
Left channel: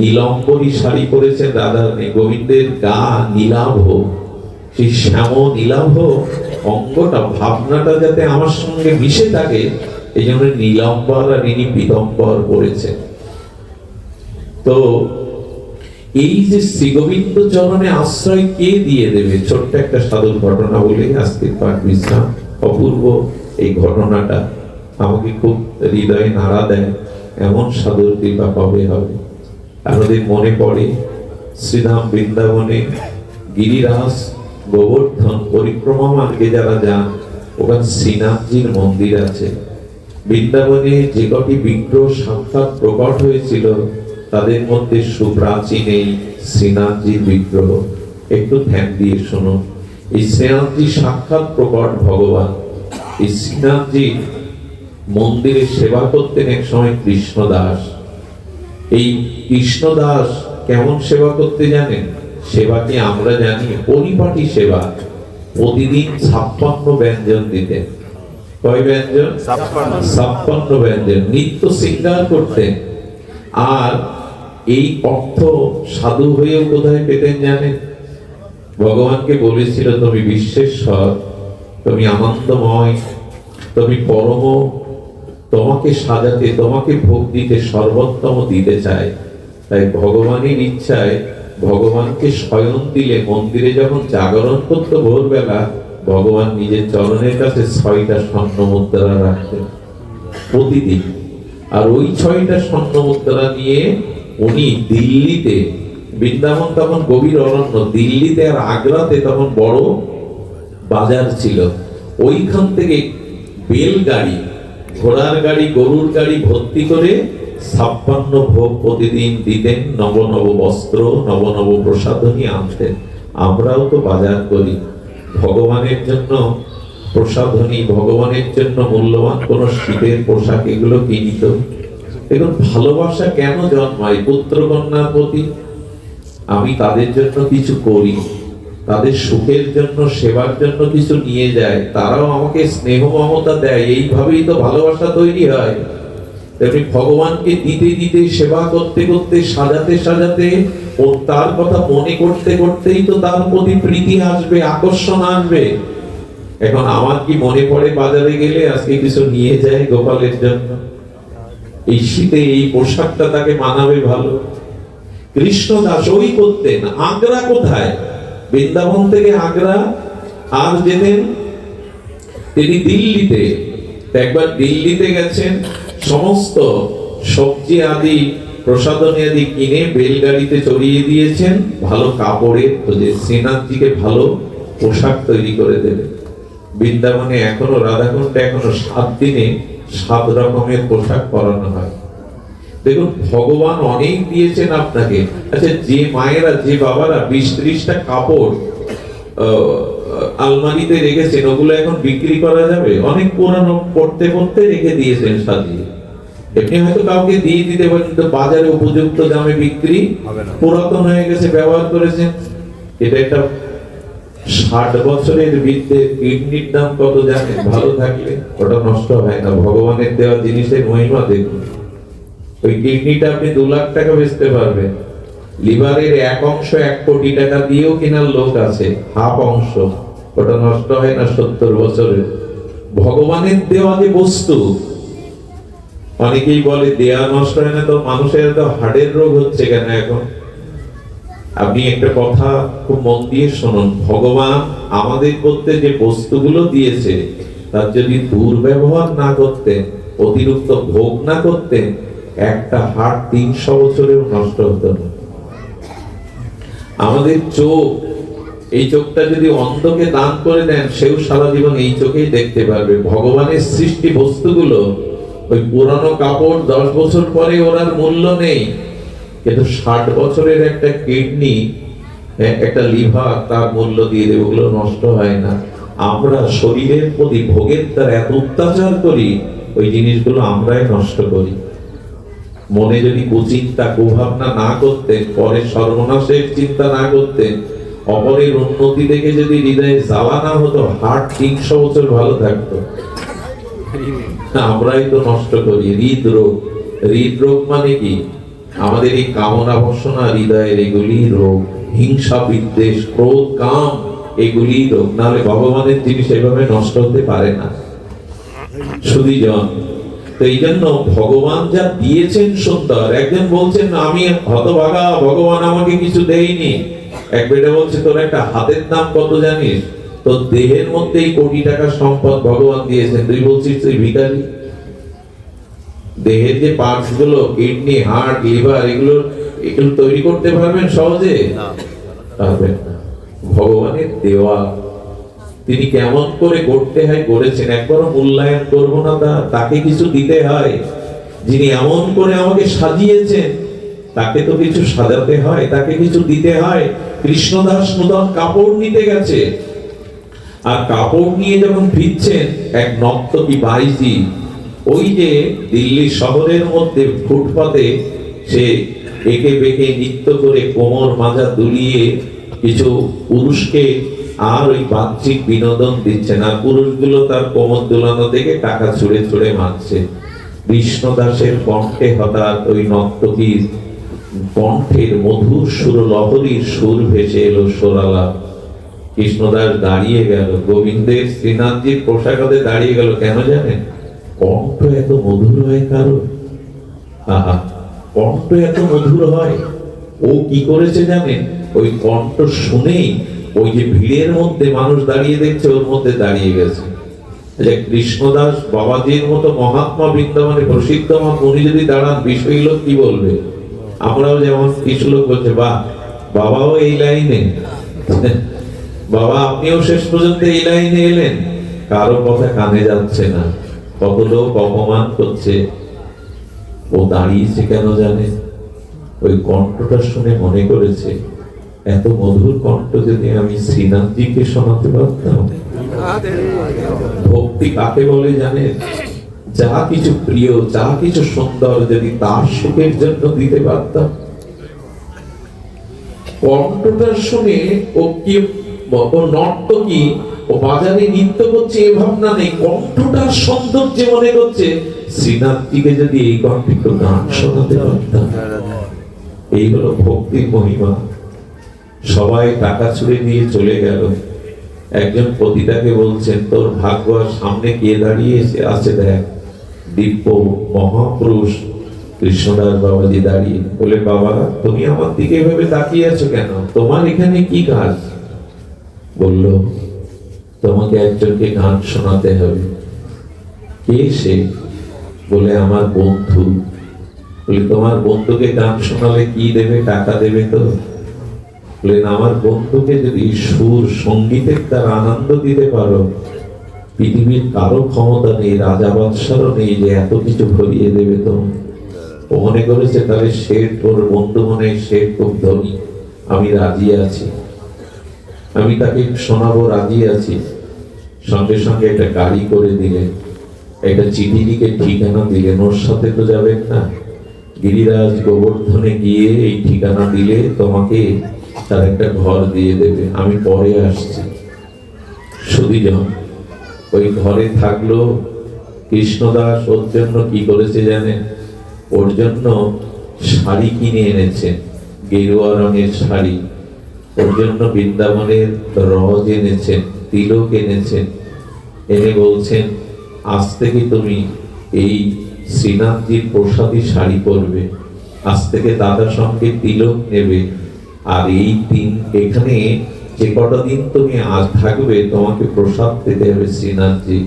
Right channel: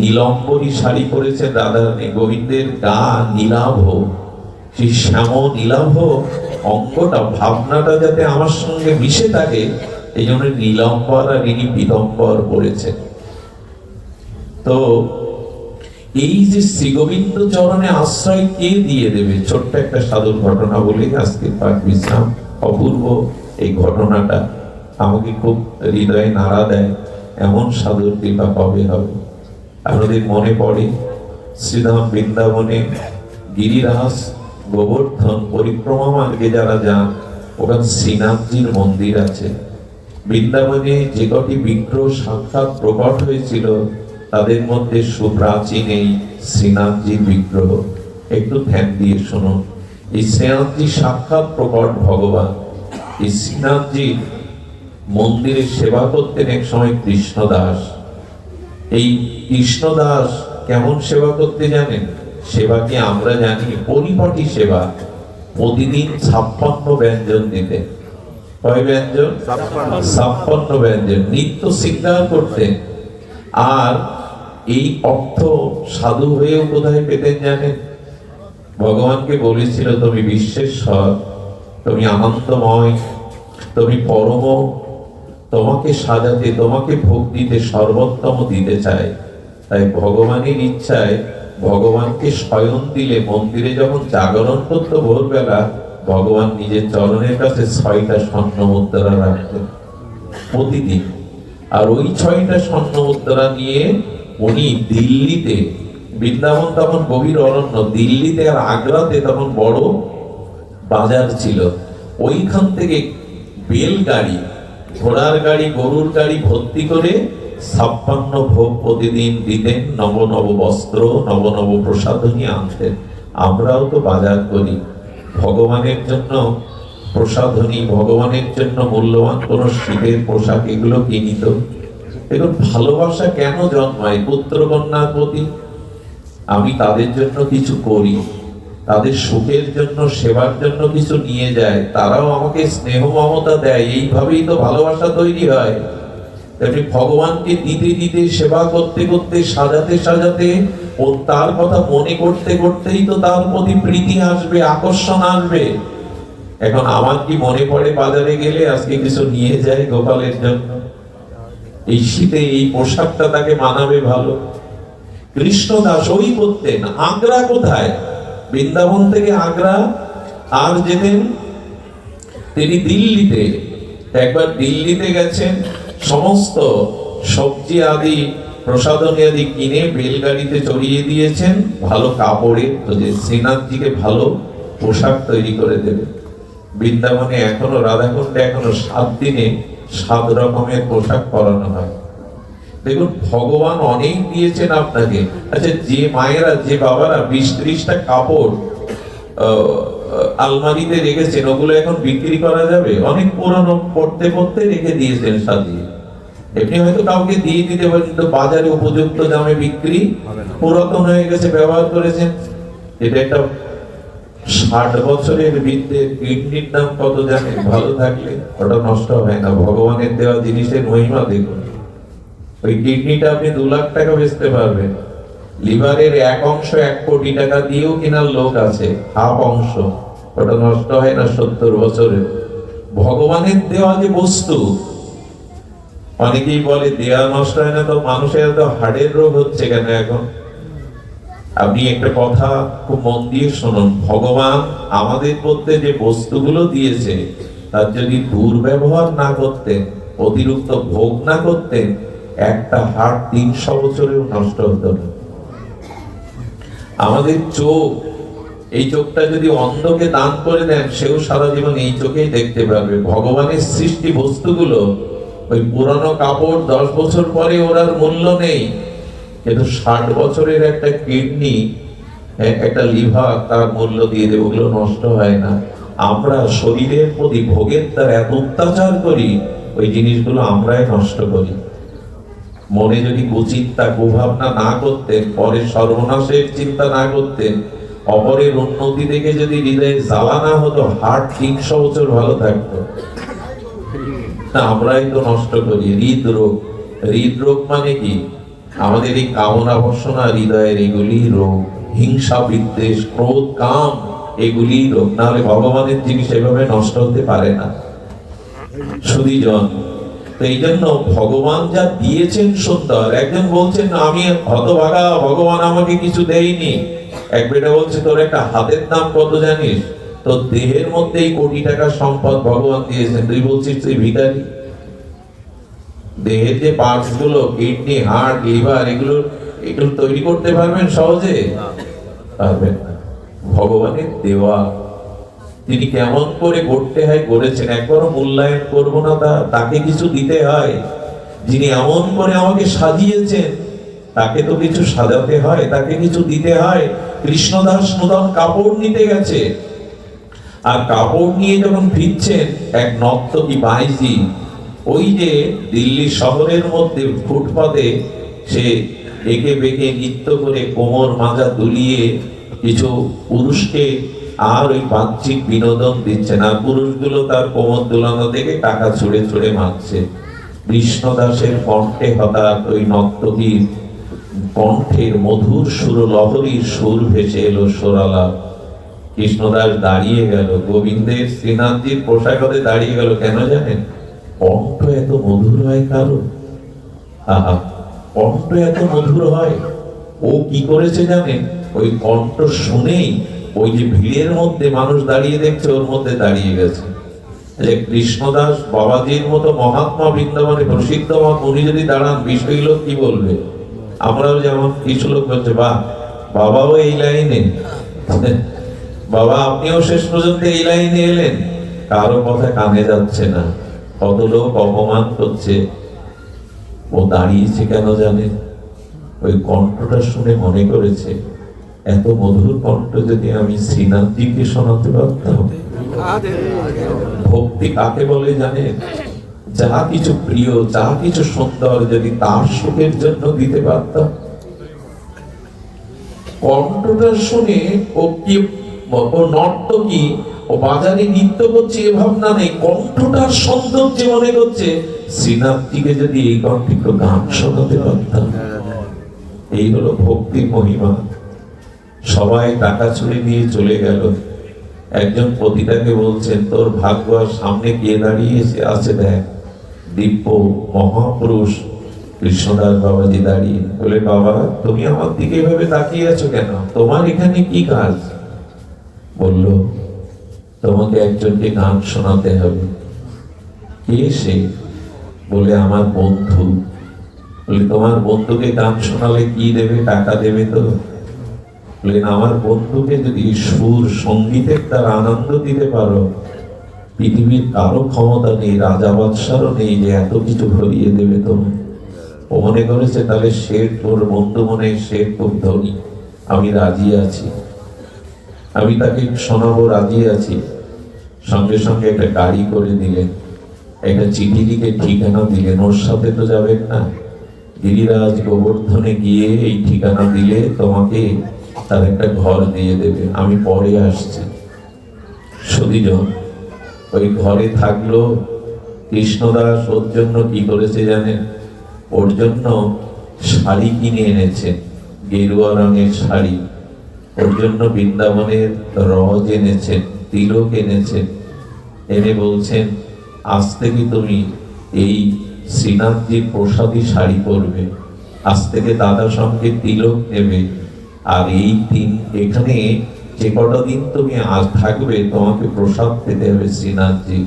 নীলম্বরী শাড়ি পরেছেন রাধারানী, গোবিন্দের গা নীলাভ, সেই শ্যাম নীলাভ অঙ্গটা ভাবনাটা যাতে আমার সঙ্গে মিশে থাকে, এই জন্য নীলাম্বর আর ইনি পীতম্বর পরেছেন। তো এই যে শ্রী গোবিন্দ চরণে আশ্রয় কে দিয়ে দেবে, ছোট্ট একটা সাধুর ঘটনা বলে আজকের পাঠ বিশ্রাম। অপূর্ব এই ঘটনাটা আমাকে খুব হৃদয়ে নাড়া দেয়, এমন সাধুর কৃপা কবে হবে। আমাদের মনে পড়ে শ্রীধাম বৃন্দাবনে গিরিরাজ গোবর্ধন পরিক্রমা মার্গে যারা যান, ওখানে শ্রীনাথজির মন্দির আছে। বৃন্দাবনে যে কটি বিগ্রহ সাক্ষাৎ প্রকট হয়েছিল তাদের মধ্যে সুপ্রাচীন এই শ্রীনাথজির বিগ্রহ। একটু ধ্যান দিয়ে শোনো, এই শ্রীনাথজি সাক্ষাৎ প্রকট ভগবান। এই শ্রীনাথজি মন্দিরে সেবা করতেন এক সময় কৃষ্ণদাস। এই কৃষ্ণদাস কেমন সেবা করতে জানেন? সেবাটি আমরা জানি পরিপাটি সেবা। প্রতিদিন 56 ব্যঞ্জন দিতেন। কয় ব্যঞ্জন? 56 ব্যঞ্জন। নিত্য শৃঙ্গার করতেন। আর এই অর্থ সাধু হয়েও কোথায় পেতেন জানেন? ভগবানকে বলেছিল, তুমি বিশ্বেশ্বর, তুমি আনন্দময়, তুমি পরম, তোমাকে সাজাতে, তোমাকে ভোগ দিতে সর্বোত্তম দিতে চাই। তাই ভগবানের ইচ্ছায় ভগবানকে শয়ন দিলে মন্দিরে যখন জাগরণ করতো ভোরবেলা, ভগবান নিজের চরণের কাছে 6টা স্বর্ণ মুদ্রা রাখতেন প্রতিদিন। আর ওই 6টা স্বর্ণ মুদ্রা নিয়ে উনি দিল্লিতে, বৃন্দাবন তখন গভীর অরণ্য, দিল্লিতে আর আগ্রাতে তখন বড় বাজার ছিল, ওইখান থেকে বেলগাড়ি, ঘোড়ার গাড়ি, গরুর গাড়ি ভর্তি করে 56 ভোগ প্রতিদিন দিতেন। নব নব বস্ত্র, নব নব প্রসাধনী আনতেন। আমরাও তো বাজার করি ভগবানের জন্য প্রসাধনী, ভগবানের জন্য মূল্যবান কোন শীতের পোশাক, এগুলো কিনি তো। এখন ভালোবাসা কেন জন্মায় পুত্র কন্যার প্রতি? আমি তাদের জন্য কিছু করি, তাদের সুখের জন্য, সেবার জন্য কিছু নিয়ে যায়, তারাও আমাকে স্নেহ মমতা দেয়, এইভাবেই তো ভালোবাসা তৈরি হয়। তেমনি ভগবানকে দিতে দিতে, সেবা করতে করতে, সাজাতে সাজাতে, ও তার কথা মনে করতে করতেই তো তার প্রতি প্রীতি আসবে, আকর্ষণ আসবে। এখন আমার কি মনে পড়ে বাজারে গেলে আজকে কিছু নিয়ে যায় গোপালের জন্য, এই শীতে এই পোশাকটা তাকে মানাবে ভালো। কৃষ্ণদাস ওই করতেন। আগ্রা কোথায়? বৃন্দাবন থেকে আগ্রা। আর যেতেন তিনি দিল্লিতে। একবার দিল্লিতে গেছেন, সমস্ত সবজি আদি, প্রসাধনী আদি কিনে বেলগাড়িতে চড়িয়ে দিয়েছেন ভালো কাপড়ের, যে শ্রীনাথজিকে ভালো পোশাক তৈরি করে দেবে। বৃন্দাবনে এখনো, রাধাকুণ্ডে এখনো 7 দিনে 7 রকমের পোশাক পরানো হয়। দেখুন, ভগবান অনেক দিয়েছেন আপনাকে। আচ্ছা, যে মায়েরা, যে বাবারা 20-30টা কাপড় আলমারিতে রেখেছেন, ওগুলো এখন বিক্রি করা যাবে? অনেক পুরানো পড়তে পড়তে রেখে দিয়েছেন সাজিয়ে। এমনি হয়তো কাউকে দিয়ে দিতে পারেন, কিন্তু বাজারে উপযুক্ত দামে বিক্রি, পুরাতন হয়ে গেছে, ব্যবহার করেছেন। এটা একটা 60 বছরের বৃদ্ধের কিডনির দাম কত জানেন? ভালো থাকলে ওটা নষ্ট হয় না। ভগবানের দেওয়া জিনিসের মহিমা দেখুন। ওই কিডনিটা আপনি 2 লাখ টাকা বেচতে পারবেন। লিভারের 1 অংশ 1 কোটি টাকা দিয়েও কেনার লোক আছে, হাফ অংশ, ওটা নষ্ট হয় না 70 বছরে। ভগবানের দেওয়া যে বস্তু, অনেকেই বলে দেয়া নষ্ট হয় না তো মানুষের তো হাড়ের রোগ হচ্ছে কেন এখন? আপনি একটা কথা খুব মন দিয়ে শুনুন, ভগবান আমাদের মধ্যে যে বস্তুগুলো দিয়েছে তার যদি দুর্ব্যবহার না করতেন, অতিরিক্ত ভোগ না করতেন, একটা হাড় 300 বছরেও নষ্ট হতো না। আমাদের চোখ, এই চোখটা যদি অন্ধকে দান করে দেন, সেও সারা জীবন এই চোখেই দেখতে পারবে। ভগবানের সৃষ্টি বস্তুগুলো, ওই পুরানো কাপড় 10 বছর পরে ওর মূল্য নেই, কিন্তু 60 বছরের একটা কিডনি, একটা লিভার, তার মূল্য দিয়ে দেবে, ওগুলো নষ্ট হয় না। আমরা শরীরের প্রতি ভোগের দ্বারা এত অত্যাচার করি, ওই জিনিসগুলো আমরাই নষ্ট করি। মনে যদি কুচিন্তা কুভাবনা না করতেন, পরে সর্বনাশের চিন্তা না করতেন, অপরের উন্নতি দেখে যদি হৃদয়ে জ্বালা না হতো, হার্ট 300 বছর ভালো থাকতো। আমরাই তো নষ্ট করি। হৃদরোগ, হৃদরোগ মানে কি? আমাদের এই কামনা বাসনা হৃদয়ের, এগুলি রোগ। হিংসা, বিদ্বেষ, ক্রোধ, কাম, এগুলি রোগ। না হলে ভগবানের জিনিস এভাবে নষ্ট হতে পারে না। সুধীজন, তো এই জন্য ভগবান যা দিয়েছেন সুন্দর। একজন বলছেন আমি হতভাগা, ভগবান আমাকে কিছু দেয়নি। এক বেটা বলছে তোর একটা হাতের দাম কত জানিস? তোর দেহের মধ্যেই কোটি টাকা সম্পদ ভগবান দিয়েছেন, তুই বলছিস তুই ভিখারি। দেহের যে পার্টস গুলো, কিডনি, হার্ট, লিভার, এগুলো তৈরি করতে পারবেন সহজে? পারবেন না। ভগবানের দেওয়া, তিনি কেমন করে করতে হয় করেছেন, একবারও মূল্যায়ন করবো না। তাকে কিছু দিতে হয়। যিনি এমন করে আমাকে সাজিয়েছেন, তাকে তো কিছু সাজাতে হয়, তাকে কিছু দিতে হয়। কৃষ্ণদাস নূতন কাপড় নিতে গেছে, আর কাপড় নিয়ে যখন ফিরছেন, এক নর্তকী বাইজি, ওই যে দিল্লি শহরের মধ্যে ফুটপাতে সে একে বেঁকে নৃত্য করে কোমর মাজা দুলিয়ে কিছু পুরুষকে আর ওই বাহ্যিক বিনোদন দিচ্ছে না। পুরুষগুলো তার কোমর দুলানো দেখে টাকা ছুড়ে ছুড়ে মারছে। কৃষ্ণদাসের কণ্ঠে হঠাৎ ওই নর্তকীর কণ্ঠের মধুর সুর, লহরীর সুর ভেসে এলো সরালা। কৃষ্ণদাস দাঁড়িয়ে গেল, গোবিন্দের শ্রীনাথজির পোশাকে দাঁড়িয়ে গেল। কেন জানেন? কণ্ঠ এত মধুর হয় কারো? কণ্ঠ এত মধুর হয়। ও কি করেছে জানেন? ওই কণ্ঠ শুনেই ওই যে ভিড়ের মধ্যে মানুষ দাঁড়িয়ে দেখছে, ওর মধ্যে দাঁড়িয়ে গেছে। যে কৃষ্ণদাস বাবাজির মতো মহাত্মা, বৃন্দাবনে প্রসিদ্ধ, উনি যদি দাঁড়ান, বিষয় লোক কি বলবে? আমরাও যেমন কিছু লোক বলছে, বাহ, বাবাও এই লাইনে, বাবা আপনিও শেষ পর্যন্ত এই লাইনে এলেন। কারো কথা কানে যাচ্ছে না। কত লোক অপমান করছে, ও দাঁড়িয়েছে কেন জানে? ওই কণ্ঠটা শুনে মনে করেছে, এত মধুর কণ্ঠ যদি আমি শ্রীনাথজিকে শোনাতে পারতাম। ভক্তি কাকে বলে জানেন? যা কিছু প্রিয়, যা কিছু সুন্দর যদি তার সুখের জন্য দিতে পারতাম। কণ্ঠটা শুনে ও কি নর্তকী, ও বাজারে নৃত্য করছে এ ভাবনা নেই, কণ্ঠটার সৌন্দর্য মনে করছে শ্রীনাথজিকে যদি এই কণ্ঠে গান শোনাতে পারতাম। এই হলো ভক্তির মহিমা। সবাই টাকা ছুড়ে নিয়ে চলে গেল। একজন পতিতাকে বলছেন, তোর ভাগ্য, সামনে কে দাঁড়িয়ে আছে দেখ। দিব্য মহাপুরুষ কৃষ্ণদাস বাবাজি দাঁড়িয়ে। বলে, বাবা তুমি আমার দিকে ভেবে তাকিয়ে আছো কেন? তোমার এখানে কি কাজ? বলল, তোমাকে একজনকে গান শোনাতে হবে। কে সে? বলে, আমার বন্ধু। বলে, তোমার বন্ধুকে গান শোনালে কি দেবে? টাকা দেবে তো? বলেন, আমার বন্ধুকে যদি সুর সঙ্গীতের দ্বারা আনন্দ দিতে পারো, পৃথিবীর কারো ক্ষমতা নেই, রাজা বাদশারও নেই যে এত কিছু ভরিয়ে দেবে তোমায়। ও মনে করেছে তাহলে শেঠ, ওর বন্ধু মনে শেঠ খুব ধনী, আমি রাজি আছি, আমি তাকে শোনাবো, রাজি আছি। সঙ্গে সঙ্গে একটা গাড়ি করে দিলেন, একটা চিঠি লিখে ঠিকানা দিলেন। ওর সাথে তো যাবেন না, গিরিরাজ গোবর্ধনে গিয়ে এই ঠিকানা দিলে তোমাকে তার একটা ঘর দিয়ে দেবে, আমি পরে আসছি। সুধীজন ওই ঘরে থাকলো। কৃষ্ণদাস ওর জন্য কি করেছে জানেন? ওর জন্য শাড়ি কিনে এনেছেন, গেরুয়া রঙের শাড়ি। ওর জন্য বৃন্দাবনের রজ এনেছেন, তিলক এনেছেন। এনে বলছেন, আজ থেকে তুমি এই শ্রীনাথজির প্রসাদী শাড়ি পরবে, আজ থেকে দাদার সঙ্গে তিলক নেবে, আর এই দিন এখানে যে কটা দিন তুমি আজ থাকবে তোমাকে প্রসাদ পেতে হবে শ্রীনাথজি।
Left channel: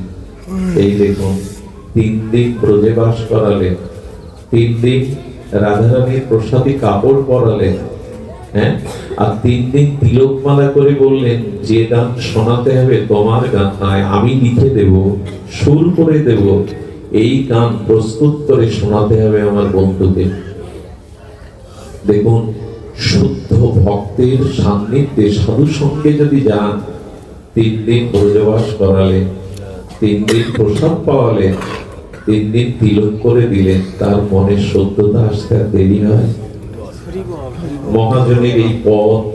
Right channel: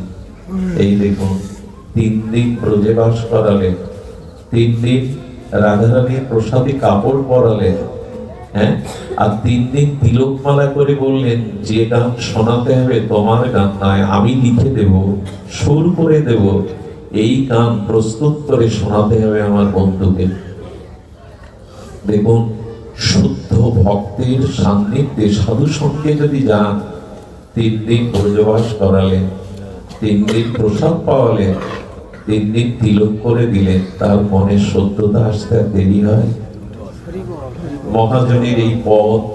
এই দেখুন 3 দিন ব্রজে বাস করালেন, 3 দিন রাধারানীর প্রসাদী কাপড় পরালেন, হ্যাঁ, আর 3 দিন তিলকমালা করে বললেন যে গান শোনাতে হবে তোমার গান নয়, আমি লিখে দেব, সুর করে দেব, এই গান প্রস্তুত করে শোনাতে হবে আমার বন্ধুদের। দেখুন শুদ্ধ ভক্তের সান্নিধ্যে সাধু সঙ্গে যদি যান, 3 দিন ব্রজবাস করালেন, 3 দিন প্রসাদ পাওয়ালেন, 3 দিন তিলক করে দিলেন, তার মনে সত্যতা আসতে আর দেরি হয়? মহাজনের এই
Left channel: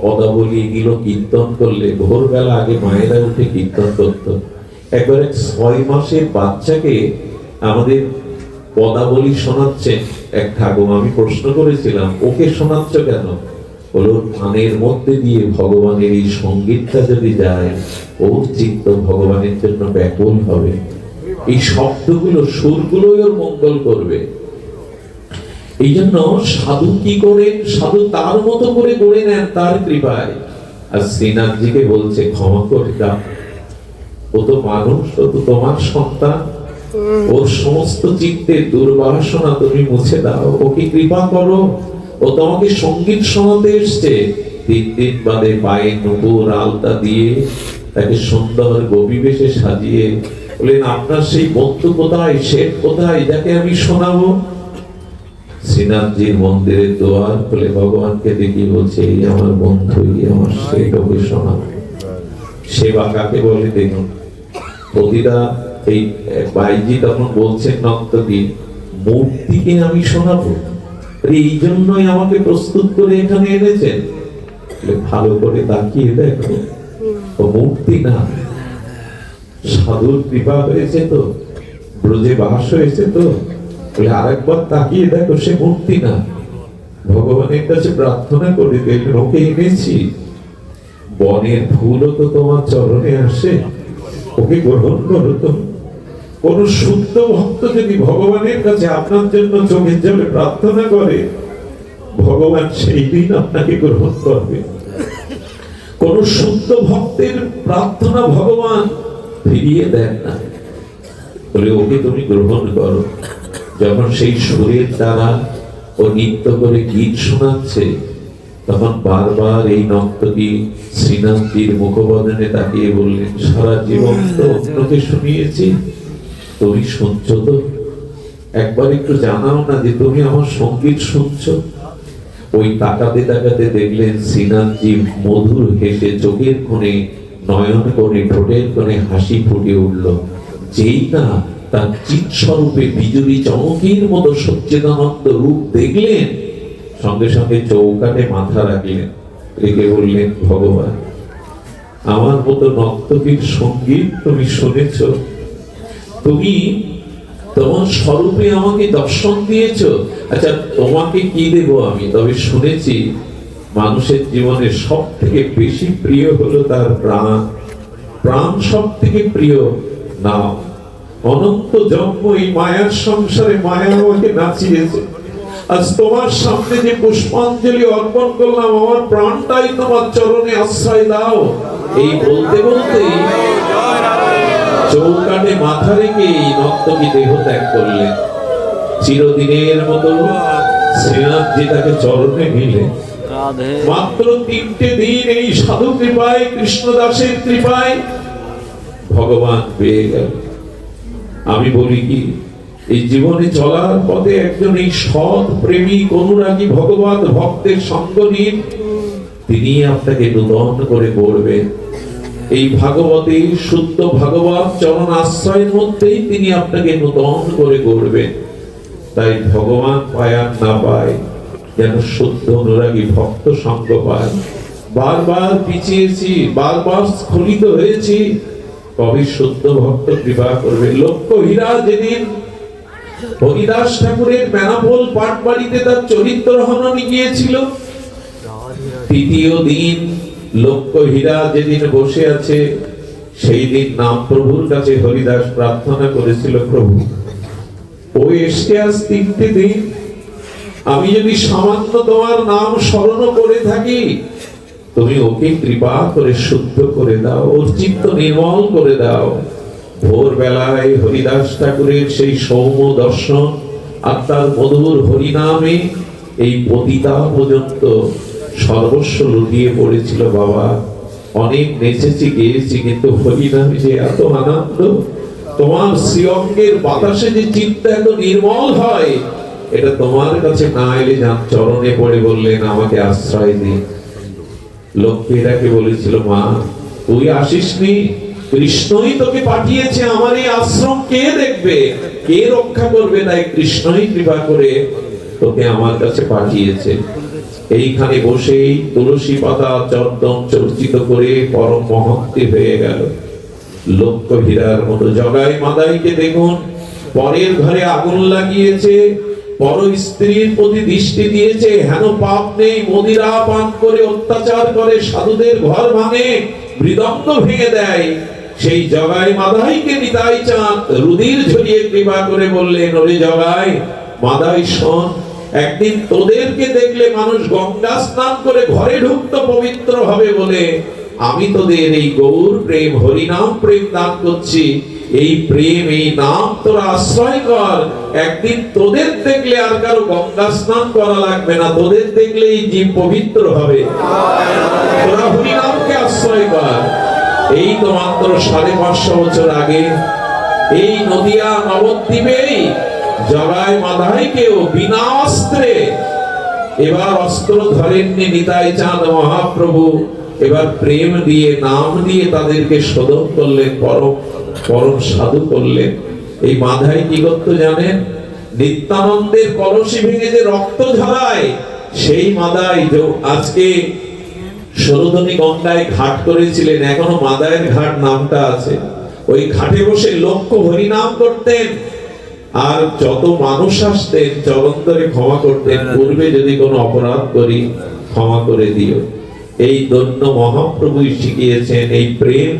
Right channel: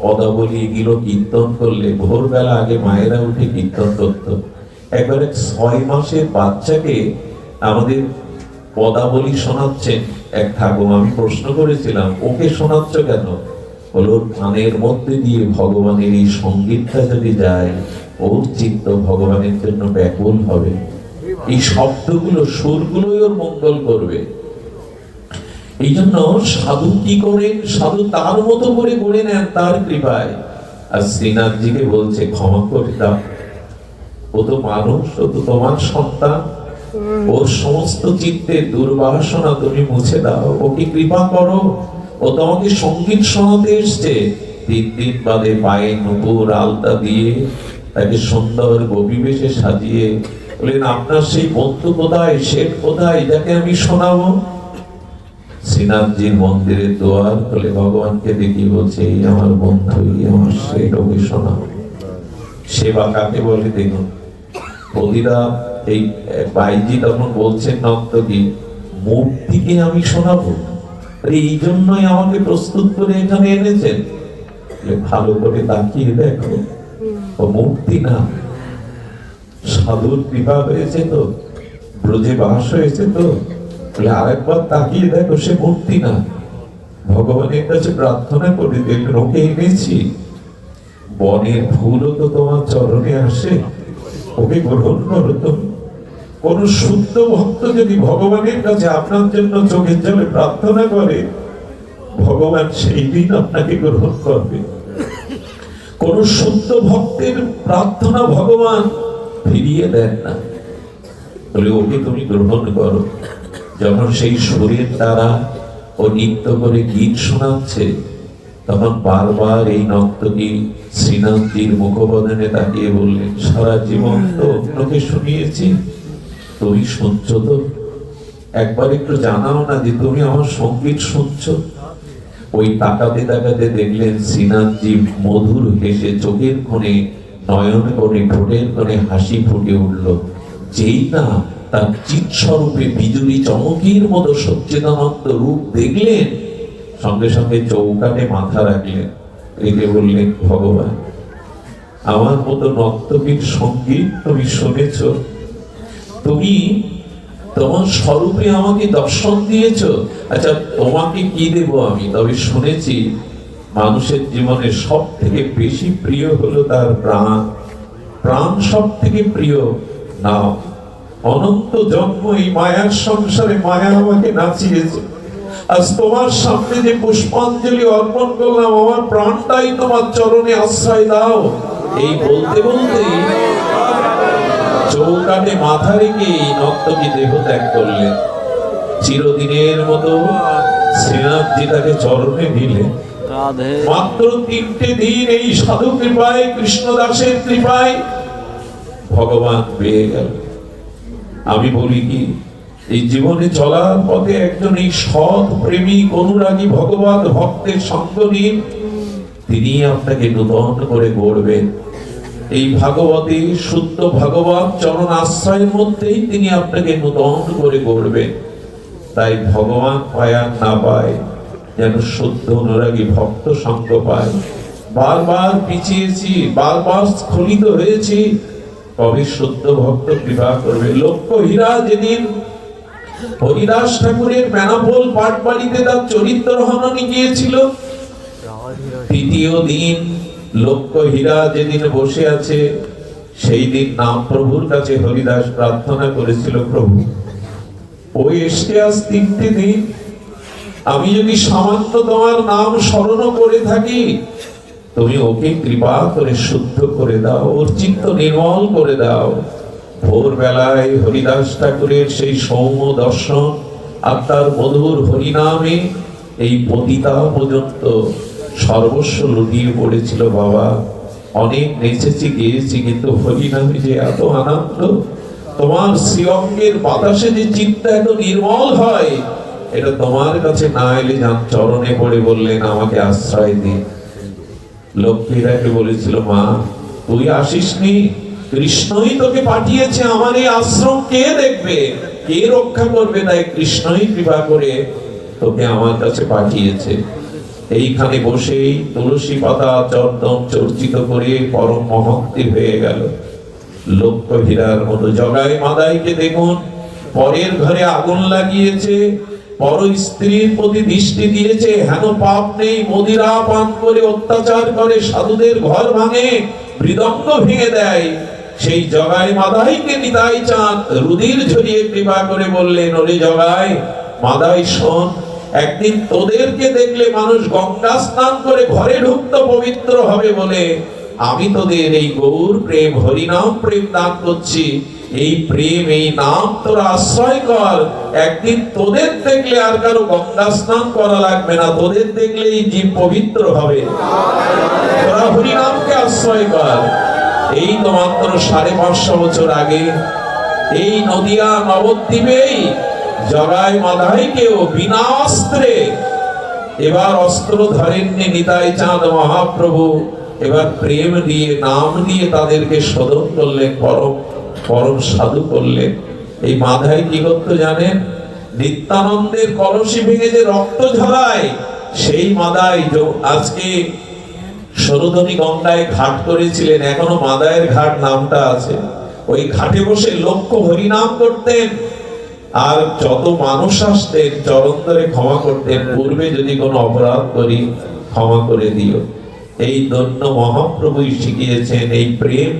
পদাবলী এগুলো কীর্তন করলে ভোরবেলা আগে মায়েরা উঠে কীর্তন করত। একবার 6 মাসের বাচ্চাকে আমাদের পদাবলী শোনাচ্ছেন এক ঠাকুর। আমি প্রশ্ন করেছিলাম, ওকে শোনাচ্ছ কেন? বলো, কানের মধ্যে দিয়ে ভগবানের এই সঙ্গীতটা যদি যায়, ওর চিত্ত ভগবানের জন্য ব্যাকুল হবে, এই শব্দগুলো সুরগুলোই ওর মঙ্গল করবে। এই জন্য সাধু কি করেন, সাধু তার মতো করে গড়ে নেন তার কৃপায়। আর শ্রীনাথজিকে বলছে ক্ষমা করে দাও, ও তো মানুষ, ও তো তোমার সন্তান, ওর সমস্ত চিত্তের দুর্বাসনা তুমি মুছে দাও, ওকে কৃপা করো, ও তোমাকে সঙ্গীত শোনাতে এসছে। 3 দিন বাদে পায়ে নূপুর আলতা দিয়ে তাকে সুন্দর গোপী বেশে সাজিয়ে বললেন, আপনার সেই বন্ধু কোথায়, শেঠ কোথায়, যাকে আমি শোনাবো? শ্রীনাথজির মন্দিরের দুয়ার খুলে ভগবানকে দেখিয়ে বলছে, এই আমার বন্ধু, এই আমার শেঠ, ওকে শোনাবো। সেবা কাকে বলে দেখুন। প্রতিটা এই বাইজি তখন বলছেন নর্তকী, মূর্তিকে আমি শোনাবো, এই জন্যই আমাকে প্রস্তুত করে এখানে এনেছেন। ভালো করে তাকিয়ে দেখো, ও মূর্তি না, সাধুর কৃপা হয়েছে তো, ব্রজে বাস হয়েছে তো, আরেকবার তাকিয়ে দেখো, সে মূর্তি না। ভগবানের কাছে প্রার্থনা করে দেখবেন, ওকে এনেছি, বনের ফুলও তো তোমার চরণে আসে, ওকে গ্রহণ করো তো। কোন শুদ্ধ ভক্ত যদি ভগবানের কাছে আপনার জন্য চোখের জলে প্রার্থনা করে, ভগবান সেই দিন আপনাকে গ্রহণ করবে। কোন শুদ্ধ ভক্তের প্রার্থনা ভগবান ফিরিয়ে দেন না, বলে ওকে তুমি গ্রহণ করো। যখন সেই সুরের দ্বারা ও নৃত্য করে গীত শোনাচ্ছে, তখন বারবার এই নর্তকী শ্রীনাথজির মুখবদনে তাকিয়ে বললেন, সারা জীবন তো অন্যকে শুনিয়েছি, তুমি শুনছো তো? একবার একটু জানাও না যে তুমি আমার সঙ্গীত শুনছো? ওই তাকাতে তাকাতে দেখলেন শ্রীনাথজি মধুর হেসে চোখের কোণে, নয়ন কোণে, ঠোঁটের কোণে হাসি ফুটে উঠল। যেই না তার চিৎ স্বরূপে বিজুলি চমকির মতো সচ্চিদানন্দ রূপ দেখলেন, সঙ্গে সঙ্গে চৌকাটে মাথা রাখলেন, রেখে বললেন, ভগবান, আমার মতো নর্তকীর সঙ্গীত তুমি শুনেছ, তুমি তোমার স্বরূপে আমাকে দর্শন দিয়েছ। আচ্ছা, তোমাকে কি দেব আমি? তবে শুনেছি মানুষের জীবনে সব থেকে বেশি প্রিয় হলো তার প্রাণ, প্রাণ সব থেকে প্রিয়। নাও, অনন্ত জন্ম এই মায়ার সংসারে মায়া আমাকে নাচিয়েছে, আজ তোমার সামনে যে পুষ্পাঞ্জলি অর্পণ করলাম, আমার প্রাণটাই তোমার চরণে আশ্রয় দাও। এই বলতে বলতে চৌকাটে মাথা রেখে নর্তকী দেহ ত্যাগ করলেন। চিরদিনের মতো শ্রীনাথজি তাকে চরণে নিলেন। মাত্র 3টে দিন এই সাধু কৃপায়, কৃষ্ণদাসের কৃপায় ভগবান পেয়ে গেল। আমি বলি কি, এই জীবনে চলার পথে একজন এই সৎ প্রেমিক অনুরাগী ভগবান ভক্তের সঙ্গ নিন, তিনি আপনাকে নূতন করে গড়বেন। এই ভাগবতী শুদ্ধ ভাগবত চরণ আশ্রয়ের মধ্যেই তিনি আপনাকে নূতন করে গড়বেন। তাই ভগবান পায় আর না পায়, যেন শুদ্ধ অনুরাগী ভক্ত সঙ্গ পায়। বারবার পিছিয়েছি, বারবার স্খলিত হয়েছি, কবি শুদ্ধ ভক্ত কৃপা করবে। লক্ষ্য হীরা যেদিন হরিদাস ঠাকুরের বেনাপোল পাঠ বাড়িতে তার চরিত্র হননে গিয়েছিল, 3য় দিন লক্ষ্য হীরা যেদিন বসে আছে, সেই দিন নাম প্রভুর কাছে হরিদাস প্রার্থনা করেছিল, প্রভু ওই এসে আজ 3টে দিন, আমি যদি সামান্য তোমার নাম স্মরণ করে থাকি, তুমি ওকে কৃপা করে শুদ্ধ করে দাও, ওর চিত্ত নির্মল করে দাও। ভোর বেলায় হরিদাস ঠাকুরের সেই সৌম্য দর্শন আর তার মধুর হরিনামে এই পতিতা পর্যন্ত সর্বস্ব লুটিয়ে পড়েছিল। বাবা অনেক নেচেছি গিয়েছি, কিন্তু হরিনামে যে এত আনন্দ, তোমার শ্রীঅঙ্গের বাতাসে যে চিত্ত এত নির্মল হয়, এটা তোমার কাছে না এলে যান চরণে পড়ে বললেন আমাকে আশ্রয় দিন। লক্ষ্মীরাকে বলেছিল, মা তুই আসিসনি, কৃষ্ণই তোকে পাঠিয়েছে, আমার এই আশ্রম কে দেখবে, কে রক্ষা করবে, তাই কৃষ্ণই কৃপা করে তোকে আমার কাছে পাঠিয়েছে। এইখানে বসেই তুলসী পাতা চন্দন চর্চিত করে পরম মহত্তি হয়ে গেল। লক্ষ্য হীরার মতো জগাই মাদাইকে দেখুন, পরের ঘরে আগুন লাগিয়েছে, পর স্ত্রীর প্রতি দৃষ্টি দিয়েছে, হেন পাপ নেই, মদিরা পান করে অত্যাচার করে, সাধুদের ঘর ভাঙে, মৃদঙ্গ ভেঙে দেয়। সেই জগাই মাদাইকে নিতাই চাঁদ রুধির ঝরিয়ে কৃপা করে বললেন, ওরে জগাই মাদাই শোন, একদিন তোদেরকে দেখলে মানুষ গঙ্গা স্নান করে ঘরে ঢুকতো পবিত্র হবে বলে, আমি তোদের এই গৌর প্রেম হরিনাম প্রেম দান করছি। এই প্রেম এই নাম তোরা আশ্রয় কর, একদিন তোদের দেখলে আর কারো গঙ্গা স্নান করা লাগবে না, তোদের দেখলে এই জীব পবিত্র হবে। তোরা হরিনামকে আশ্রয় কর। এই তো মাত্র 550 বছর আগে এই নদিয়া নবদ্বীপেই জগাই মাদাইকেও বিনা অস্ত্রে, এবার অস্ত্র ধরেননি নিতাই চাঁদ মহাপ্রভু, এবার প্রেম দিয়ে নাম দিয়ে তাদেরকে শোধন করলেন, পরম পরম সাধু করলেন। এই মাদাই কি করতো জানেন? নিত্যানন্দের কলসি ভেঙে যে রক্ত ঝরায়, সেই মাদাই আজকে সরোদনী গঙ্গায় ঘাট করেছিলেন, এখনো মাদায়ের ঘাট নামটা আছে। ওই ঘাটে বসে লক্ষ্য হরিনাম করতেন, আর যত মানুষ আসতেন চরণ ধরে ক্ষমা করতেন, পূর্বে যদি কোনো অপরাধ করি ক্ষমা করে দিও। এই দন্য মহাপ্রভুই শিখিয়েছেন এই প্রেম।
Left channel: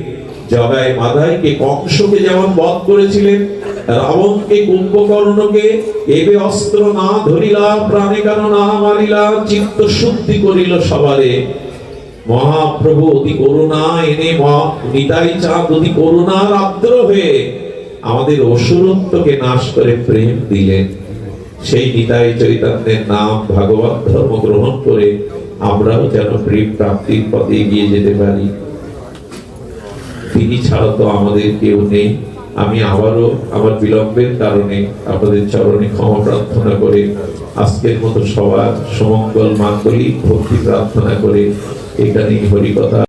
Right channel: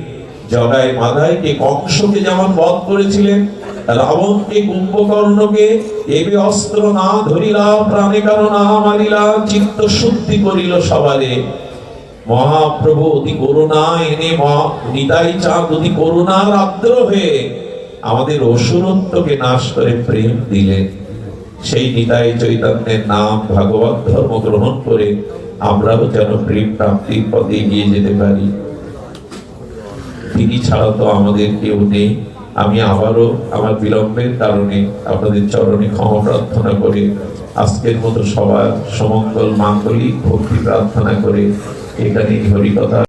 জগাই মাদাইকে কংসকে যেমন বধ করেছিলেন, রাবণকে কুম্ভকর্ণকে এবে অস্ত্র না ধরিলা, প্রাণে কারো না মারিলা, চিত্ত শুদ্ধি করিল সবারে। মহাপ্রভু অতি করুণা এনে নিতাই চাঁদ অতি করুণার আর্দ্র হয়ে আমাদের অসুরত্বকে নাশ করে প্রেম দিলেন। সেই নিতাই চৈতন্যের নাম ভাগবত ধর্ম গ্রহণ করে আমরাও যেন প্রেম প্রাপ্তির পথে এগিয়ে যেতে পারি। তিনি ছাড়া তো আমাদের কেউ নেই। আমি আবারও আমার বিলম্বের কারণে আপনাদের চরণে ক্ষমা প্রার্থনা করে আজকের মতো সবার সমঙ্গল মাঙ্গলিক ভক্তি প্রার্থনা করে এখানে হরিকথা